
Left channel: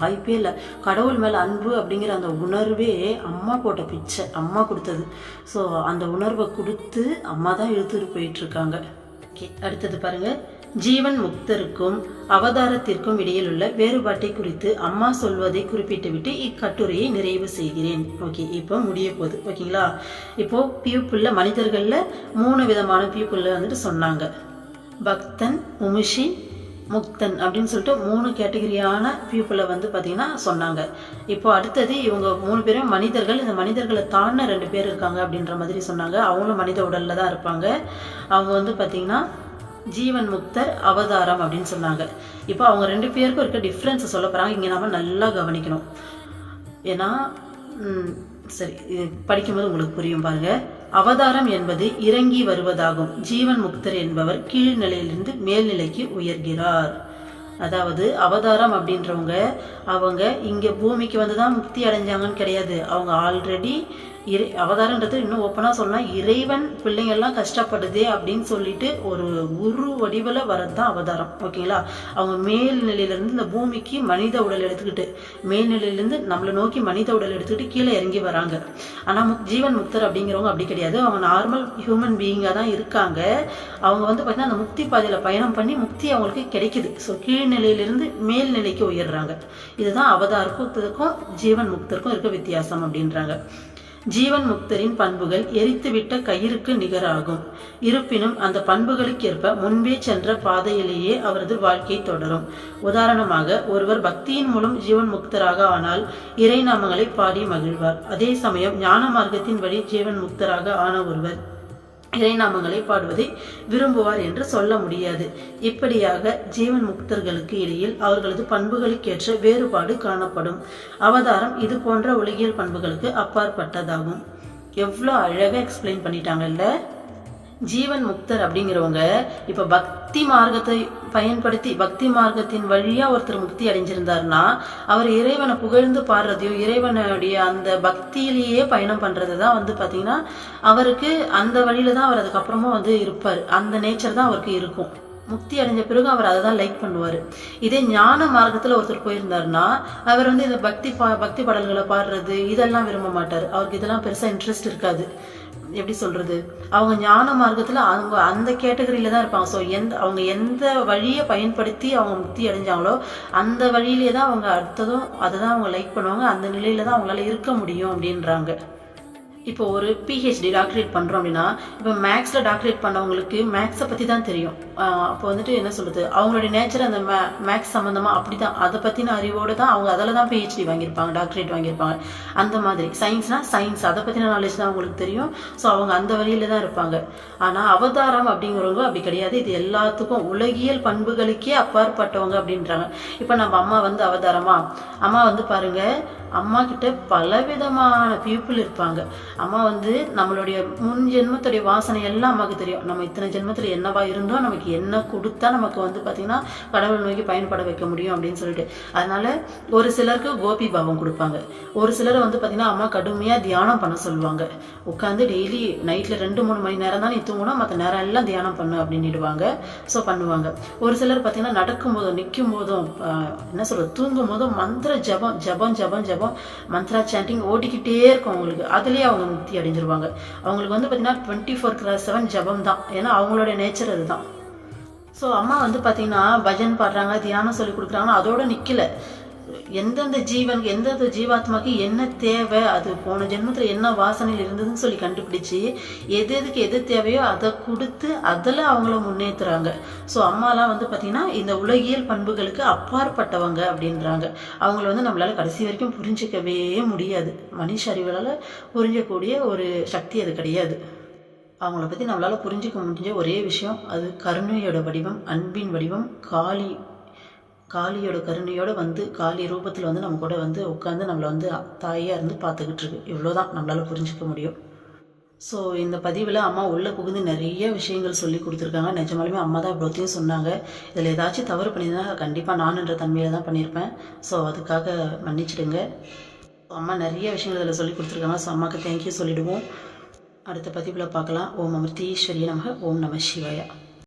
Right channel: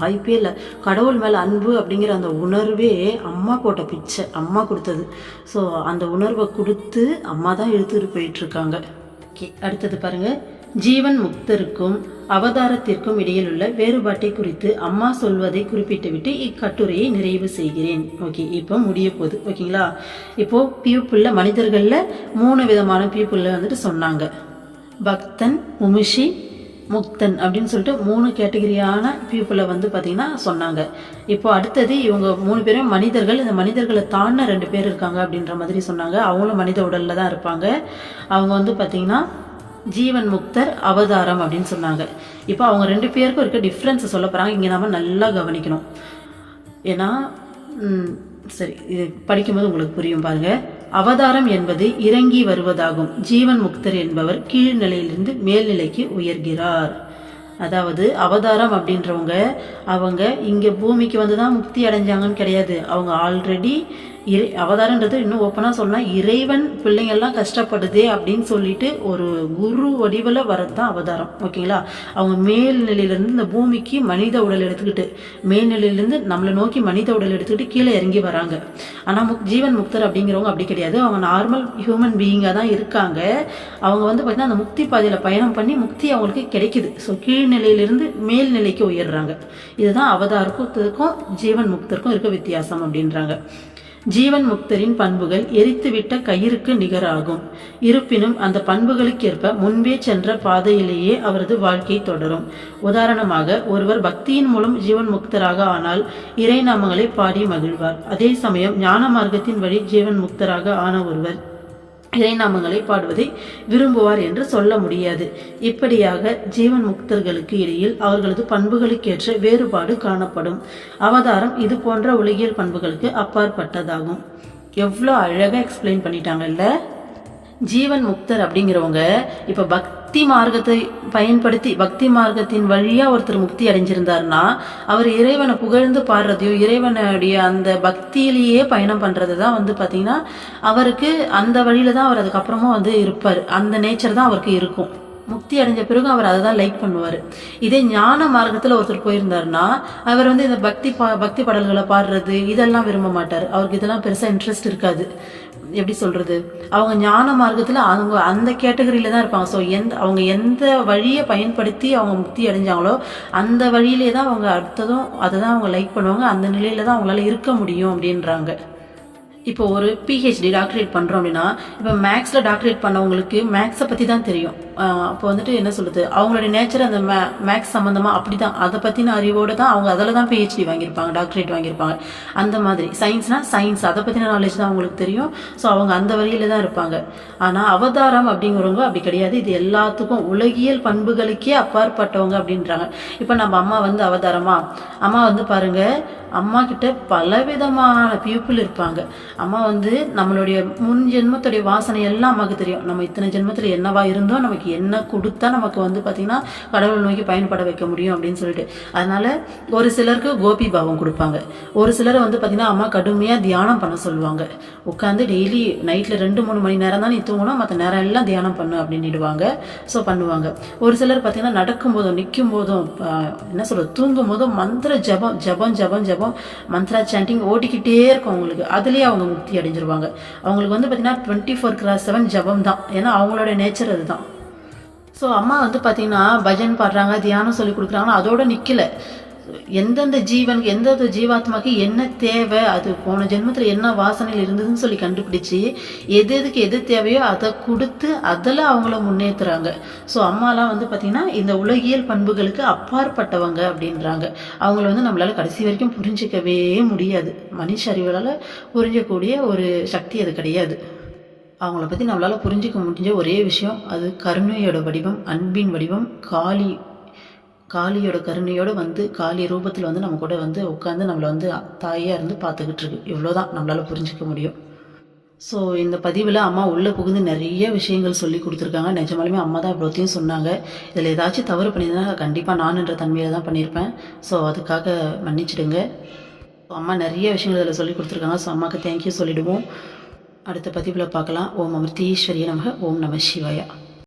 வாய்ப்பே இல்லை. கடவுள் மேலே அன்பு அப்படிங்கிற அந்த உணர்வே அம்மா போட்ட பிச்சை, அம்மா கொடுத்தது. ஸோ அந்த உணர்வை கொடுத்து அம்மா தான் இழுத்துட்டு போயிட்டுருக்காங்க. ஓகே, அடுத்தது பாருங்கள். ஜீவன் முக்தருக்கும் அவதாரத்திற்கும் இடையில் உள்ள வேறுபாட்டை குறித்து அம்மா சொல்வதை குறிப்பிட்டுவிட்டு இக்கட்டுரையை நிறைவு செய்கிறேன். ஓகே, இப்போ முடிய போகுது. ஓகேங்களா? இப்போது பியூப்புள்ள மனிதர்களில் 3 விதமான பியூப்புள்ள வந்துட்டு சொன்னாங்க. பக்தன், முமுஷி, முக்தன் அப்படின்னு சொல்லிட்டு 3 கேட்டகரியான பீப்புளை வந்து பார்த்திங்கன்னா சொன்னாங்க. இப்போ அடுத்தது இவங்க 3 பேரும் மனிதர்கள். இந்த மனிதர்களை தாண்டின 2 பேர் இருக்காங்க அப்படின்ற மாதிரி சொன்னாங்க. அவங்களும் மனித உடலில் தான் இருப்பாங்க. அவங்க வந்து பார்த்திங்கன்னா ஜீவன் முக்தர், அவதாரம் அப்படின்னு சொன்னாங்க. இப்போ அவங்க 2 பேருக்கும் இருக்க டிஃப்ரென்ஸை சொல்ல போகிறாங்க. இங்கே நம்ம நல்லா கவனிக்கணும். ஏன்னா சரி, இது படிக்கும்போது உங்களுக்கு புரியும் பாருங்க. அவதாரம் என்பது இறங்கி வருவதாகும். ஜீவன் முக்தர் என்பவர் கீழ்நிலையிலிருந்து மேல்நிலைக்கு உயர்கிறார். அதாவது அவதாரம் அப்படின்றவங்க அவங்க இங்கே பூமிக்கு வந்து தான் முக்தி அடைஞ்சாங்கன்னு கிடையாது. அவங்க ஆல்ரெடி அவதாரன்றது இன்னும் ஓப்பனாக சொல்லலாம், இறைவன் பிள்ளைங்கள்லாம் கஷ்டப்படுதே அப்படின்னு சொல்லிட்டு ஒரு குரு வடிவில் வரது தான் அவதாரம். ஓகேங்களா? அவங்க மேல்நிலையிலேருந்து இந்த பூமிக்கு மனித உடல் எடுத்துக்கிட்டு, மேல்நிலையிலேருந்து நம்மளை நோக்கி மனித உடல் எடுத்துக்கிட்டு கீழே இறங்கி வராங்க. ஆனால் ஜீவன் முக்தர் அப்படிங்கிறவங்க அப்படி கிடையாது. அவங்க நார்மல் ஹியூமன் பீயிங்காக தான் இருக்காங்க. அவங்க வந்து பார்த்திங்கன்னா அந்த முக்தி பாதையில் பயணம் பண்ணி முக்தி அவங்களுக்கு கிடைக்குது. ஸோ கீழ்நிலையிலிருந்து மேல்நிலைக்கு உயர்றாங்க. இதுதான் அவதாரத்துக்கும் ஜீவன் முக்தருக்கும் இருக்க வித்தியாசம் அப்படின்றாங்க. ஜீவன் முக்தரின் பண்புகள் எரித்துவிட்ட கயிறுக்கு நிகராகும். இருப்பினும் அந்த பண்புகளுக்கேற்ப முன்பே சென்ற பாதையிலேயே அவரது வாழ்க்கை தொடரும். உதாரணமாக, ஒருவர் பக்தியின் மூலம் ஜீவன் முக்தராக ஆனால் இறை நாமங்களை பாடி மகிழ்வார். அதே சமயம் ஞான மார்க்கத்தின் வழி ஜீவன் முக்தராக ஆன ஒருவர் இறைநாமங்களை பாடுவதை விரும்புவார் என்று சொல்ல முடியாது. இப்படியாக ஜீவன் முக்தர்களுக்கு இடையில் அவர்களது பண்புகளுக்கேற்ற வேறுபாடு காணப்படும். அவதாரம் இது போன்ற உலகியல் பண்புகளுக்கு அப்பாற்பட்டதாகும். எவ்வளோ அழகா எக்ஸ்பிளைன் பண்ணிட்டாங்கல்ல. ஜீவன் முக்தர் அப்படிங்கிறவங்க இப்ப பக்தி மார்க்கத்தை பயன்படுத்தி பக்தி மார்க்கத்தின் வழியா ஒருத்தர் முக்தி அடைஞ்சிருந்தாருன்னா அவர் இறைவனை புகழ்ந்து பாடுறதையும் இறைவனுடைய அந்த பக்தியிலேயே பயணம் பண்றதுதான் பாத்தீங்கன்னா அவருக்கு அந்த வழியில தான் அவர் அதுக்கப்புறமா இருப்பார். அந்த நேச்சர் தான் அவருக்கு இருக்கும். முக்தி அடைஞ்ச பிறகு அவர் அதை தான் லைக் பண்ணுவார். இதே ஞான மார்க்கத்தில் ஒருத்தர் போயிருந்தாருன்னா அவர் இந்த பக்தி பாடல்களை பாடுறது இதெல்லாம் விரும்ப மாட்டார். அவருக்கு இதெல்லாம் பெருசாக இன்ட்ரெஸ்ட் இருக்காது. எப்படி சொல்றது, அவங்க ஞான மார்க்கத்தில் அவங்க அந்த கேட்டகரியில தான் இருப்பாங்க. ஸோ அவங்க எந்த வழியை பயன்படுத்தி அவங்க முக்தி அடைஞ்சாங்களோ அந்த வழியிலே தான் அவங்க அடுத்ததும் அதை தான் அவங்க லைக் பண்ணுவாங்க. அந்த நிலையில தான் அவங்களால இருக்க முடியும் அப்படின்றாங்க. இப்போ ஒரு பிஹெச்டி டாக்டரேட் பண்ணுறோம் அப்படின்னா, இப்போ மேக்ஸில் டாக்டரேட் பண்ணவங்களுக்கு மேக்ஸை பற்றி தான் தெரியும். அப்போ என்ன சொல்லுது, அவங்களுடைய நேச்சர் அந்த மேக்ஸ் சம்மந்தமாக அப்படி தான் அதை பற்றின அறிவோடு தான் அவங்க அதில் தான் பிஹெச்டி வாங்கியிருப்பாங்க, டாக்டரேட் வாங்கியிருப்பாங்க. அந்த மாதிரி சயின்ஸ்னால் சயின்ஸ் அதை பற்றின நாலேஜ் தான் அவங்களுக்கு தெரியும். ஸோ அவங்க அந்த வழியில் தான் இருப்பாங்க. ஆனால் அவதாரம் அப்படிங்கிறவங்க அப்படி கிடையாது. இது எல்லாத்துக்கும் உலகியல் பண்புகளுக்கே அப்பாற்பட்டவங்க அப்படின்றாங்க. இப்போ நம்ம அம்மா அவதாரமா, அம்மா பாருங்க, அம்மா கிட்ட பலவிதமான பீப்புள் இருப்பாங்க. அம்மா நம்மளுடைய முன் ஜென்மத்துடைய வாசனை எல்லாம் அம்மாவுக்கு தெரியும். நம்ம இத்தனை ஜென்மத்தில் என்னவா இருந்தோம், நமக்கு என்ன கொடுத்தா நமக்கு பார்த்தீங்கன்னா கடவுள் நோக்கி பயன்பட வைக்க முடியும் அப்படின்னு சொல்லிட்டு. அதனால ஒரு சிலருக்கு கோபி பாவம் கொடுப்பாங்க. ஒரு சிலர் பார்த்தீங்கன்னா அம்மா கடுமையாக தியானம் பண்ண சொல்லுவாங்க. உட்காந்து டெய்லி நைட்டில் 2-3 மணி நேரம் தான் நீ தூங்கணும், மற்ற நேரம் எல்லாம் தியானம் பண்ணு அப்படின்னுடுவாங்க. ஸோ பண்ணுவாங்க. ஒரு சிலர் பார்த்தீங்கன்னா நடக்கும் போதும் நிற்கும் போதும் தூங்கும் போதும் மந்திர ஜபம் ஜபம் ஜபம் ஜபம் மந்த்ரா சாண்டிங் ஓடிக்கிட்டே இருக்கும் அவங்களுக்கு. அதுலேயே அவங்க முக்தி அடைஞ்சிருவாங்க. அவங்களுக்கு பார்த்தீங்கன்னா 24/7 ஜபம் தான். ஏன்னா அவங்களோட நேச்சர் அதுதான். ஸோ அம்மா பார்த்தீங்கன்னா பஜன் பாடுறாங்க, தியானம் சொல்லி கொடுக்குறாங்கன்னா அதோட நிற்கல. எந்தெந்த ஜீவனுக்கு எந்தெந்த ஜீவாத்மாக்கு என்ன தேவை, அது போன ஜென்மத்தில் என்ன வாசனையில் இருந்ததுன்னு சொல்லி கண்டுபிடிச்சி எதுக்கு எது தேவையோ அதை கொடுத்து அதில் அவங்கள முன்னேற்றுறாங்க. ஸோ அம்மாலாம் பார்த்தீங்கன்னா இந்த உலகியல் பண்புகளுக்கு அப்பாற்பட்டவங்க அப்படின்றாங்க. அவங்கள நம்மளால கடைசி வரைக்கும் புரிஞ்சிக்கவே முடியாது. மனுஷ அறிவுகளால் புரிஞ்சக்கூடிய ஒரு சக்தி அது கிடையாது. அவங்கள பற்றி நம்மளால் புரிஞ்சிக்க முடிஞ்ச ஒரே விஷயம், அது கருணையோட வடிவம், அன்பின் வடிவம், காளியோட கருணையோடு காளி ரூபத்தில் நம்ம கூட உட்காந்து நம்மளை தாயாக இருந்து பார்த்துக்கிட்டு இருக்கு. இவ்வளோதான் நம்மளால் புரிஞ்சிக்க முடியும். ஸோ இந்த பதிவில் அம்மா உள்ளே புகுந்து நிறைய விஷயங்கள் சொல்லி கொடுத்துருக்காங்க. நிஜமாலுமே அம்மா தான் இவ்வளோத்தையும் சொன்னாங்க. இதில் ஏதாச்சும் தவறு பண்ணியிருந்தா கண்டிப்பாக நானுன்ற தன்மையில் தான் பண்ணியிருப்பேன். ஸோ அதுக்காக மன்னிச்சிடுங்க. அம்மா நிறைய விஷயங்கள் இதில் சொல்லி கொடுத்துருக்காங்க. ஸோ அம்மாவுக்கு தேங்க்யூ சொல்லிவிடுவோம். அடுத்த பதிவில் பார்க்கலாம். ஓம் அமிர்தீஸ்வரிய நமக. ஓம் நம சிவாயா.